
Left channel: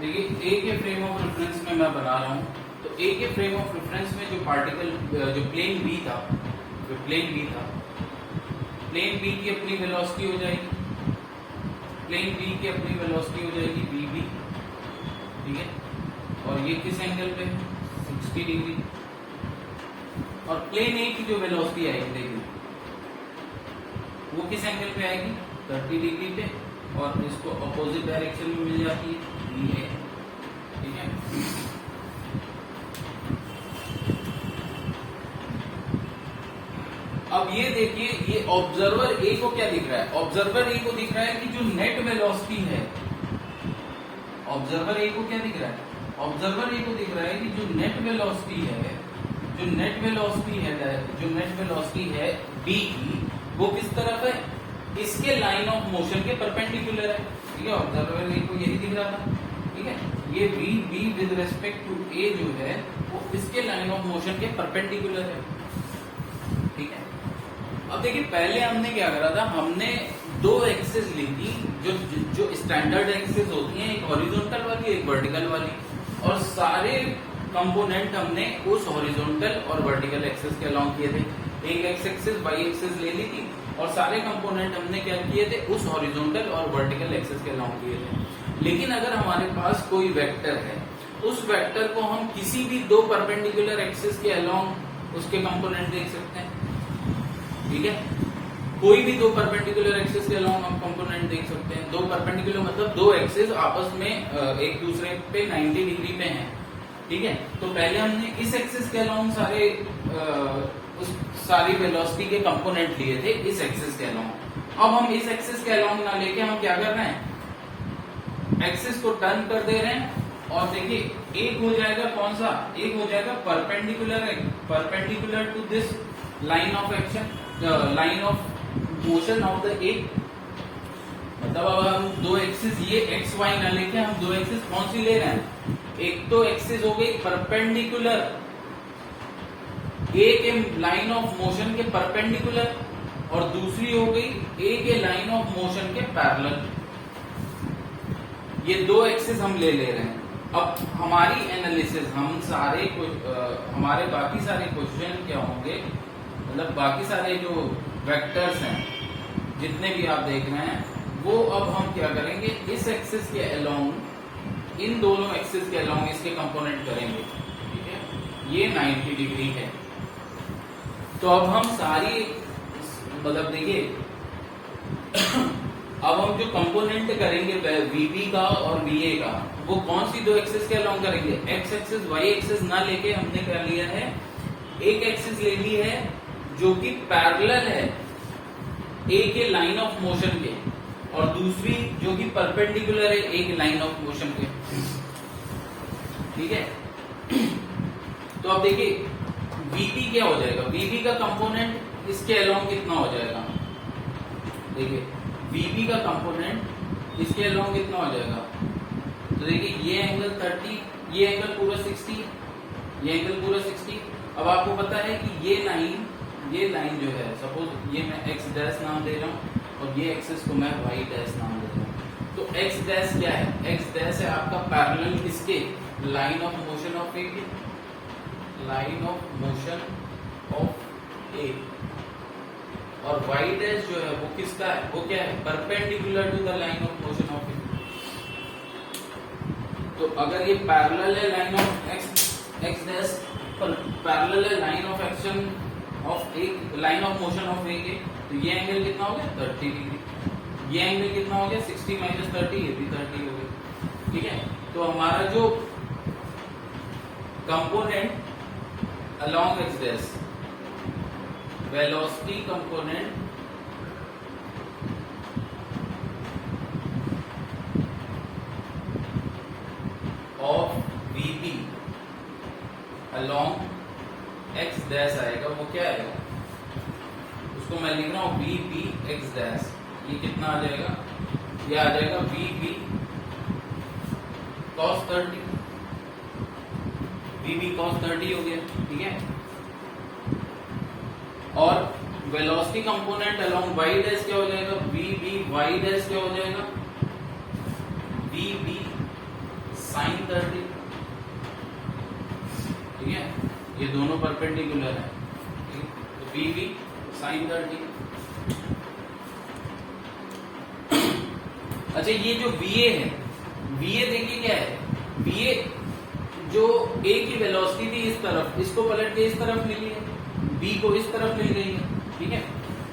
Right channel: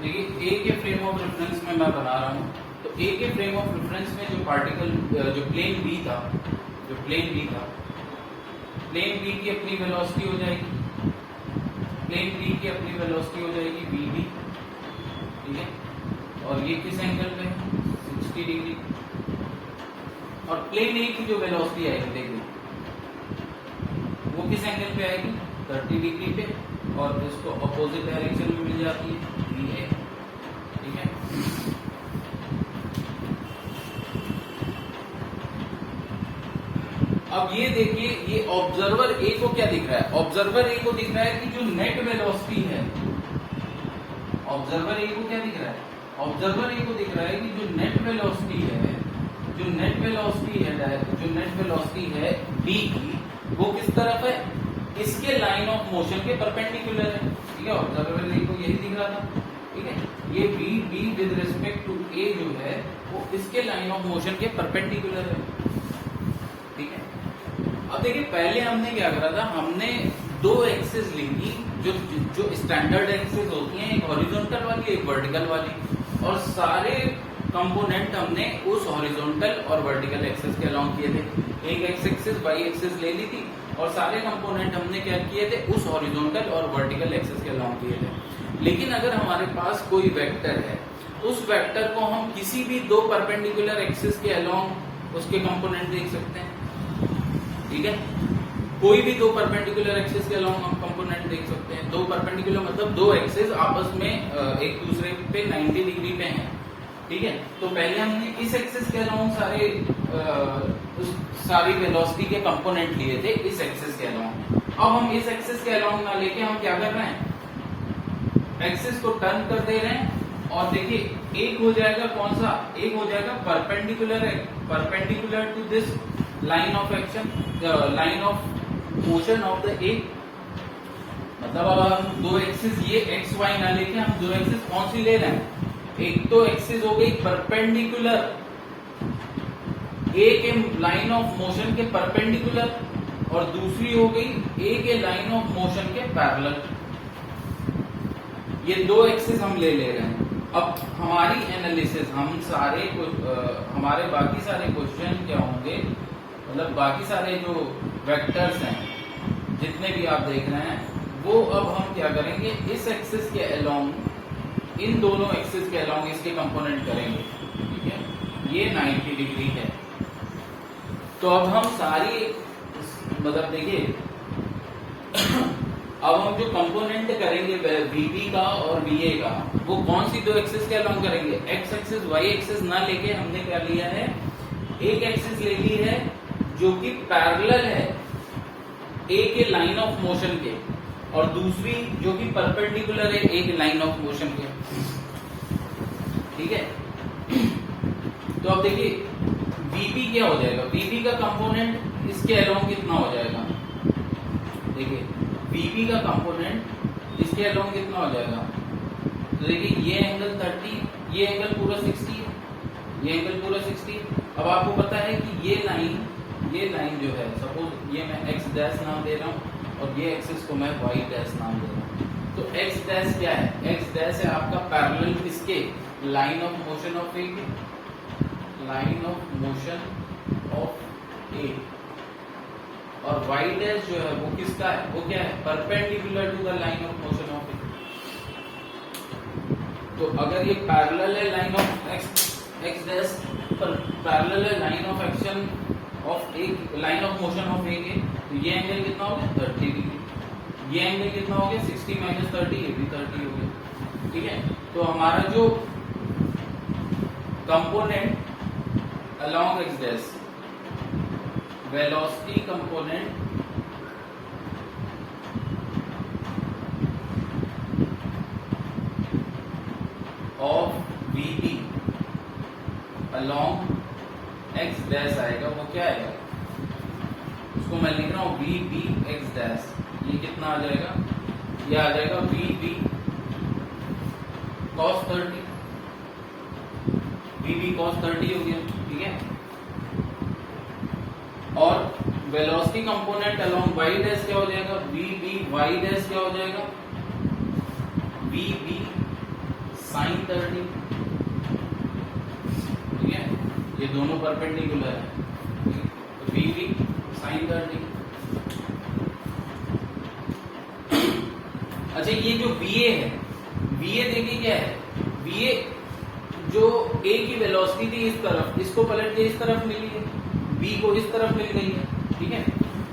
देखिए ए के फ्रेम ऑफ रेफरेंस में मैं बना रहा हूं, तो ए के फ्रेम ऑफ रेफरेंस में जो पार्टिकल जो प्लेन बी था, प्लेन बी की अपनी वेलोसिटी हो जाएगी, वी बी, ठीक है। और ये किस एंगल पे, 60 डिग्री, और प्लेन ए की जो वेलोसिटी आएगी देखिए वो किस एंगल पे आएगी, 30 डिग्री पे, और इसको अपोजिट डायरेक्शन में मिल जाती है, ठीक है। अब ये देखिए ये ऑब्जर्वर ए को क्या दिख रहा है, ऑब्जर्वर ए को दिख रहा है कि जो नेट वेलोसिटी है, ऑब्जर्वर ए को क्या दिख रहा है, ऑब्जर्वर ए को दिख रहा है कि जो नेट वेलोसिटी है डी की, वो किस तरफ है, इसके लाइन ऑफ मोशन के परपेंडिकुलर है, ठीक है। ऑब्जर्वर ए को यही दिख रहा था, ठीक है। ये B with respect to A जो है वो इसके लाइन ऑफ मोशन के परपेंडिकुलर है, ठीक है। अब देखिए पहले हमने क्या करा था, हमने दो एक्सिस ली थी, जो स्टैंडर्ड एक्सिस होती हैं, एक हॉरिजॉन्टल वाली एक वर्टिकल वाली, और सारे कंपोनेंट हमने उस हॉरिजॉन्टल और वर्टिकल एक्सिस के अलोंग किए थे। एक एक्स एक्सिस वाई एक्सिस ले ली थी और सारे कंपोनेंट हमने क्या किए थे, उस हॉरिजॉन्टल और वर्टिकल एक्सिस के अलोंग किए थे। लेकिन अगर हमारे पास कोई वेक्टर है, उस वेक्टर को हम किसी भी दो परपेंडिकुलर एक्सिस के अलोंग उसके कंपोनेंट देख सकते हैं, ठीक है। कोई भी दो परपेंडिकुलर एक्सिस के अलोंग हम कंपोनेंट देख सकते हैं। दो परपेंडिकुलर मतलब दो एक्सिस आपस में एक दूसरे पे 90 डिग्री पे हैं, ठीक है। तो पहले हमने इस एक्सिस के अलोंग सारी वेलोसिटी के कंपोनेंट लिए थे इस एक्सिस के अलोंग। अब हम इस एक्सिस के अलोंग ना लेके हम क्या कर रहे हैं, एक्सिस को टर्न कर दे रहे हैं और देखिए एक हो जाएगा कौन सा, एक हो जाएगा perpendicular to this line of action, line of motion of the एक। मतलब अब हम दो एक्सिस ये एक्स वाई ना लेके हम दो एक्सिस कौन सी ले रहे हैं, एक तो एक्सिस हो गई परपेंडिकुलर ए के लाइन ऑफ मोशन के परपेंडिकुलर और दूसरी हो गई ए के लाइन ऑफ मोशन के पैरेलल। ये दो एक्सिस हम ले रहे हैं। अब हमारी एनालिसिस हमारे बाकी सारे क्वेश्चन क्या होंगे, मतलब बाकी सारे जो वेक्टर्स हैं जितने भी आप देख रहे हैं वो अब हम क्या करेंगे, इस एक्सिस के अलोंग, इन दोनों एक्सिस के अलोंग इसके कंपोनेंट करेंगे, ठीक है। ये 90 डिग्री है। तो अब हम सारी मतलब देखिए अब हम जो कंपोनेंट करेंगे वीबी का और वीए का, वो कौन सी दो एक्सिस के अलोंग करेंगे, एक्स एक्सिस वाई एक्सिस ना लेके हमने क्या लिया है, एक एक्सिस ले ली है जो कि पैरेलल है ए के लाइन ऑफ मोशन के और दूसरी जो कि परपेंडिकुलर है ए के लाइन ऑफ मोशन के, ठीक है। तो अब देखिए वीबी क्या हो जाएगा, वीबी का कंपोनेंट इसके अलोंग कितना हो जाएगा, देखिए वीबी का कंपोनेंट इसके अलोंग कितना हो जाएगा। तो देखिए ये एंगल 30, ये एंगल पूरा 60, ये एंगल पूरा 60। अब आपको पता है कि ये लाइन जो है, सपोज ये मैं एक्स डैश नाम दे रहा हूं और ये एक्सिस को मैं वाई डैश नाम दे रहा हूं। तो एक्स डैश क्या है, एक्स डैश है आपका पैरेलल किसके, line of motion of A के, line of motion of A. और वाई डैश जो है वो किसका है, वो क्या है, perpendicular to the line of motion of A. तो अगर ये पैरेलल है लाइन ऑफ एक्स डैश पर पैरेलल है line of action of A, line of motion of A के, तो ये एंगल कितना हो गया 30 डिग्री। ये एंगल कितना हो गया 60 - 30, ये भी 30 हो गया, ठीक है। तो हमारा जो component along x dash, velocity component of vp along x dash आएगा, वो क्या आएगा, उसको मैं लिख रहा हूं vb x dash। ये कितना आ जाएगा, ये आ जाएगा vb cos 30, vb cos 30 हो गया, ठीक है। और velocity component along y dash क्या हो जाएगा, vb y डैश क्या हो जाएगा, vb sin 30, ठीक है। ये दोनों परपेंडिकुलर है, तो vb sin 30। अच्छा ये जो va है, va देखिए क्या है, va जो a की वेलोसिटी थी इस तरफ, इसको पलट के इस तरफ मिली है, b को इस तरफ मिल गई है, ठीक है।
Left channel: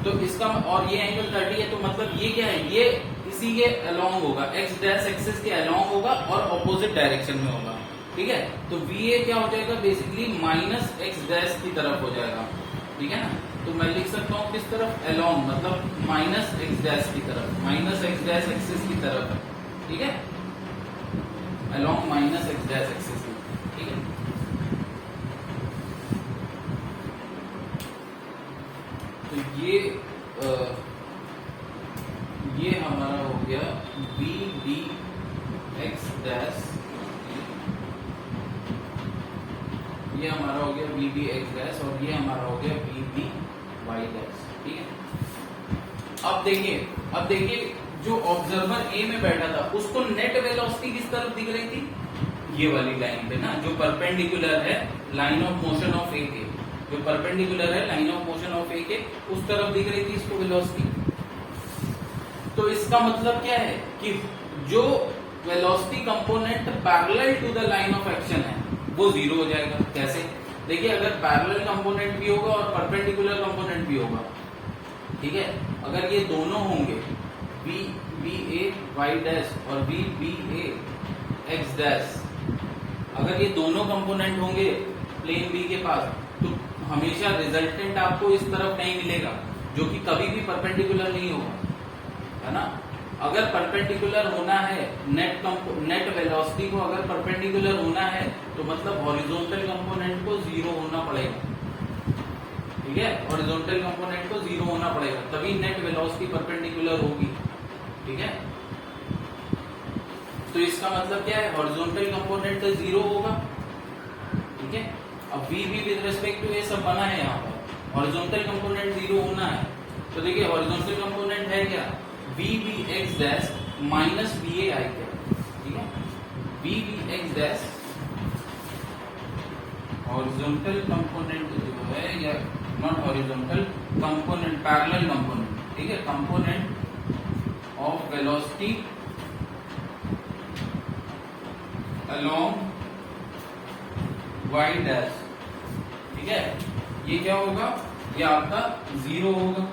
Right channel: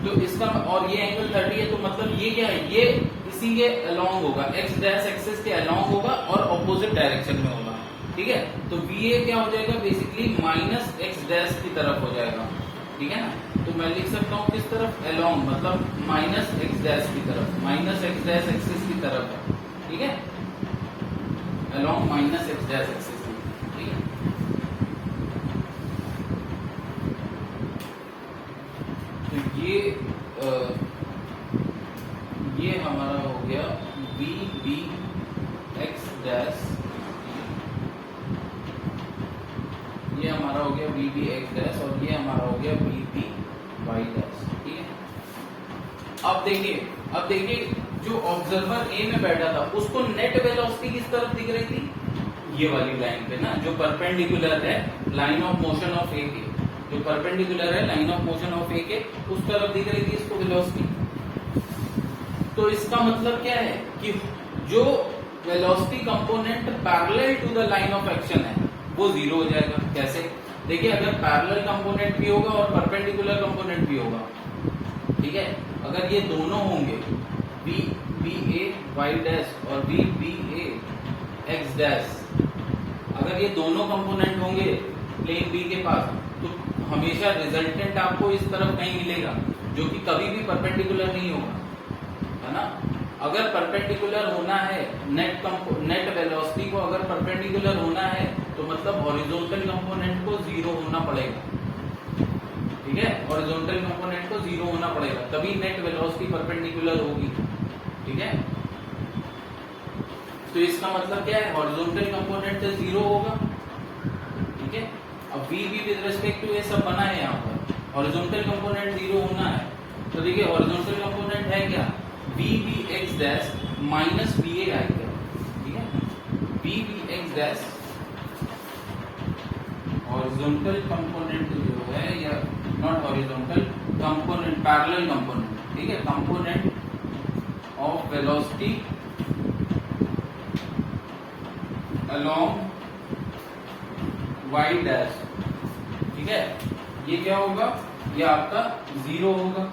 तो इसका और ये एंगल 30 है, तो मतलब ये क्या है, ये इसी के अलोंग होगा, x डैश एक्सिस के अलोंग होगा और ऑपोजिट डायरेक्शन में होगा, ठीक है। तो va क्या हो जाएगा, बेसिकली माइनस x डैश की तरफ हो जाएगा, ठीक है ना। तो मैं लिख सकता हूँ किस तरफ, अलोंग, मतलब माइनस x डैश की तरफ, माइनस x डैश एक्सिस की तरफ है, ठीक है, along minus x dash axis, ठीक है। तो ये हमारा हो गया vb x डैश, ये हमारा हो गया vb x डैश और ये हमारा हो गया vb y डैश, ठीक है। अब देखिए जो ऑब्जर्वर ए में बैठा था उसको नेट वेलोसिटी किस तरफ दिख रही थी, ये वाली लाइन पे ना, जो परपेंडिकुलर है line of motion of A के, जो परपेंडिकुलर है line of motion of A के, उस तरफ दिख रही थी इसको वेलोसिटी। तो इसका मतलब क्या है कि जो velocity component parallel to the line of action है वो जीरो हो जाएगा। कैसे, देखिए अगर पैरेलल कंपोनेंट भी होगा और परपेंडिकुलर कंपोनेंट भी होगा, ठीक है, अगर ये दोनों होंगे V B A Y dash और V B A X dash, अगर ये दोनों कंपोनेंट होंगे प्लेन बी के पास, तो हमेशा रिजल्टेंट आपको इस तरफ नहीं मिलेगा, जो कि कभी भी परपेंडिकुलर नहीं होगा, है ना। अगर परपेंडिकुलर होना है, नेट वेलोसिटी को अगर परपेंडिकुलर होना है तो मतलब हॉरिजॉन्टल कंपोनेंट को 0 होना पड़ेगा, ठीक है, हॉरिजॉन्टल कंपोनेंट को 0 होना पड़ेगा, तभी नेट वेलोसिटी परपेंडिकुलर होगी, ठीक है। तो इसका मतलब क्या है, हॉरिजॉन्टल कंपोनेंट 0 होगा, ठीक है। अब v भी विद रिस्पेक्ट टू ए सब बना है, यहाँ पर हॉरिजॉन्टल कंपोनेंट 0 होना है, तो देखिए हॉरिजॉन्टल कंपोनेंट है क्या, V B X dash minus we A आई गया, ठीक है, V B X dash horizontal component जो है, या not horizontal component, parallel component, ठीक है, component of velocity along Y dash, ठीक है, ये क्या होगा, ये आपका 0 होगा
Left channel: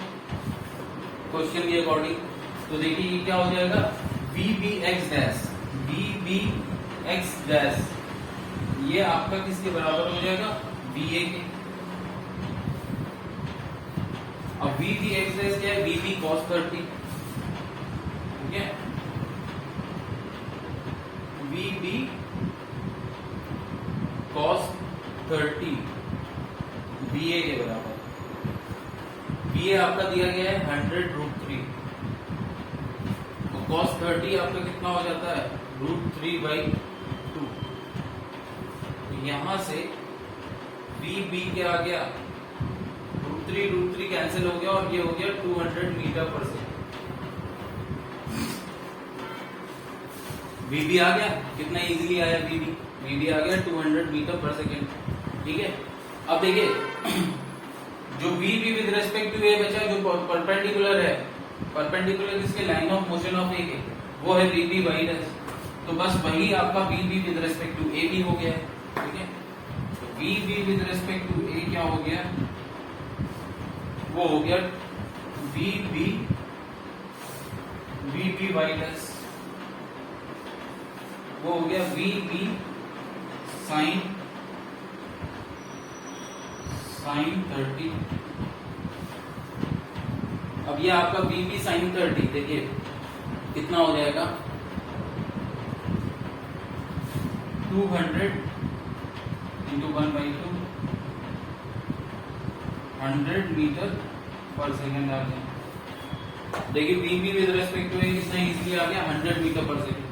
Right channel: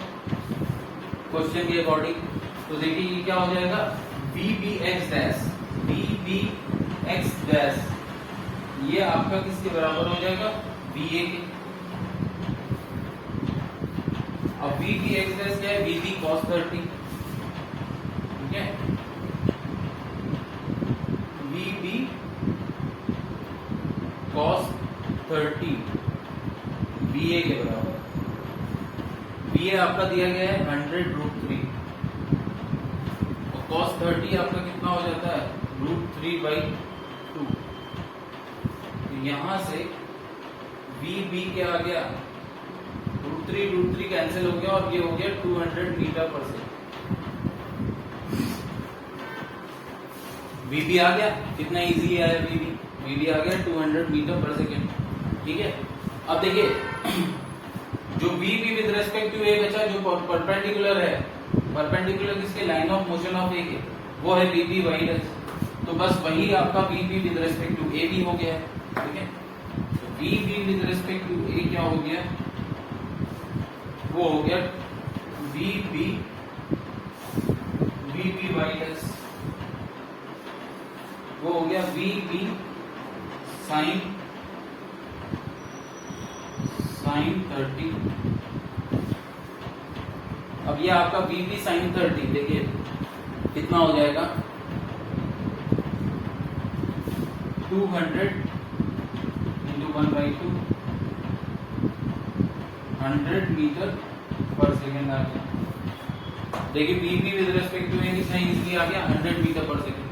क्वेश्चन के अकॉर्डिंग। तो देखिए ये क्या हो जाएगा, V B X dash, V B X dash, ये आपका किसके बराबर हो जाएगा, वी ए के। अब वी बी एक्स डैश क्या है, वी बी कॉस 30, ठीक है, वी बी कॉस 30 बी ए के बराबर, बी ए आपका दिया गया है 100√3, तो कॉस 30 आपका कितना हो जाता है, √3/2। तो यहां से वी बी क्या आ गया, √3 कैंसिल हो गया और ये हो गया 200 मीटर पर सेकेंड। वी बी आ गया, कितना इजीली आया वी बी आ गया 200 मीटर पर सेकेंड, ठीक है। अब देखिए जो we B with respect to A बचा, जो परपेंडिकुलर है, परपेंडिकुलर किसके, line of motion of A के, वो है वी बी वाई डैश, तो बस वही आपका V B with respect to A भी हो गया है, ठीक है। तो V B with respect to A क्या हो गया, वो हो गया वी बी वाई डैश, वो हो गया वी बी साइन 30। अब ये आपका वी बी साइन 30 देखिए कितना हो जाएगा, 200 इंटू 1/2, 100 मीटर पर सेकेंड आ गया। देखिए V B with respect to A कितना इजीली आ गया, 100 मीटर पर सेकेंड।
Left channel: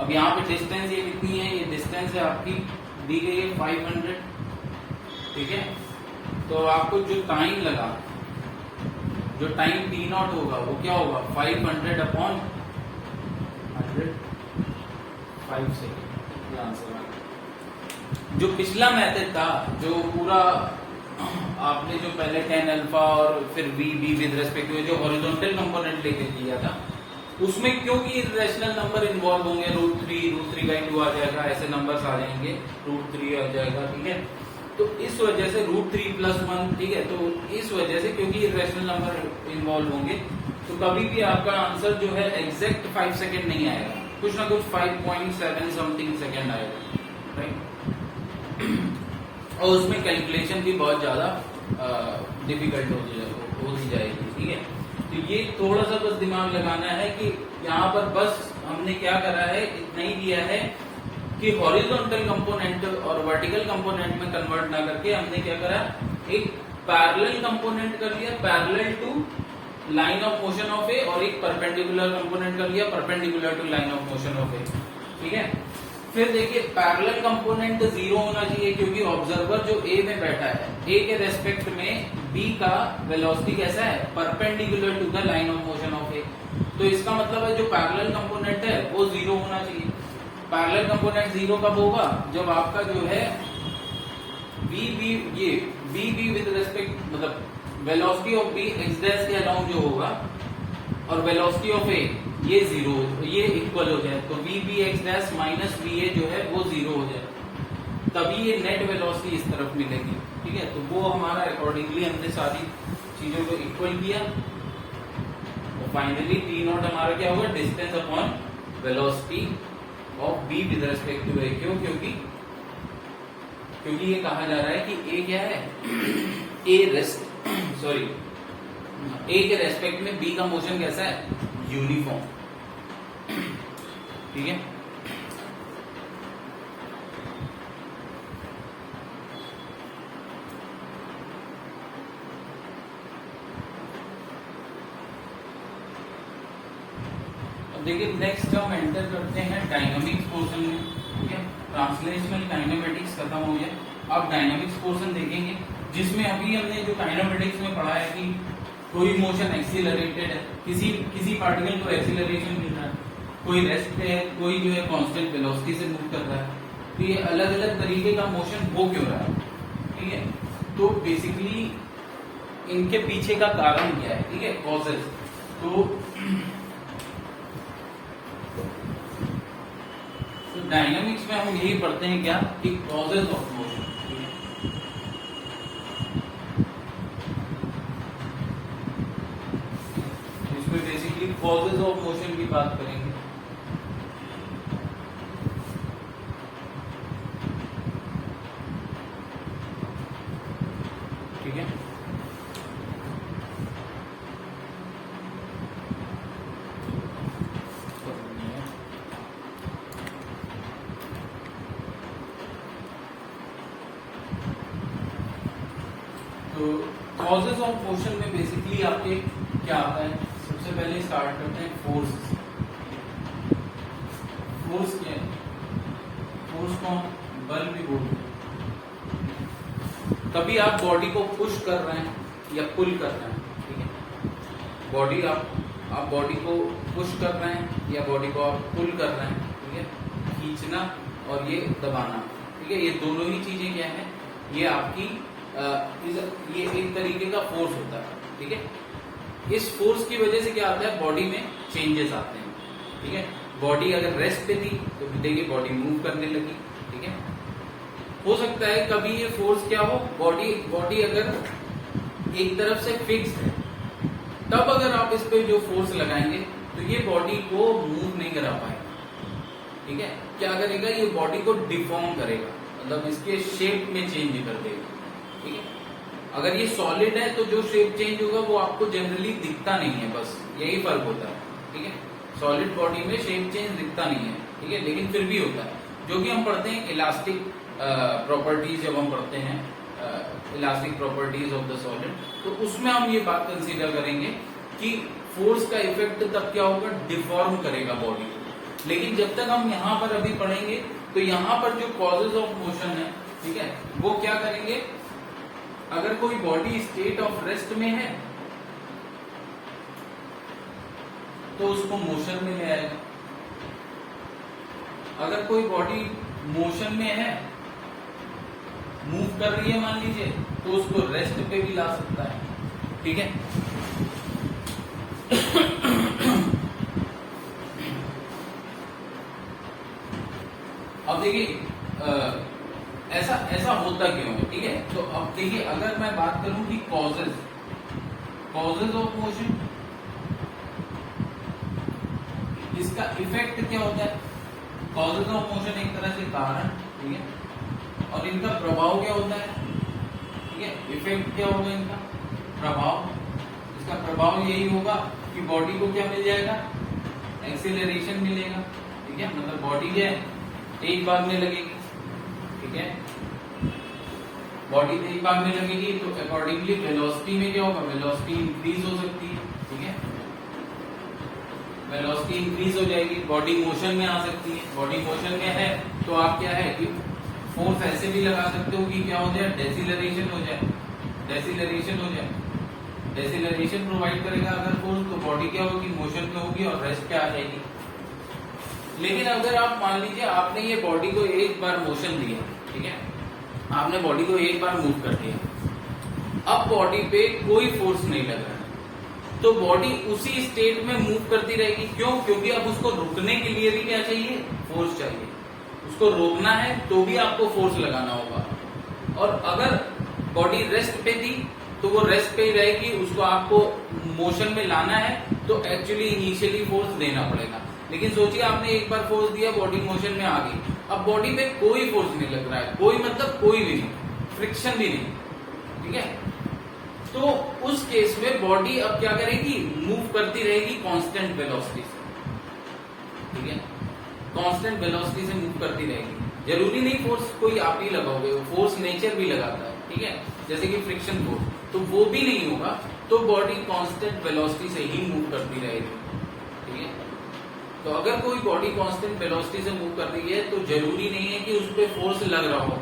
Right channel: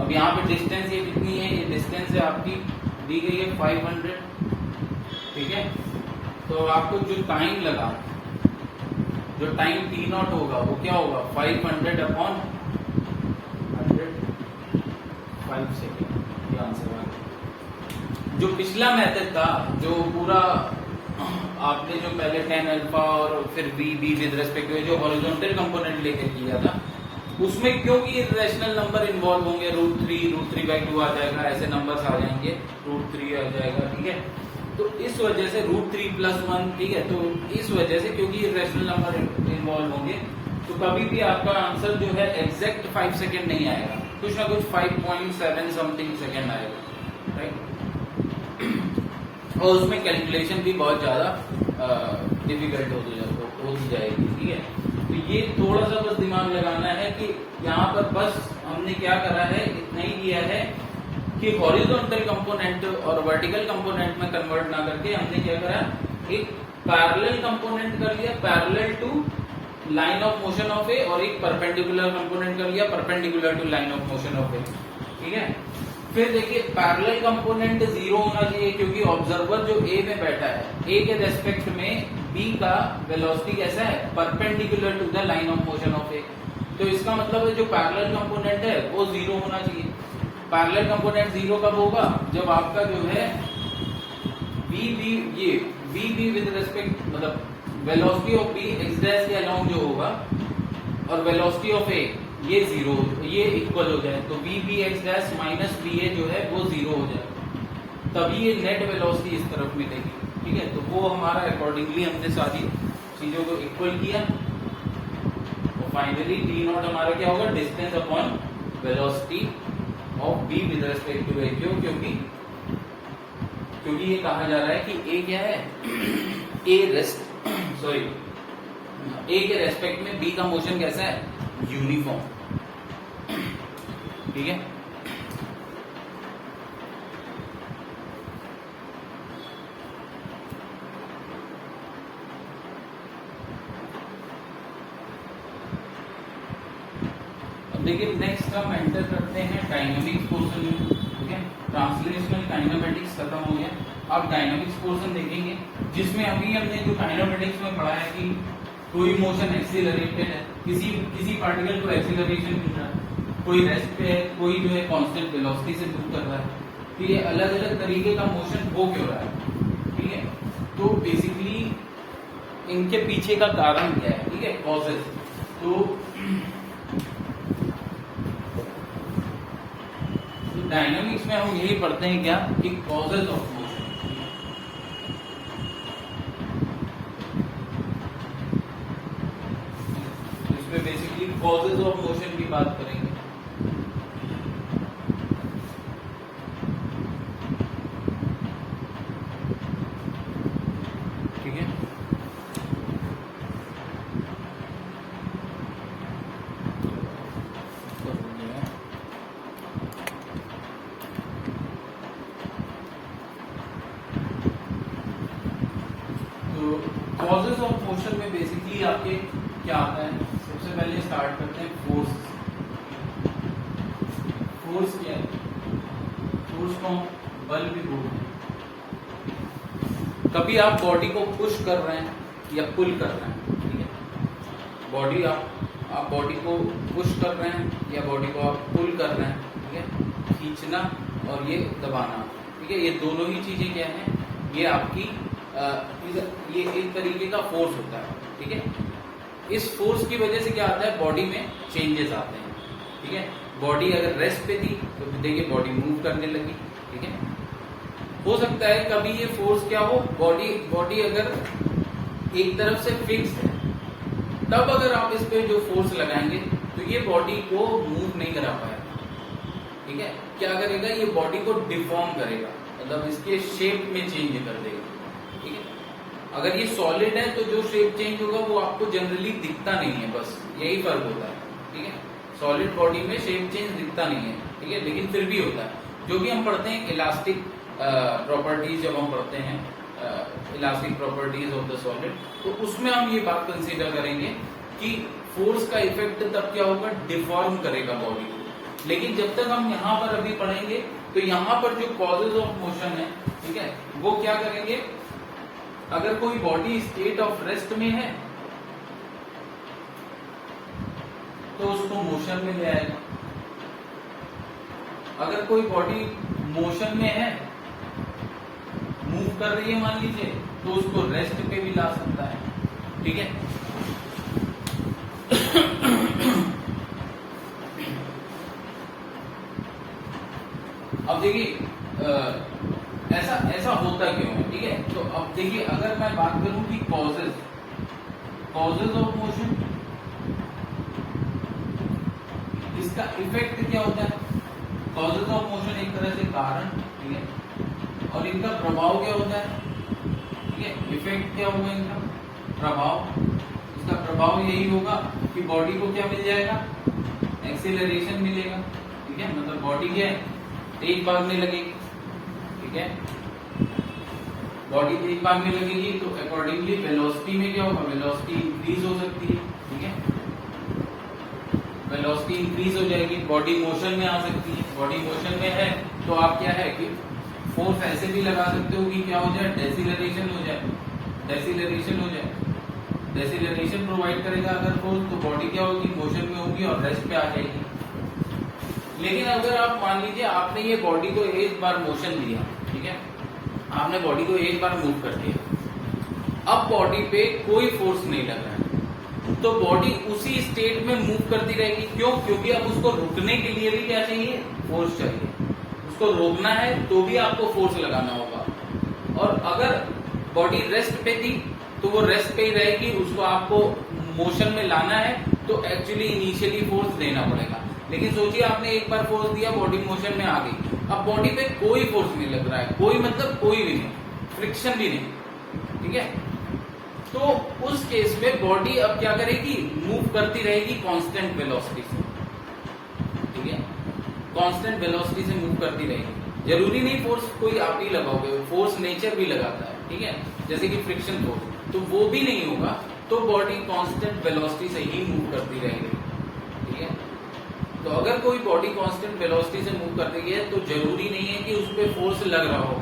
अब यहाँ पे डिस्टेंस ये कितनी है, ये डिस्टेंस है आपकी दी गई है 500, ठीक है। तो आपको जो टाइम लगा, जो टाइम टी नॉट होगा वो क्या होगा, 500/100, 5 सेकेंड, ये आंसर है। जो पिछला मेथड था, जो पूरा आपने जो पहले tan अल्फा और फिर V B with respect to जो हॉरिजॉन्टल कंपोनेंट लेके किया था, उसमें क्योंकि रैशनल नंबर इन्वॉल्व होंगे, √3/2 आ जाएगा, ऐसे नंबर्स आ जाएंगे, √3 आ जाएगा, ठीक है। तो इस वजह से √3+1, ठीक है, तो इस वजह से क्योंकि रैशनल नंबर इन्वॉल्व होंगे, तो कभी भी आपका आंसर जो है एग्जैक्ट 5 सेकेंड नहीं आएगा, कुछ ना कुछ 5.7 समथिंग सेकेंड आएगा, राइट। और उसमें कैलकुलेशन भी बहुत ज्यादा डिफिकल्ट होती जाएगी, ठीक है। तो ये थोड़ा सा बस दिमाग लगाना है कि यहाँ पर बस हमने क्या करा है, इतना ही किया है कि हॉरिजॉन्टल कंपोनेंट और वर्टिकल कंपोनेंट में कन्वर्ट ना करके हमने क्या करा, एक पैरेलल कंपोनेंट कर लिया, parallel to line of motion of A, और एक परपेंडिकुलर कंपोनेंट कर लिया, perpendicular to line of motion of A, ठीक है। फिर देखिए पैरेलल कंपोनेंट 0 होना चाहिए, क्योंकि ऑब्जर्वर जो ए में बैठा है, ए के रेस्पेक्ट में बी का वेलोसिटी कैसा है, perpendicular to the line of motion of A. तो इसका मतलब है जो पैरेलल कंपोनेंट है वो 0 होना चाहिए। पैरेलल कंपोनेंट 0 कब होगा, जब आपका जो है वी बी विद रिस्पेक्ट, मतलब velocity of B X dash के अलोंग जो होगा, और वेलोसिटी ऑफ ए ये 0, ये इक्वल हो जाए, तो V B X dash minus we A जो है वो 0 हो जाए, तभी ये नेट वेलोसिटी इस तरफ मिलेगी, ठीक है। तो वो हमारा अकॉर्डिंगली हमने सारी चीजों को इक्वल किया, और फाइनली टी नॉट हमारा क्या होगा, distance upon velocity of B with respect to A, क्यों, क्योंकि ये कहा जा रहा है कि ए क्या है, ए के रेस्पेक्ट में बी का मोशन कैसा है, यूनिफॉर्म, ठीक है। अब देखिए नेक्स्ट हम एंटर करते हैं डायनामिक्स पोर्शन में, ठीक है। ट्रांसलेशनल काइनेमेटिक्स खत्म हो गया, अब डायनामिक्स पोर्शन देखेंगे, जिसमें अभी हमने जो काइनेमेटिक्स में पढ़ा है कि कोई मोशन एक्सीलरेटेड है, किसी पार्टिकल को एक्सीलरेशन मिल रहा है, कोई रेस्ट पे है, कोई जो है कांस्टेंट वेलोसिटी से मूव कर रहा है, तो ये अलग अलग तरीके का मोशन हो क्यों रहा है, ठीक है। तो बेसिकली इनके पीछे का कारण क्या है, ठीक है, कॉजेज। तो डायनामिक्स में हम यही पढ़ते हैं क्या, कि कॉजेज ऑफ मोशन, इसमें बेसिकली कॉजेज ऑफ मोशन की बात करेंगे, ठीक है। तो कॉजेज ऑफ मोशन में बेसिकली आपके क्या आता है, सबसे पहले स्टार्ट करते हैं फोर्स। फोर्स क्या है, फोर्स को बल भी बोलते हैं। कभी आप बॉडी को पुश कर रहे हैं या पुल कर रहे हैं, ठीक है। बॉडी आप बॉडी को पुश कर रहे हैं या बॉडी को आप पुल कर रहे हैं, ठीक है। खींचना और ये दबाना, ठीक है, ये दोनों ही चीजें क्या है, ये आपकी ये एक तरीके का फोर्स होता है, ठीक है। इस फोर्स की वजह से क्या आता है, बॉडी में चेंजेस आते हैं, ठीक है। बॉडी अगर रेस्ट पे थी तो देखिए बॉडी मूव करने लगी, ठीक है। हो सकता है कभी ये फोर्स क्या हो, बॉडी अगर एक तरफ से फिक्स है, तब अगर आप इस पे जो फोर्स लगाएंगे तो ये बॉडी को मूव नहीं करा पाएगा, ठीक है। क्या करेगा, ये बॉडी को डिफॉर्म करेगा, मतलब इसके शेप में चेंज कर देगा, ठीक है। अगर ये सॉलिड है तो जो शेप चेंज होगा वो आपको जनरली दिखता नहीं है, बस यही फर्क होता है, ठीक है। सॉलिड बॉडी में शेप चेंज दिखता नहीं है, ठीक है, लेकिन फिर भी होता है, जो कि हम पढ़ते हैं इलास्टिक प्रॉपर्टीज, जब हम पढ़ते हैं elastic properties of the solid, तो उसमें हम ये बात कंसीडर करेंगे कि फोर्स का इफेक्ट तब क्या होगा, डिफॉर्म करेगा बॉडी को। लेकिन जब तक हम यहाँ पर अभी पढ़ेंगे तो यहाँ पर जो कॉजेज ऑफ मोशन है, ठीक है, वो क्या करेंगे, अगर कोई बॉडी स्टेट ऑफ रेस्ट में है तो उसको मोशन में ले आएगा, अगर कोई बॉडी मोशन में है, मूव कर रही है मान लीजिए, तो उसको रेस्ट पे भी ला सकता है, ठीक है। अब देखिए ऐसा होता क्यों है, ठीक है। तो अब देखिए अगर मैं बात करूं कि कॉजेज ऑफ मोशन, इसका इफेक्ट क्या होता है, कॉजेज ऑफ मोशन एक तरह से कारण, ठीक है, और इनका प्रभाव क्या होता है, ठीक है। इफेक्ट क्या होगा इनका, प्रभाव, इसका प्रभाव यही होगा कि बॉडी को क्या मिल जाएगा, एक्सीलरेशन मिलेगा, ठीक है। मतलब बॉडी क्या है, एक बार में लगेगी, ठीक है। बॉडी एक बार में लगेगी तो अकॉर्डिंगली वेलोसिटी में क्या होगा, वेलोसिटी इंक्रीज हो सकती है, ठीक है। वेलोसिटी इंक्रीज हो जाएगी, बॉडी मोशन में आ सकती है। बॉडी मोशन में है तो आप क्या है कि फोर्स ऐसे भी लगा सकते हो कि क्या हो जाए, डेसिलरेशन हो जाए, डेसिलरेशन हो जाए। डेसिलरेशन प्रोवाइड करेगा अगर फोर्स, तो बॉडी क्या होगी, मोशन में होगी और रेस्ट पे आ जाएगी। लेकिन अगर आप मान लीजिए आपने ये बॉडी को एक बार मोशन दिया, ठीक है, आपने बॉडी को एक बार मूव कर दिया, अब बॉडी पे कोई फोर्स नहीं लग रहा है, तो बॉडी उसी स्टेट में मूव करती रहेगी। क्यों, क्योंकि अब उसको रुकने के लिए भी क्या चाहिए, फोर्स चाहिए। उसको रोकना है तो भी आपको फोर्स लगाना होगा, और अगर बॉडी रेस्ट पे थी तो वो रेस्ट पे ही रहेगी, उसको आपको मोशन में लाना है तो एक्चुअली इनिशियली फोर्स देना पड़ेगा। लेकिन सोचिए आपने एक बार फोर्स दिया, बॉडी मोशन में आ गई, अब बॉडी पे कोई फोर्स नहीं लग रहा है, कोई मतलब कोई भी नहीं, फ्रिक्शन भी नहीं, ठीक है। तो उस केस में बॉडी अब क्या करेगी, मूव करती रहेगी कांस्टेंट वेलोसिटी से, ठीक है, कांस्टेंट वेलोसिटी से मूव करती रहेगी। जरूरी नहीं फोर्स कोई आप ही लगाओगे, फोर्स नेचर भी लगाता है, ठीक है, जैसे कि फ्रिक्शन फोर्स, तो वो भी नहीं होगा, तो बॉडी कांस्टेंट वेलोसिटी से ही मूव करती रहेगी, ठीक है। तो अगर कोई बॉडी कांस्टेंट वेलोसिटी से मूव कर रही है तो जरूरी नहीं है कि उस पर फोर्स लग रहा हो,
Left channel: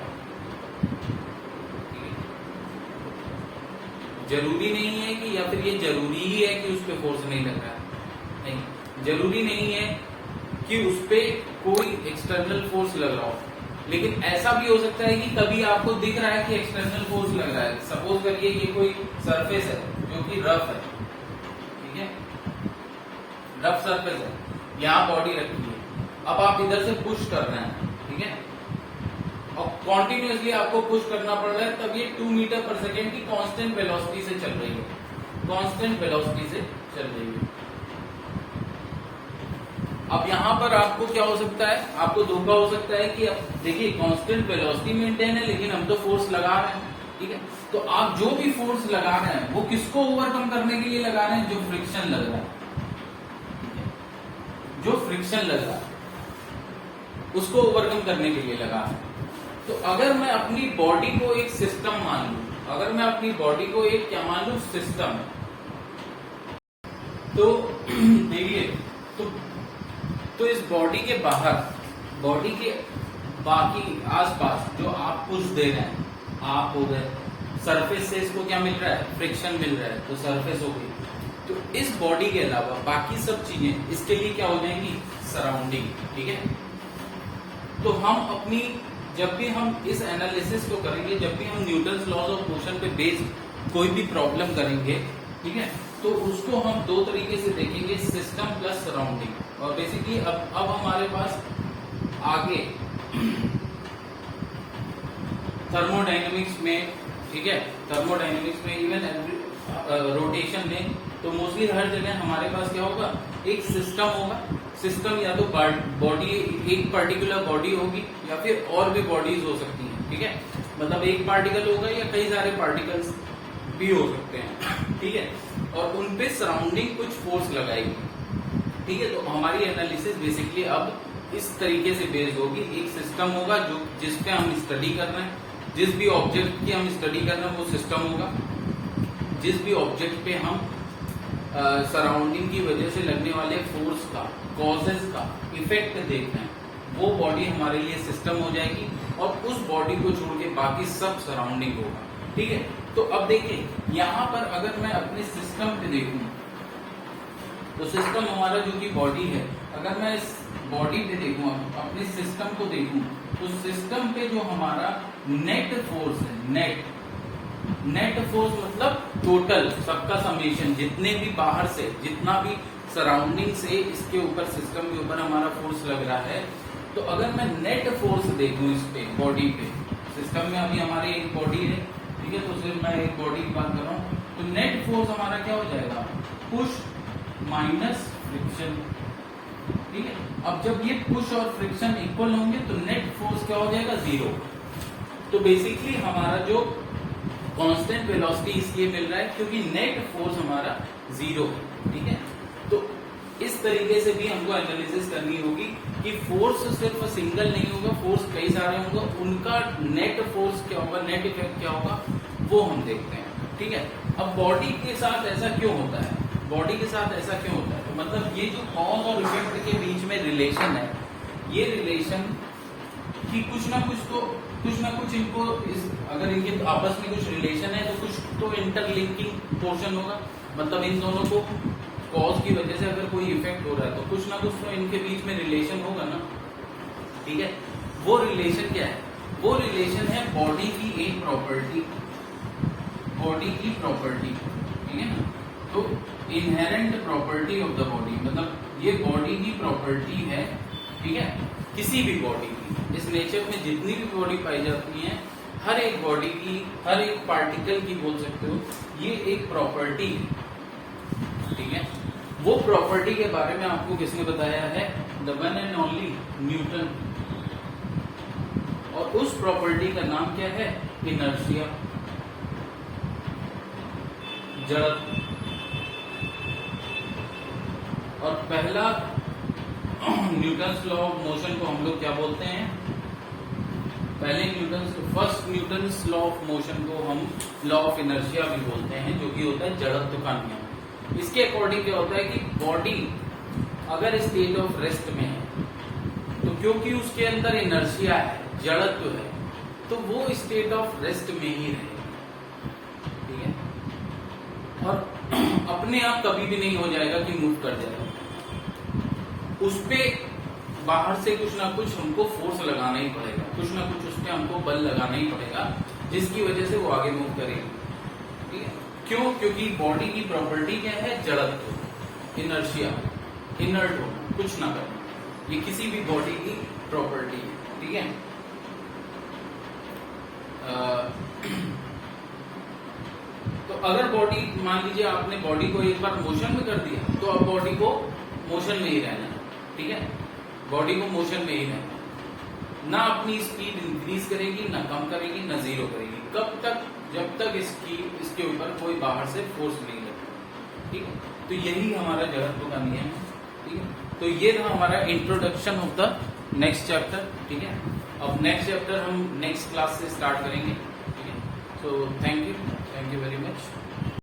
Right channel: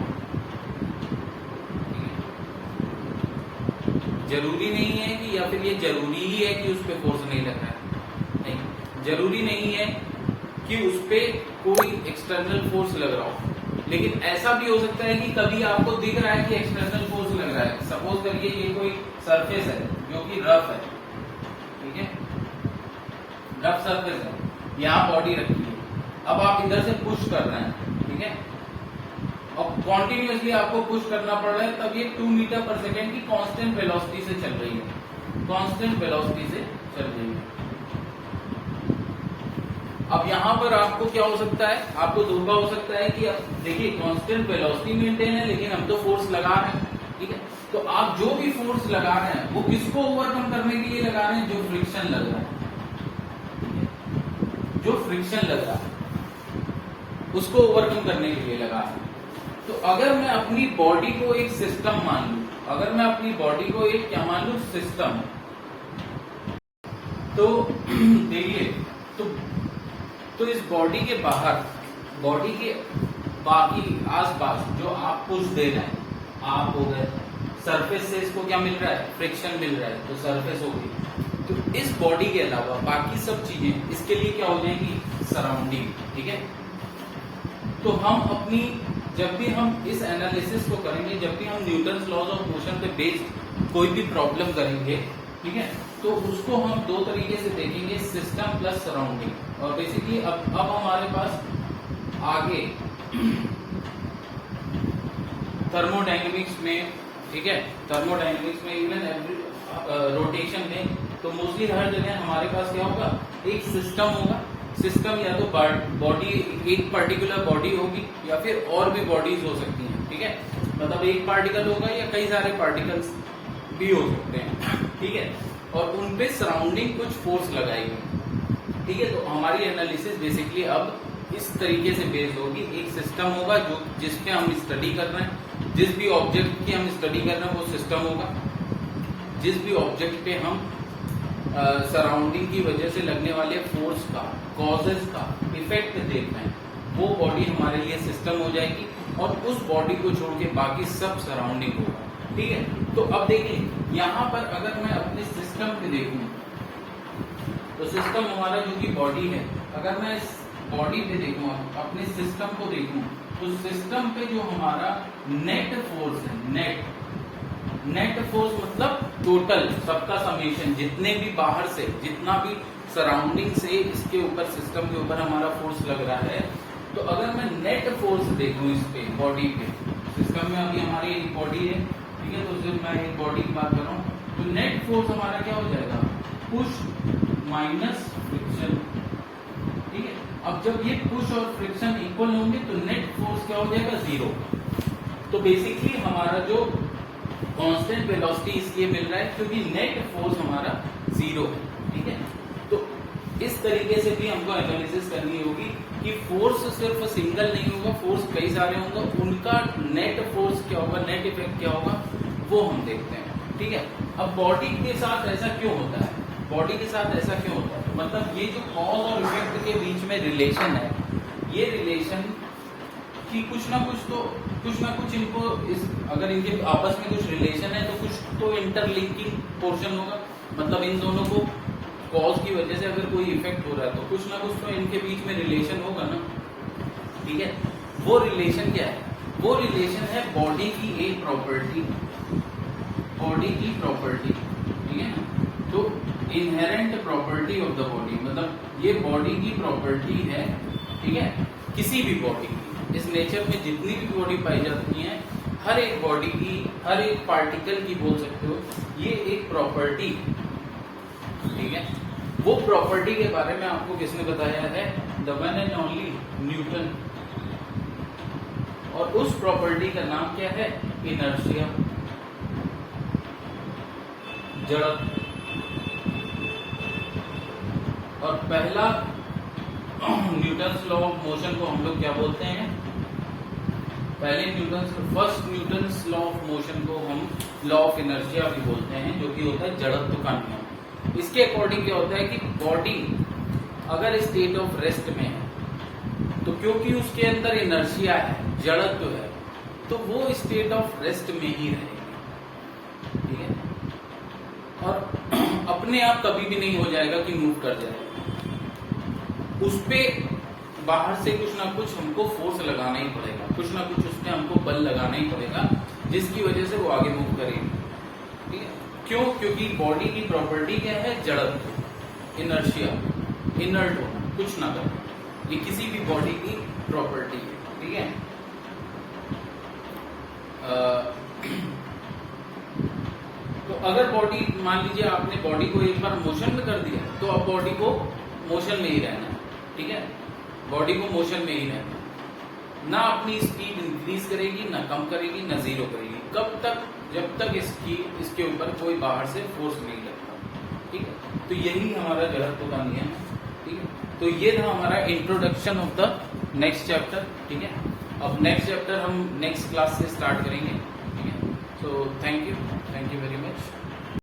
जरूरी नहीं है कि, या फिर ये जरूरी ही है कि उस पर फोर्स नहीं लग रहा है, नहीं, जरूरी नहीं है कि उस पर कोई एक्सटर्नल फोर्स लग रहा हो। लेकिन ऐसा भी हो सकता है कि कभी आपको दिख रहा है कि एक्सटर्नल फोर्स लग रहा है। सपोज करिए ये कोई सरफेस है जो कि रफ है, ठीक है, रफ सरफेस है, यहाँ बॉडी रखी है, अब आप इधर से पुश कर रहे हैं, ठीक है, और कॉन्टिन्यूसली आपको पुश करना पड़ रहा है, तब ये 2 मीटर पर सेकेंड की कांस्टेंट वेलोसिटी से चल रही है, कांस्टेंट वेलोसिटी से चल रही है। अब यहाँ पर आपको क्या हो सकता है, आपको धोखा हो सकता है कि अब देखिए कांस्टेंट वेलोसिटी मेंटेन है लेकिन हम तो फोर्स लगा रहे हैं, ठीक है। तो आप जो भी फोर्स लगा रहे हैं वो किसको ओवरकम करने के लिए लगा रहे हैं, जो फ्रिक्शन लग रहा है, जो फ्रिक्शन लग रहा है उसको ओवरकम करने के लिए लगा रहे हैं। तो अगर मैं अपनी बॉडी को एक सिस्टम मान लूं, अगर मैं अपनी बॉडी को एक क्या मान लूं, सिस्टम, तो देखिए तो इस बॉडी के बाहर, बॉडी के बाकी आसपास जो आप पुश दे रहे हैं, आप हो गए, सरफेस से इसको क्या मिल रहा है, फ्रिक्शन मिल रहा है, तो सरफेस हो गई। तो इस बॉडी के अलावा बाकी सब चीजें इसके लिए क्या हो जाएंगी, सराउंडिंग, ठीक है। तो हम अपनी, जब भी हम इस एनालिसिस को करेंगे, जब भी हम न्यूटन्स लॉज ऑफ मोशन पे बेस्ड कोई भी प्रॉब्लम करेंगे, ठीक है, तो उसको हम दो तरीके से देखेंगे, सिस्टम प्लस सराउंडिंग। और बेसिकली अब हमारे पास आगे थर्मोडायनेमिक्स में, ठीक है, थर्मोडायनेमिक्स में, इवन रोटेशन में, तो मोस्टली हर जगह हमारे पास क्या होगा, एक सिस्टम होगा। सिस्टम या तो बॉडी, एक पर्टिकुलर बॉडी होगी, या फिर और भी बॉडीज हो सकती हैं, ठीक है, मतलब एक पार्टिकल होगा या कई सारे पार्टिकल्स भी हो सकते हैं, ठीक है, और उन पे सराउंडिंग कुछ फोर्स लगाएगी, ठीक है। तो हमारी एनालिसिस बेसिकली अब इस तरीके से बेस्ड होगी, एक सिस्टम होगा जो जिसके हम स्टडी कर रहे हैं, जिस भी ऑब्जेक्ट की हम स्टडी कर रहे हैं वो सिस्टम होगा, जिस भी ऑब्जेक्ट पे हम सराउंडिंग की वजह से लगने वाले फोर्स का, कॉजेस का इफेक्ट देख रहे हैं, वो बॉडी हमारे लिए सिस्टम हो जाएगी, और उस बॉडी को छोड़ के बाकी सब सराउंडिंग होगा, ठीक है। तो अब देखिए यहाँ पर अगर मैं अपने सिस्टम पे देखूं, तो सिस्टम हमारा जो कि बॉडी है, अगर मैं इस बॉडी पे देखूं, अपने सिस्टम को देखूं, तो सिस्टम पे जो हमारा नेट फोर्स है, नेट फोर्स मतलब टोटल सबका समेशन, जितने भी बाहर से, जितना भी सराउंडिंग से इसके ऊपर, सिस्टम के ऊपर हमारा फोर्स लग रहा है, तो अगर मैं नेट फोर्स देखूं इस पे, बॉडी पे, सिस्टम में अभी हमारी एक बॉडी है, ठीक है, तो सिर्फ मैं एक बॉडी की बात कर रहा हूँ, तो नेट फोर्स हमारा क्या हो जाएगा, पुश माइनस फ्रिक्शन, ठीक है। अब जब ये पुश और फ्रिक्शन इक्वल होंगे तो नेट फोर्स क्या हो जाएगा, 0। तो बेसिकली हमारा जो कांस्टेंट वेलोसिटी इसलिए मिल रहा है क्योंकि नेट फोर्स हमारा 0 है, ठीक है। तो इस तरीके से भी हमको एनालिसिस करनी होगी कि फोर्स सिर्फ सिंगल नहीं होगा, फोर्स कई सारे होंगे, उनका नेट फोर्स क्या होगा, नेट इफेक्ट क्या होगा, वो हम देखते हैं, ठीक है। अब बॉडी के साथ ऐसा क्यों होता है, बॉडी के साथ ऐसा क्यों होता है, तो मतलब ये जो कॉज और इफेक्ट के बीच में रिलेशन है, ये रिलेशन की कुछ ना कुछ इनको अगर इनके आपस में कुछ रिलेशन है तो कुछ तो इंटरलिंकिंग पोर्शन होगा, मतलब इन दोनों को कॉज की वजह से अगर कोई इफेक्ट हो रहा है तो कुछ ना कुछ तो इनके बीच में रिलेशन होगा ना, ठीक है। वो रिलेशन क्या है, वो रिलेशन है बॉडी की एक प्रॉपर्टी, बॉडी की प्रॉपर्टी, ठीक है ना। तो inherent property of the body, मतलब ये बॉडी की प्रॉपर्टी है, ठीक है, किसी भी बॉडी की, इस नेचर में जितनी भी बॉडी पाई जाती हैं, हर एक बॉडी की, हर एक पार्टिकल की बोल सकते हो, ये एक प्रॉपर्टी, ठीक है। वो प्रॉपर्टी के बारे में आपको किसने बताया है? The one and only Newton. और उस प्रॉपर्टी का नाम क्या है? इनर्शिया, जड़त्व। और पहला न्यूटन्स लॉ ऑफ मोशन को हम लोग क्या बोलते हैं? First Newton's law of motion को हम लॉ ऑफ इनर्शिया भी बोलते हैं, जो कि होता है जड़त्व का नियम। इसके अकॉर्डिंग क्या होता है कि बॉडी अगर स्टेट ऑफ रेस्ट में है, तो क्योंकि उसके अंदर इनर्शिया है, जड़त्व है, तो वो स्टेट ऑफ रेस्ट में ही रहेगा, ठीक है। और अपने आप कभी भी नहीं हो जाएगा कि मूव कर जाएगा, उस पे बाहर से कुछ ना कुछ हमको फोर्स लगाना ही पड़ेगा, कुछ ना कुछ उसमें हमको बल लगाना ही पड़ेगा, जिसकी वजह से वो आगे मूव करेगी, ठीक है। क्यों? क्योंकि बॉडी की प्रॉपर्टी क्या है? जड़त्व, इनर्शिया, इनर्ट होना, कुछ ना करना, ये किसी भी बॉडी की प्रॉपर्टी है, ठीक है। तो अगर बॉडी, मान लीजिए आपने बॉडी को एक बार मोशन में कर दिया, तो अब बॉडी को मोशन में ही रहना है, ठीक है। बॉडी को मोशन में ही रहना है, ना अपनी स्पीड इंक्रीज करेगी, ना कम करेगी, ना जीरो करेगी। कब तक? जब तक इसके ऊपर कोई बाहर से फोर्स नहीं लगता, ठीक है। तो यही हमारा जड़त्व का नियम है, ठीक है। तो ये था हमारा introduction of the next chapter, ठीक है। अब नेक्स्ट चैप्टर हम नेक्स्ट क्लास से स्टार्ट करेंगे, ठीक है। तो थैंक यू वेरी मच।